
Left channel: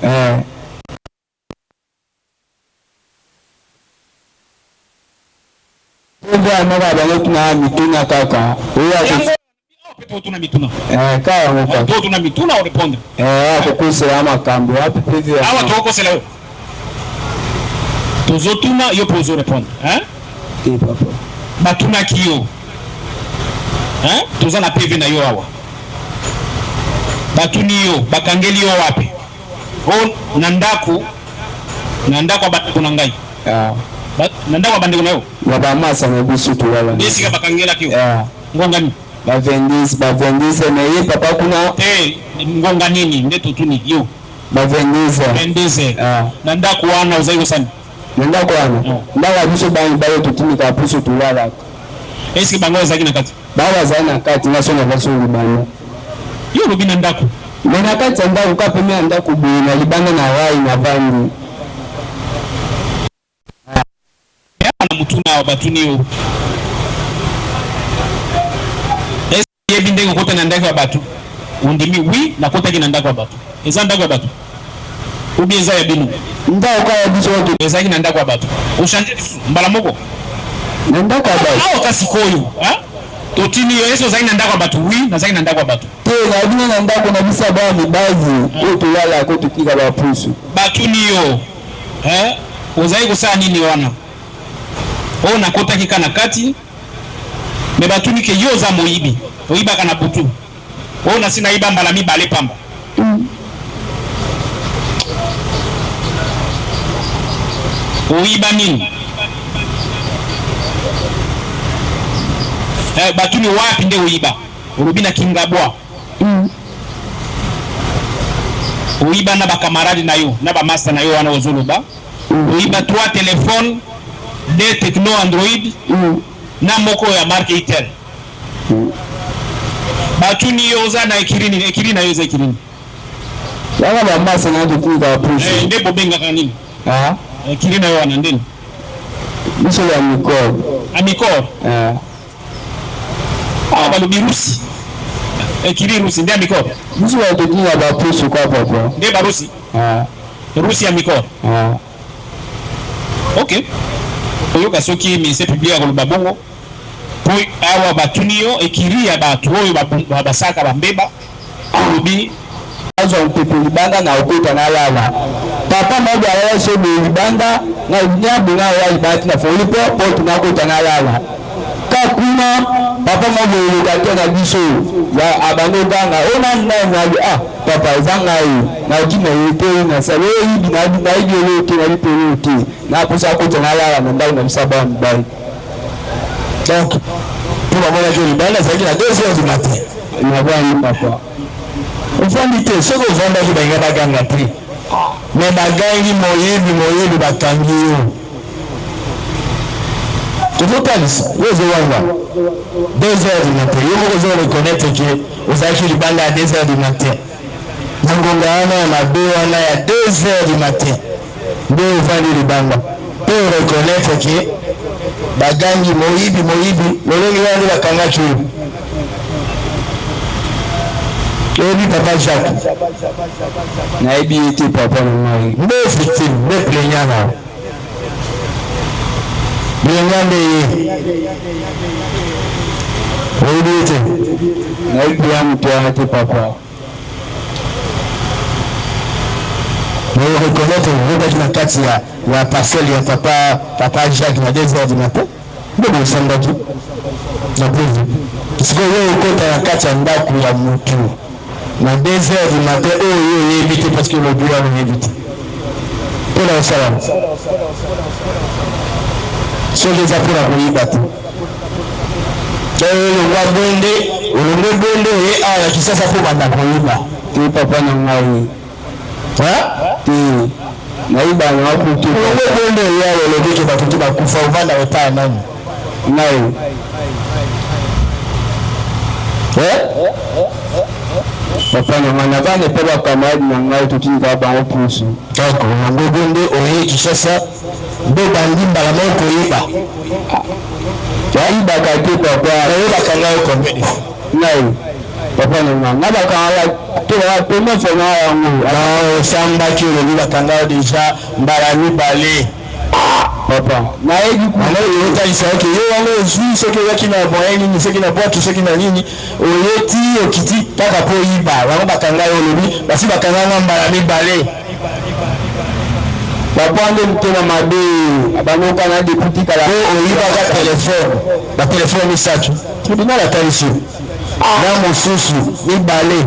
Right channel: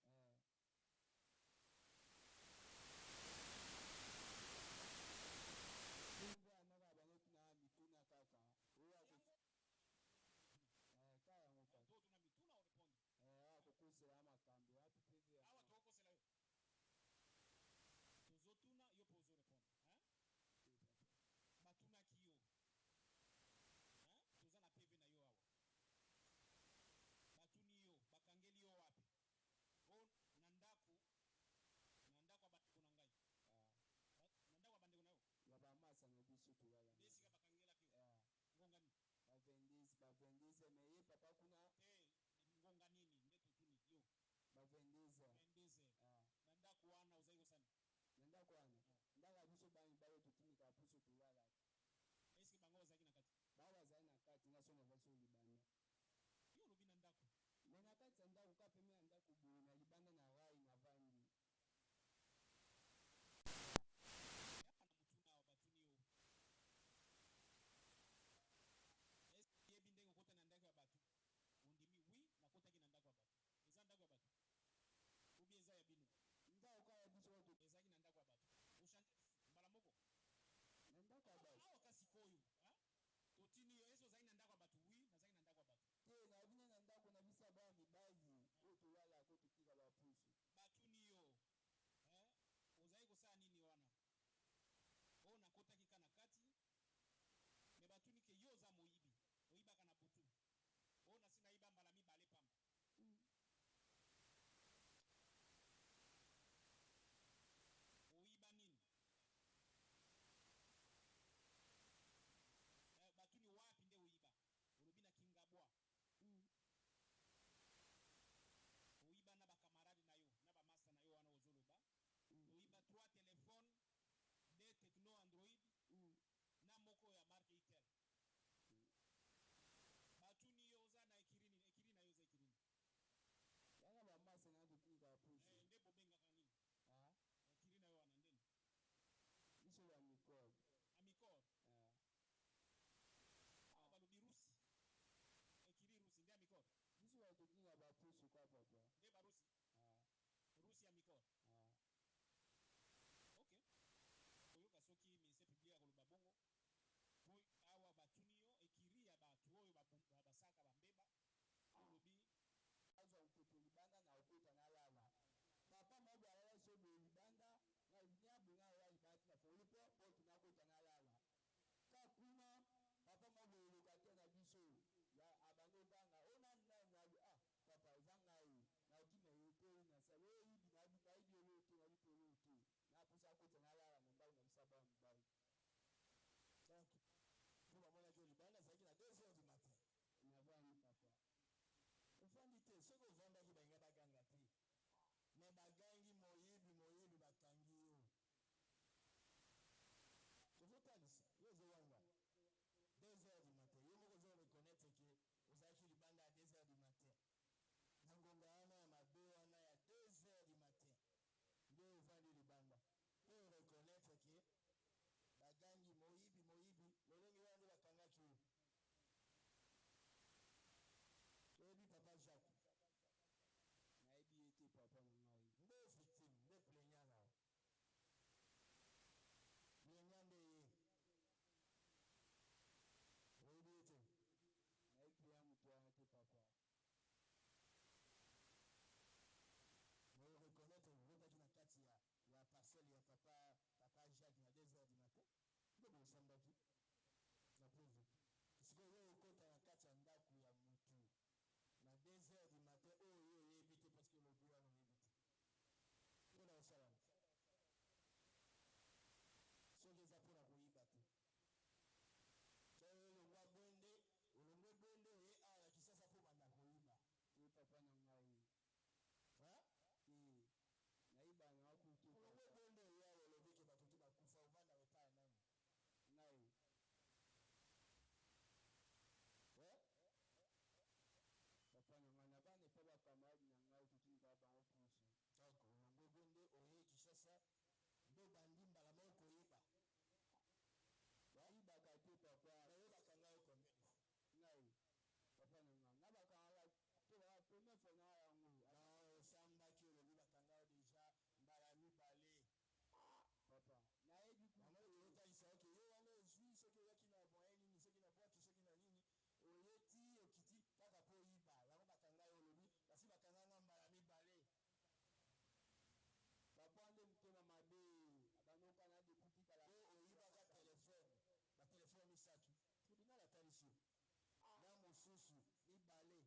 Ndio mara bale tuna mituna kaka. Pepo tuna mituna. Kaya ngoka. Pepo tuna mituna au répondre. Kukusela ama kambi wapi pevi. Awa toko sela yo. Tozo tuna yo pozo répondre, hein? Papa. Batuna kiyo. Hein? Toza na PV na yo awa. Batuni yo, bakangeli yo wapi? O nandaku abandeko na ngai. Nandaku abandeko na yo. Baba masa na bisu tulala. Desi ka bakangela kiyo. Ngongani. Ba vendise na ye papa kuna. Ngonga nini ndeto tuni yo. Ba vendise. Nandaku wana uzaigo sana. Nenda kwa ana. Ndaga biso bangi bayo tutimika puso tulala. Eski bango zaki na kati. Bawa zana kati na sona vaso libana. Yo rubina ndaku. Mena kati ndaku kape mena ndaku bina libana na rai na vangi. Na mutuna wa batuni yo. Eski yebindenge kota na ndaku wa batu. Undimi wi na kota ki na ndaku wa batu. Eza ndaku wa batu. ou bien ça ya bino ndako ya biso to ezaki na ndako ya bato o changer mbala moko na ndako ya bato awa kasi koyo totini yo eso zaki na ndako ya bato oui nazaki na ndako ya bato te na bino na ndako na bisa ba mibazi o to yala ko tutika ba pusu batuni yo ozaki kosala nini wana o nakotaki kana kati me batuni ke yo za moyibi oyibaka na butu o nasi nayiba mbala mibale pamba oyiba nini batuni wapi nde oyiba olobi na kingabwa oyiba na bakamarade na yo na bamaster na yo wana ozoloba oyiba 3 téléphone 2 techno android na moko ya marque Itel batuni yo za na ekiri na yo za ekirini yanga bamaster na tutika pusu nde bobengaka nini ekiri na yo wana ndeni biso ya mikor amikor balobi rusi ekiri rusi nde amikor biso ya tutika ba pusu kwa papa nde barusi rusi ya mikor ok oyoka soki ministère public akoloba bongo po awa batuni yo ekiri ya bato oyo basaka bambeba olobi azo mpepe libanda na okota na lala papa mobo ala so be libanda na nyabu na wa libati na folipo porte na okota na lala ka kuna papa mobo lokate na biso ya abango ganga ona na papa zanga yi na jina yote na sale yi na yi yote na lipelo yote na posa okota na lala na ndao na msaba mbai donc pour avoir la libanda ça qui na 2h du matin na bani papa ofandi te soko ofandaki bainga baganga te me bagangi moyibi bakangi yo tozotalisa yo ozowanga 2h du matin yo moko ozoreconnaître ke ozalaki libanda ya 2h du matin na ngonga wana ya mabe wana ya 2h du matin nde ofandi libanda mpe oreconnaître ke bagangi moyibi lolenge wana nde bakangaki oyo oyebi papa Jacques nayebi ete papa na ngai nde victime nde plaignant na plaignant nde ye oyebi ete nayebi ya moto wana te papa mais reconnaître obaki na kati ya parcelle ya papa Jacques na 2h du matin nde bosambaki na preuve sikoyo yo okota na kati ya ndako ya motu na 2h du matin oyo oyebi te parce que le bureau wana oyebi te mpona osalama soki eza mpona koyiba te olongwa bonde oye awa ya kisasa mpo banda koyiba te papa na ngai te nayiba na wakutu olongwe bonde oye awa olobi ke bato te bakufa ovanda otala nani ngai papa na ngai navanda mpe bakamarade na ngai totika bango pusu donc olongwe bonde oye Kinshasa nde bandi mbala moko koyeba yayibaka te papa oyebaka ngai combien de fois ngai papa na ngai nabakanga te première fois na yango osambaki olobi bakanga deja mbala mibale papa nayebi otalisa oke yo wana ozwi soki oyaki na moyen nini soki na bwatu soki na nini oyeti okiti kaka mpo oyiba bango bakanga yo olobi basi bakanganga mbala mibale papa nde motema mabe abangoka na deputikala po oyibaka telefone batelefone misato tribunal atalisi na mosusu mibale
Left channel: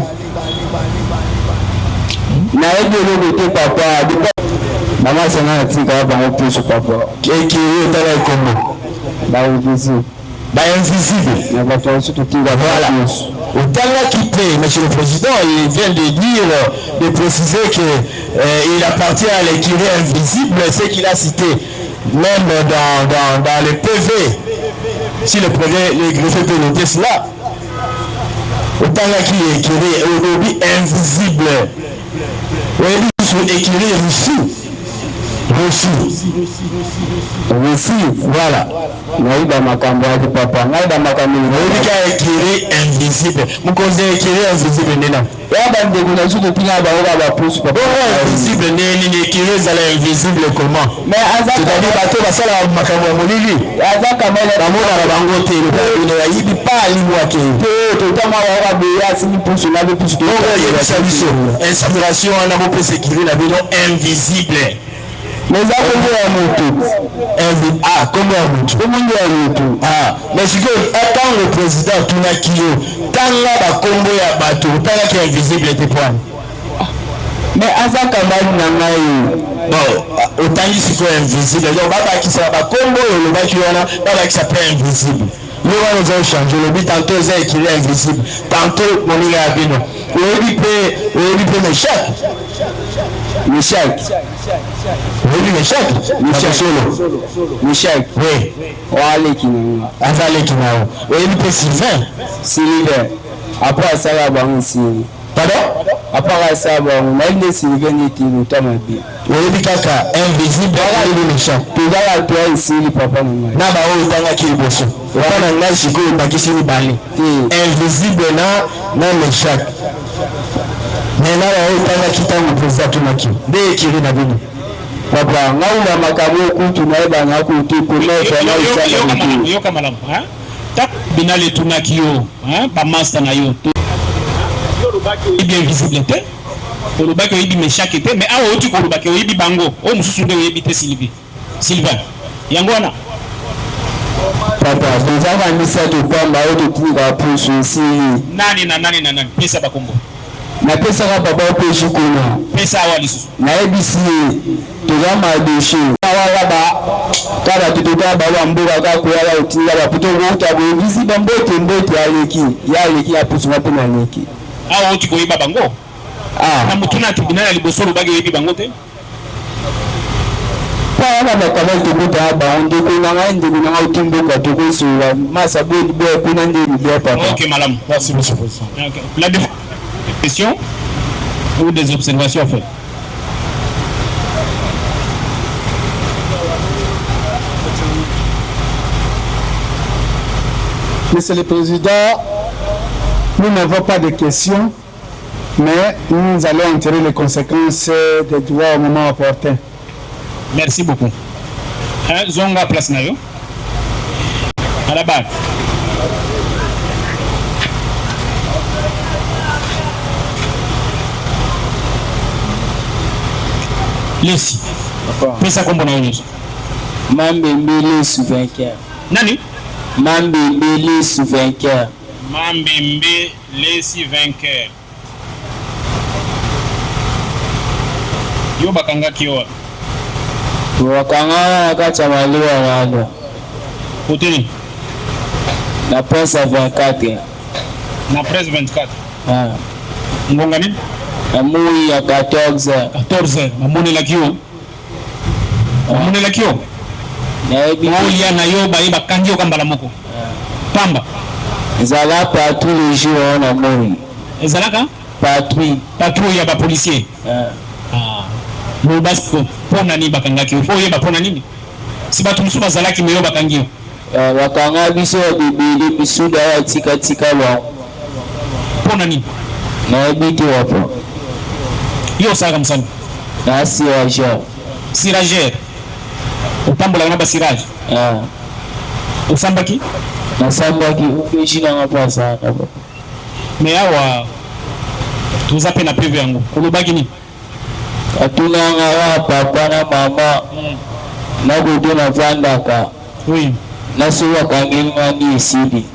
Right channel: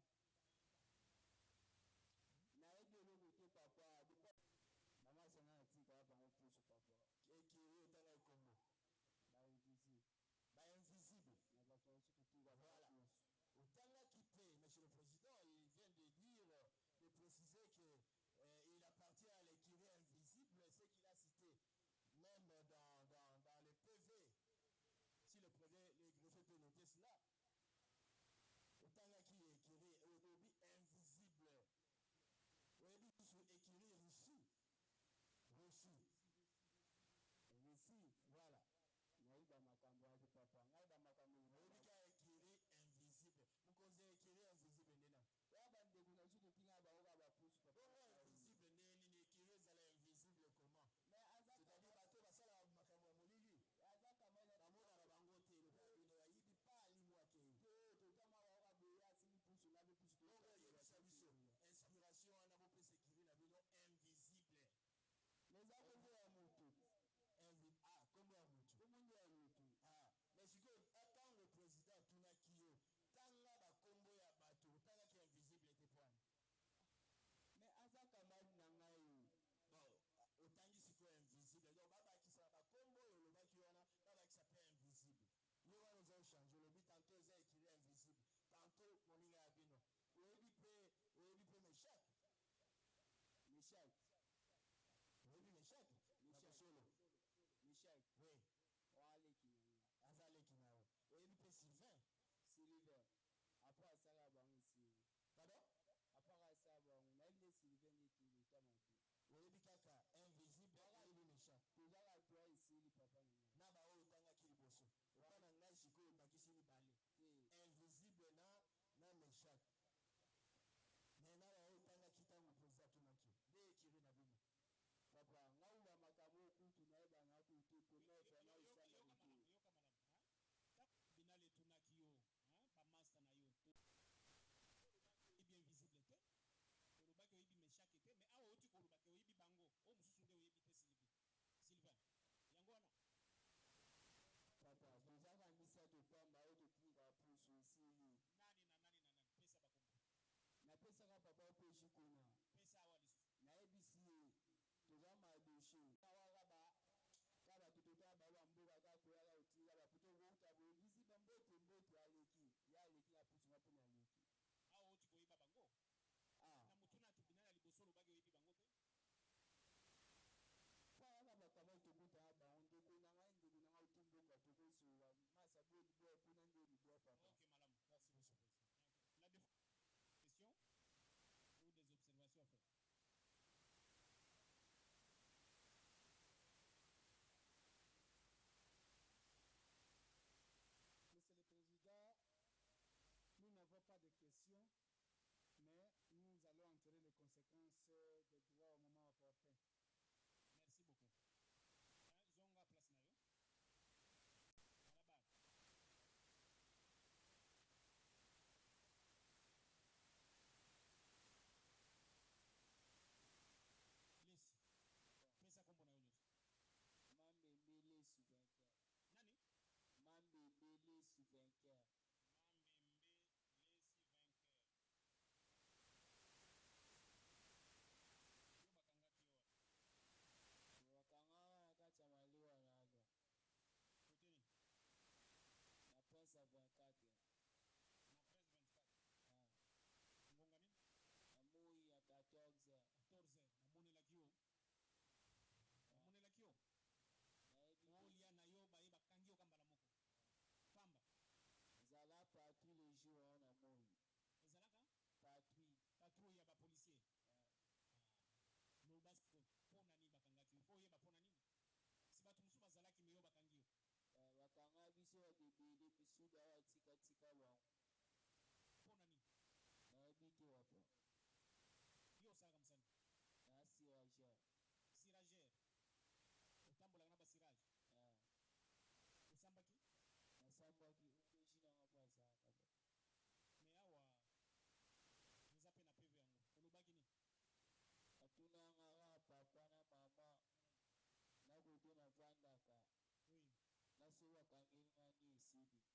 nayebi eloko te papa bamasanga natika bango pusu papa eki oyo otala ekombo bainvisible na bato mosusu totika voilà otangaki te monsieur le président il vient de dire de préciser que il appartient à l'écurie invisible ce qu'il a cité même dans le PV si le greffier peut noter cela otangaki écurie olobi invisible oyebi sur écurie Russie Reçu, voilà. Naïda makambo yake papa. Naïda makambo yake écrit invisible. Mukoze écrit invisible nena. Yaba ndeko na zuko pinga ba oba ba pousse papa. Invisible ni écrit za invisible comment? Mais azaka c'est-à-dire bato basala makambo ya molili. Azaka mele bamona na bango te le ya yibi pa limwake. To tama wa ba ya sini pousse na be pousse to. Inspiration na mo pese écrit na bino invisible. Mais ça comment ya moto comment ya moto mais siko quand le président tunaki yo tanga bakombo ya bato tanga ki invisible te point mais azaka mali na ngai bon otangi siko invisible donc babakisa bakombo oyo lobaki wana babakisa pe invisible yo wana oza ochange olobi tantôt eza écrit invisible tantôt moninga ya bino oyebi pe Meshak. Oui, Meshak. Oui. Wale kinao. Azale kinao. Oui, il peut Sylvain. Après ça va bon ici. Pardon? Après ça va on a une Sylvain qui est tamabi. Oui, kaka invisible ali Meshak. Tuza la toi ici papa nanga. Na ba o tanga ki boso. Wana ngashi ko bakisi ni bali. Invisible na Meshak. Mais là on tanga kitango président tunaki de kiri na bino papa ngauna makabo kutu na eba na kutu kumefa na isaka yo kama lamu ha tak binale tunaki yo ha ba master na yo to yo bien visible te to lobaki oyibi Meshak te mais awo oti ko lobaki oyibi bango o mususu nde oyibi te Sylvain yango wana papa bizaka misa to pamba oto tinga pusu si nani pesa bakombo na pesa ka papa peshi kuna pesa wali susu na ebisi toza madeshe awala ba kala tutoka ba mboka ka ko yala utinga ba puto ngota bo visi ba mbote aleki ya pusu na pena aleki awo uti ko yiba bango na mutuna tribunal libosoro bage yibi bango te pa wana ba kaba to buta ba onde ko na ndeko na utimbo ka to ko so masa bo kuna ndeli bia papa. OK madame, merci monsieur le président. OK. La questions ou des observations en fait. Monsieur le Président, nous n'avons pas de questions, mais nous allons en tirer les conséquences des droits au moment opportun. Merci beaucoup. Zonga place na yo. À la barre. Lesi. Pesa kombo na yo. Mambembele sous vainqueur. Nani? Mambembele sous vainqueur. Mambembe Lesi vainqueur. Yo bakanga kiwa. Wakanga kacha maliwa nalo. Hoteli. Na presse 24. Na presse 24. Ah. Ngonga nini? Amui ya 14. 14. Mamone la kio. Mamone la kio. Na ebi. Oya na yo ba iba kandio kambala moko. Pamba. Ezala pas tous les jours on a mori. Ezalaka? Patrouille ya ba policier. Mo basko pona ni bakanga kio. Fo yeba pona nini? Si batu musu bazalaki meyo bakangio. Wakanga biso bibili bisuda ya tika wa. Pona nini? Na ebiti wapo. Yo saka msana. Na sirager. Sirager. Utambola na ba sirage. Usambaki? Na sambaki ukishina ngapa sana baba. Me awa tuzape na PV yangu. Kulubaki ni? Atuna ngara papa na mama. Na godo na vandaka. Oui. Na suwa kanginga ni isidi.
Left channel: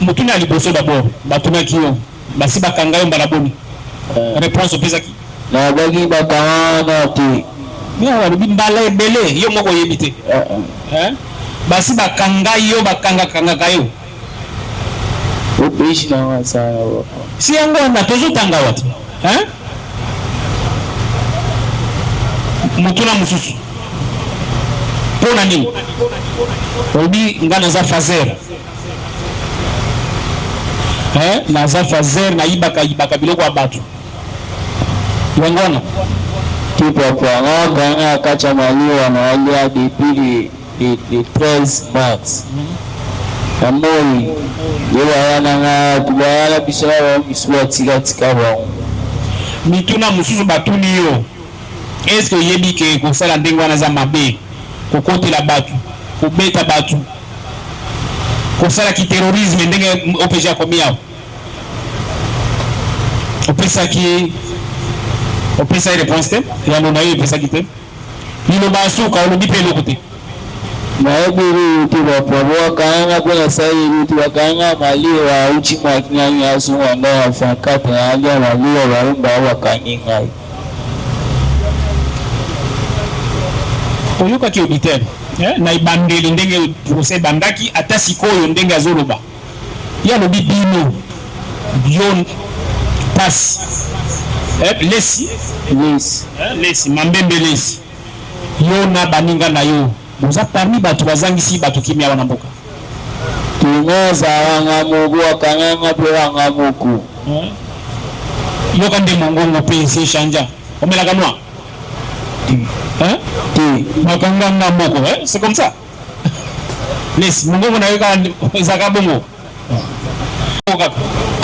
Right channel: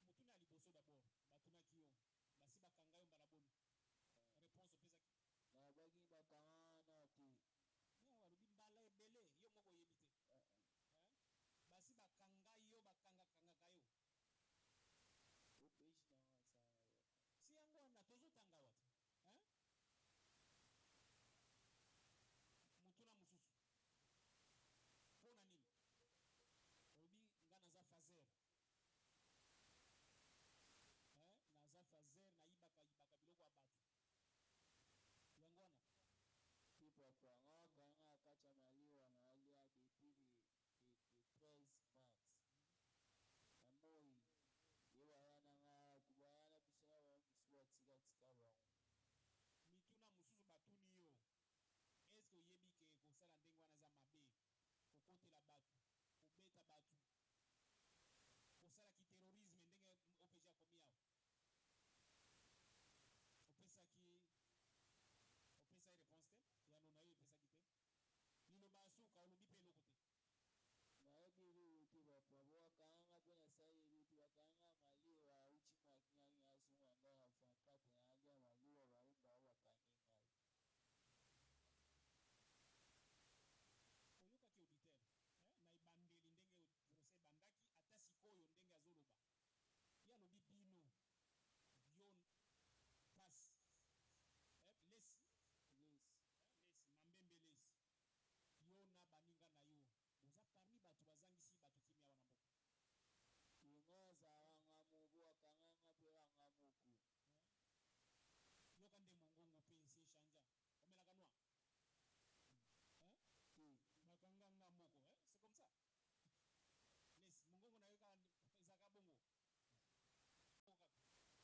Mutuna liboso d'abord. Batuna kiyo. Basi bakangayo mbalaboni. Réponse pesa ki. Na bagi bakana ti. Mia walubi mbala ebele. Yo moko yebite. Basi bakangayo bakanga kayo. Upishi na wasana baba. Si yango na tozo tanga watu. Mutuna mususu. Pona nini? Obi ngana za fazer. Na za fazer na ibaka biloko abatu. Wangona. papa nganga kacha malio anawalia depuis le 13 mars. Amoi yewa yana nga tubala bisala biswa tika ba. Mituna mususu batuni yo. Est-ce que yebi ke ko sala ndenge wana za mabe ko kote la batu ko beta batu ko sala ki terrorisme ndenge opeja komia opesa ki opesa réponse ya nona yo opesa ki te nilo basuka olobi pe lokote maebiri tu bapabo kanga kwa sai tu kanga mali wa uchi makinyanya asu anda afakata alia mali wa barumba wa kaninga oyoka ki obiter na ibandeli ndenge procès bandaki ata sikoyo ndenge azoloba ya lobi bino bion pass lesi mambembe lesi yo na baninga na yo boza parmi batu bazangisi batu kimia wana mboka tungoza wanga mugu wakanganga pe wanga muku yo kande mongongo pe se chanja omela kanwa makanga na moko c'est comme ça lesi mongongo na yo ka zaka bongo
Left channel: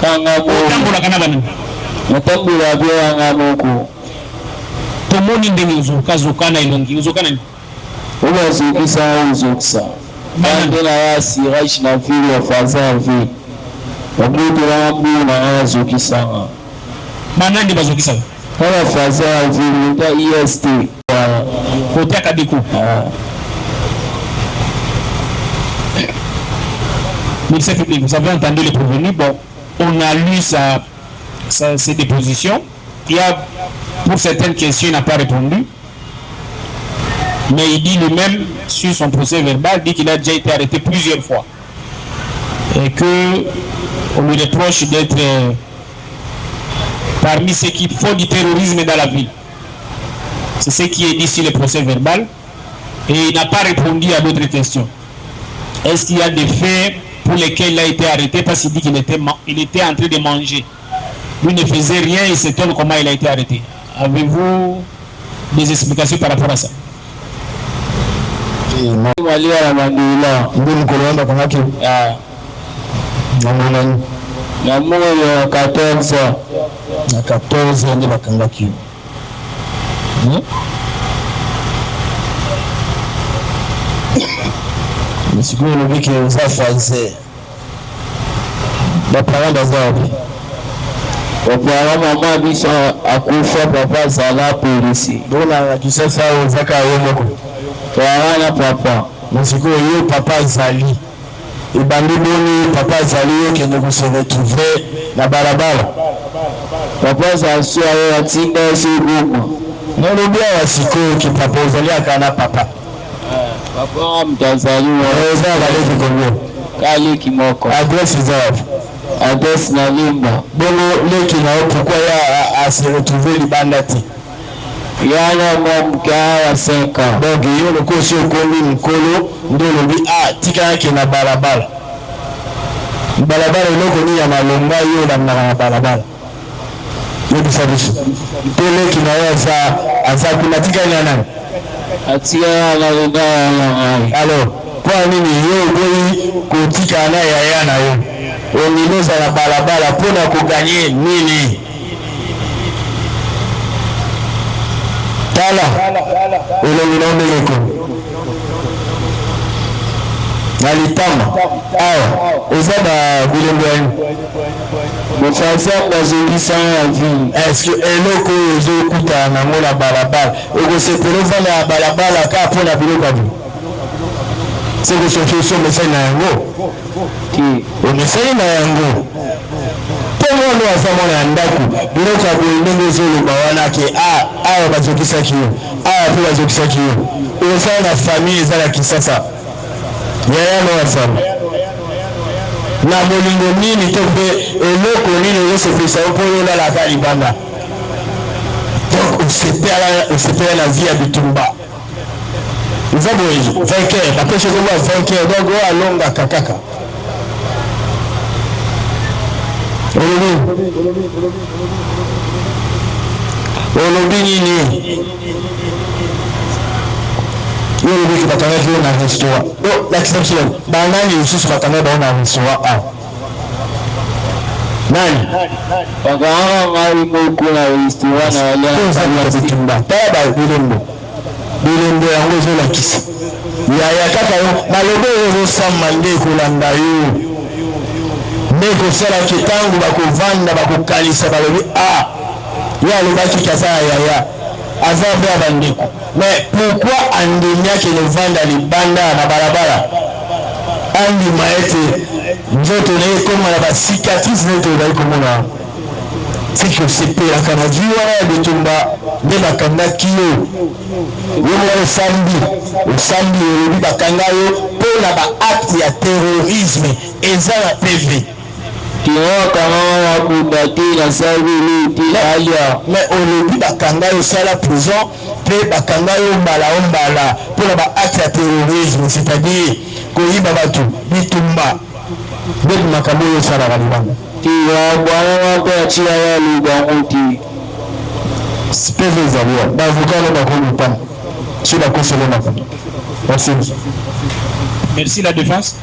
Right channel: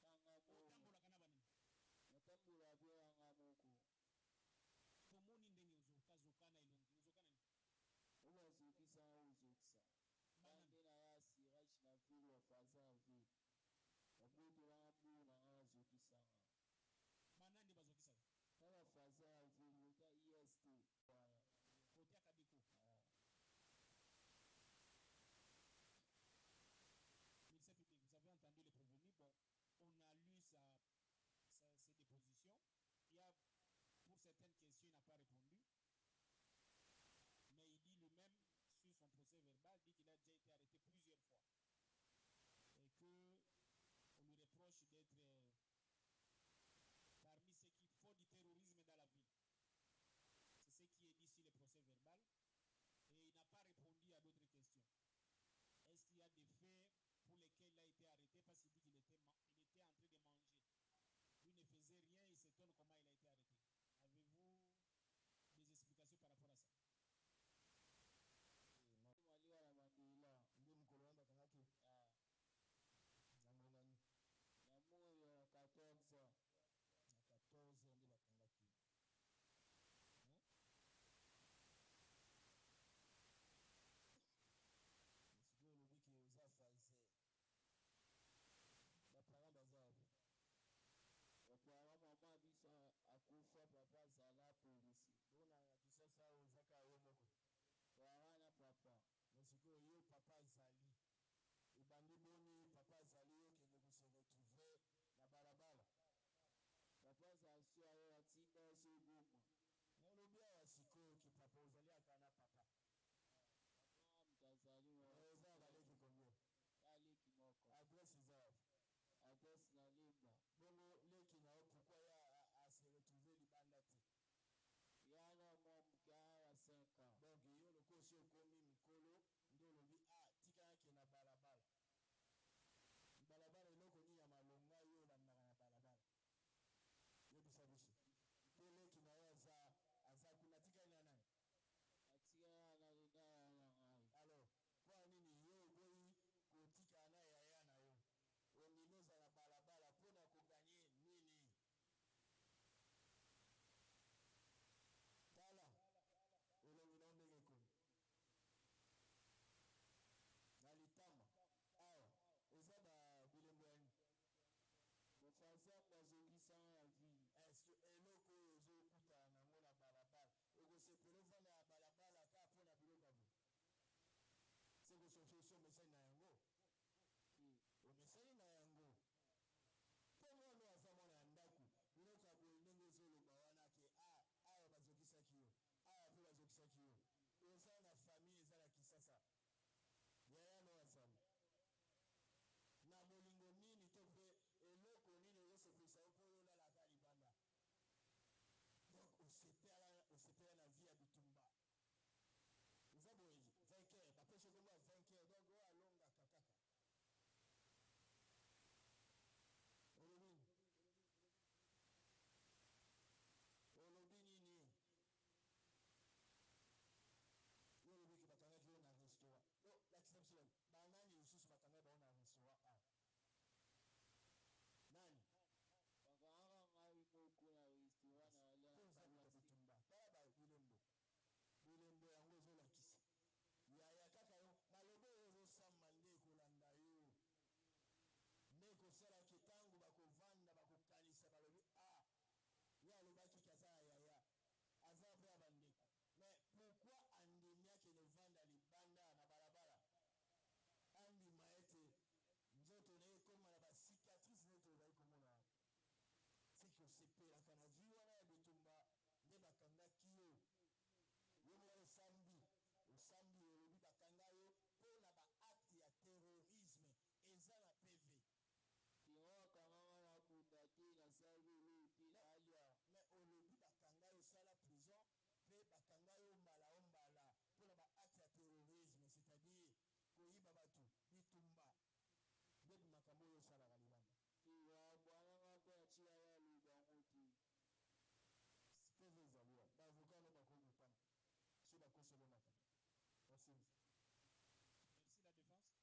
kanga bo tambola kana bana matambula pe wanga muku tomoni ndenge uzokana ilongi uzokana ni ubazukisa uzukisa bande na wasi raish na vile ya fazavi wabudu wa mbu na wazukisa bana ndi bazukisa kama fazavi nda EST kote akadiku ministère public, vous avez entendu les prévenus. Bon, on a lu ses dépositions. Il y a, pour certaines questions, il n'a pas répondu. Mais il dit lui-même, sur son procès verbal, dit qu'il a déjà été arrêté plusieurs fois. Et qu'on lui reproche d'être parmi ceux qui font du terrorisme dans la ville. C'est ce qui est dit sur le procès verbal. Et il n'a pas répondu à d'autres questions. Est-ce qu'il y a des faits pour lesquels il a été arrêté parce qu'il dit qu'il était en train de manger? Lui ne faisait rien et s'étonne comment il a été arrêté. Avez-vous des explications par rapport à ça? Siku lobiki uza faise bapara bazabi wapara mama biso akufa papa zala polisi bona kisasa uzaka yomoko wana papa siku yo papa zali ibandi boni papa zali yo kende ko se retrouver na barabara papa za sio atinda sibuko nolobia wasiko ki papa zali akana papa papa mtazaliwa eza baleki kongo kali kimoko adresse zao adresse na limba bongo leki na pourquoi ya a se retrouver libandati yana mwamka wa 5 ans donc yo le kosi okomi mkolo ndo lobi tika yake na barabara eloko ni ya malonga yo na barabara yo bisabiso leki na yo aza kunatika ni nani atia na linda ya alors kwa nini yo boyi kutika na yaya na yo oninoza na barabara pona kuganye nini tala olonginombeleko nalitama awa eza ba bilembo yanu mofasa bazongisa ya vie est-ce que eloko ozokuta nango na balabala okosepela ovanda ya balabala ka mpona biloko abi sekosoki osomesai na yango omesai na yango mpongo wana aza mwana ya ndako biloko ya boye ndenge ezoloba wana ke awa bazokisaki yo awa mpe bazokisaki yo ozala na famille eza na kisasa yayano wasama na molingo nini to mpe eloko nini ozosepelisa yo mpo yolalaka libanda donc osepela na vie ya bitumba eza boye vainqueur bapeshe koba vainqueur donc oyo alongaka kaka olobi nini olobi ki bakangaki yo na restaurant lakisa biso banani lisusu bakanga bao na restaurant a nani bakanga ngai moko na restaurant na aliabitumba tala bilembo yango ezolakisa yaya kaka yo maloba oyo ezosamba nde ekolanda yo nde ekosalaki ntango bakovanda bakokanisa balobi ye alobaki kaza ya yaya aza mpe ya bandeko mais pourquoi andemiaki novanda libanda na balabala andima ete nzoto na ye ekoma na basicatrice nete obai komona siki osepelaka na vi wana ya bitumba nde bakangaki yo moko osambi olobi bakanga yo mpo na baacte ya terrorisme eza na pv mais olobi bakanga yo sala prison mpe bakanga yo mbala mpo na baacte ya terrorisme c'est-à-dire koyiba bato bitumba nde makambo oyo esalaka libanga bwana mpe atia ya lubango ti pv ezaliwa baavocat no bakomi pana so bakosolo makambo merci la défense.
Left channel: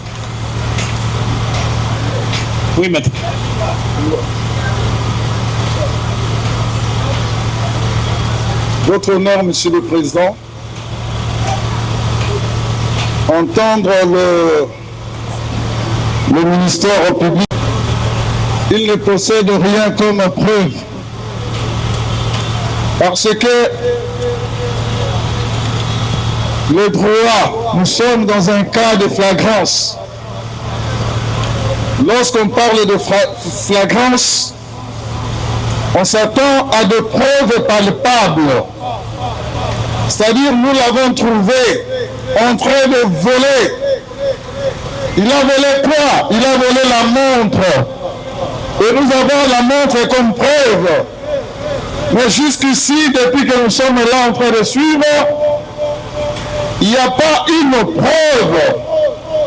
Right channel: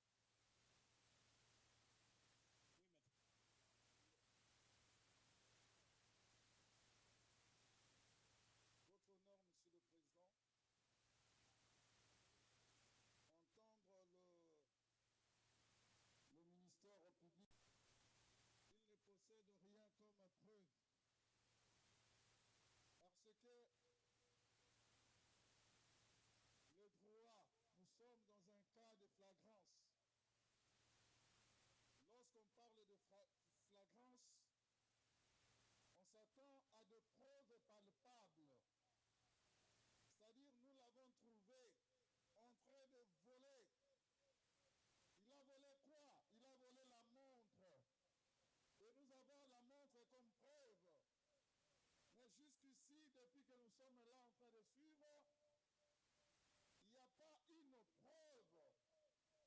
Oui, maître. Votre honneur, Monsieur le Président, entendre le ministère public, il ne possède rien comme preuve. Parce que le droit, nous sommes dans un cas de flagrance. Lorsqu'on parle de flagrance, on s'attend à des preuves palpables. C'est-à-dire, nous l'avons trouvé en train de voler. Il a volé quoi? Il a volé la montre. Et nous avons la montre comme preuve. Mais jusqu'ici, depuis que nous sommes là en train de suivre, il n'y a pas une preuve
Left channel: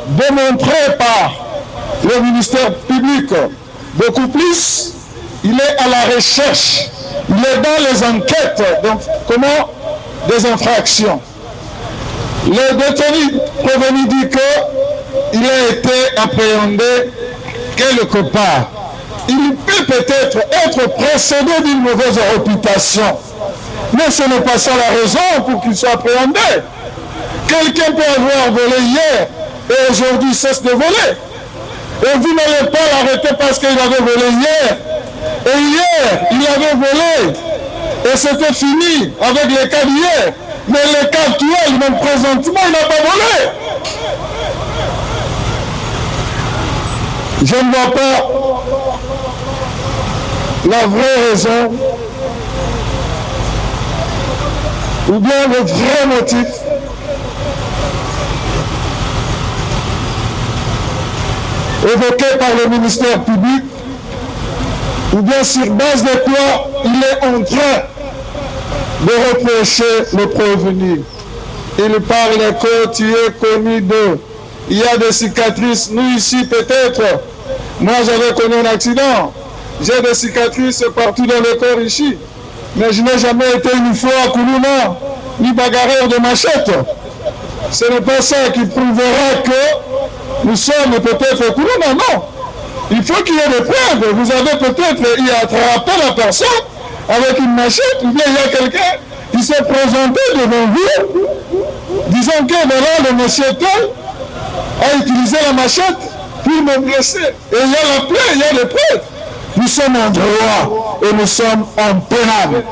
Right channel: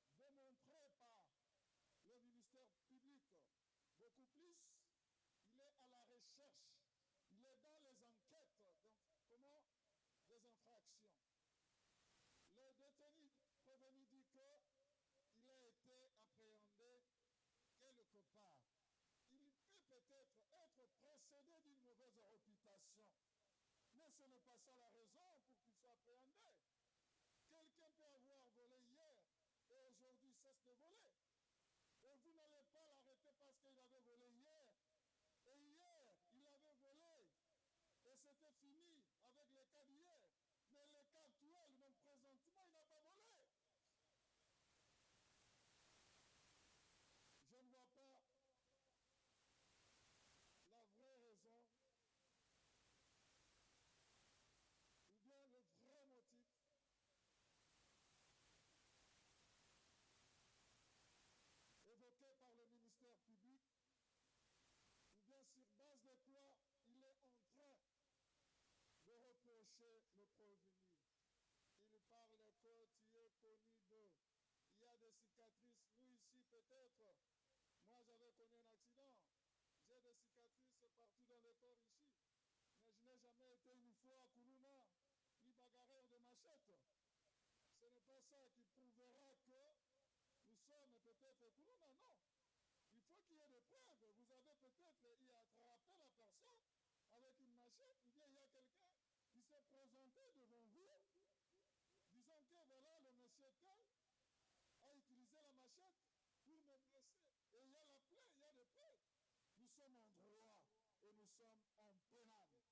démontrée par le ministère public. Beaucoup plus, il est à la recherche, il est dans les enquêtes, donc comment des infractions. Le détenu prévenu dit qu'il a été appréhendé quelque part. Il peut peut-être être précédé d'une mauvaise réputation, mais ce n'est pas ça la raison pour qu'il soit appréhendé. Quelqu'un peut avoir volé hier et aujourd'hui cesse de voler. Et vous n'allez pas l'arrêter parce qu'il avait volé hier. Et hier, il avait volé. Et c'était fini avec les cas d'hier. Mais les cas actuels, même présentement, il n'a pas volé. Je ne vois pas la vraie raison ou bien le vrai motif évoqué par le ministère public, ou bien sur base de quoi il est en train de reprocher le prévenu. Il parle que tu es connu d'eux. Il y a des cicatrices. Nous ici peut-être, moi j'avais connu un accident. J'ai des cicatrices partout dans le corps ici. Mais je n'ai jamais été une fois à Koulouna, ni bagarreur de machette. Ce n'est pas ça qui prouvera que nous sommes peut-être Koulouna, non. Il faut qu'il y ait des preuves. Vous avez peut-être y attrapé la personne avec une machette, ou bien il y a quelqu'un qui s'est présenté devant vous, disant que voilà, le monsieur tel a utilisé la machette pour me blesser. Et il y a la plaie, il y a les preuves. Nous sommes en droit et nous sommes en pénal.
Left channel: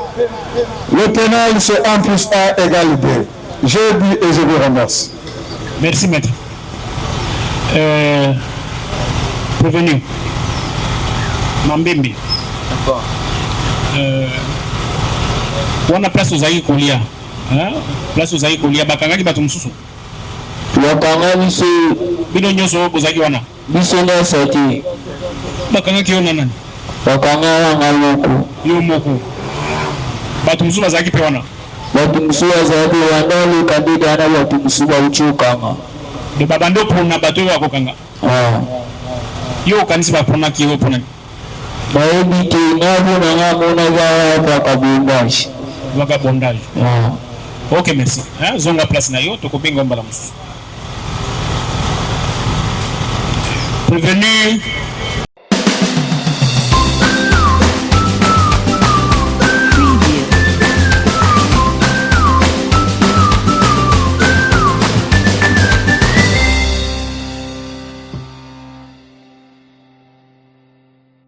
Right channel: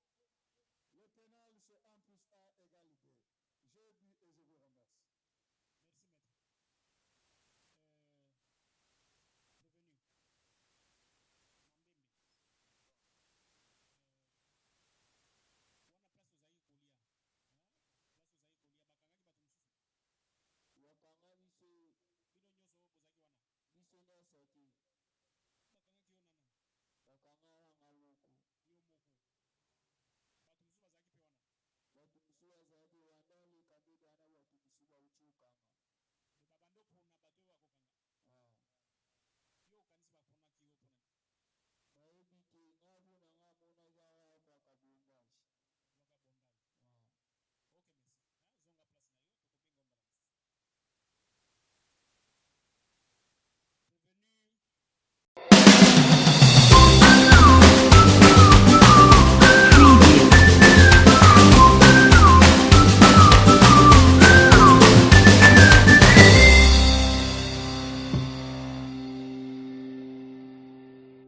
Le pénal, c'est 1 plus 1 égale 2. Je dis et je vous remercie. Merci, maître. Prévenu. Mambembe. D'accord. Wana place ozali kolia. Place ozali kolia bakangaki bato mosusu. Bakanga biso bino nyonso bozali wana. Biso nda sati. Bakangaki yo nani? Bakanga wana moko. Yo moko. Bato mosusu bazali pe wana. Bato mosusu bazali wana le kandida na bato mosusu ba uchukanga. De babando pona bato yo akokanga. Yo kanisi ba pona ki yo pona. Baebi ke na bona nga mona ga ya kabumbashi. vagabondage. Ok, merci. Zonga place na yo, tokopinga mbala musu. Prévenu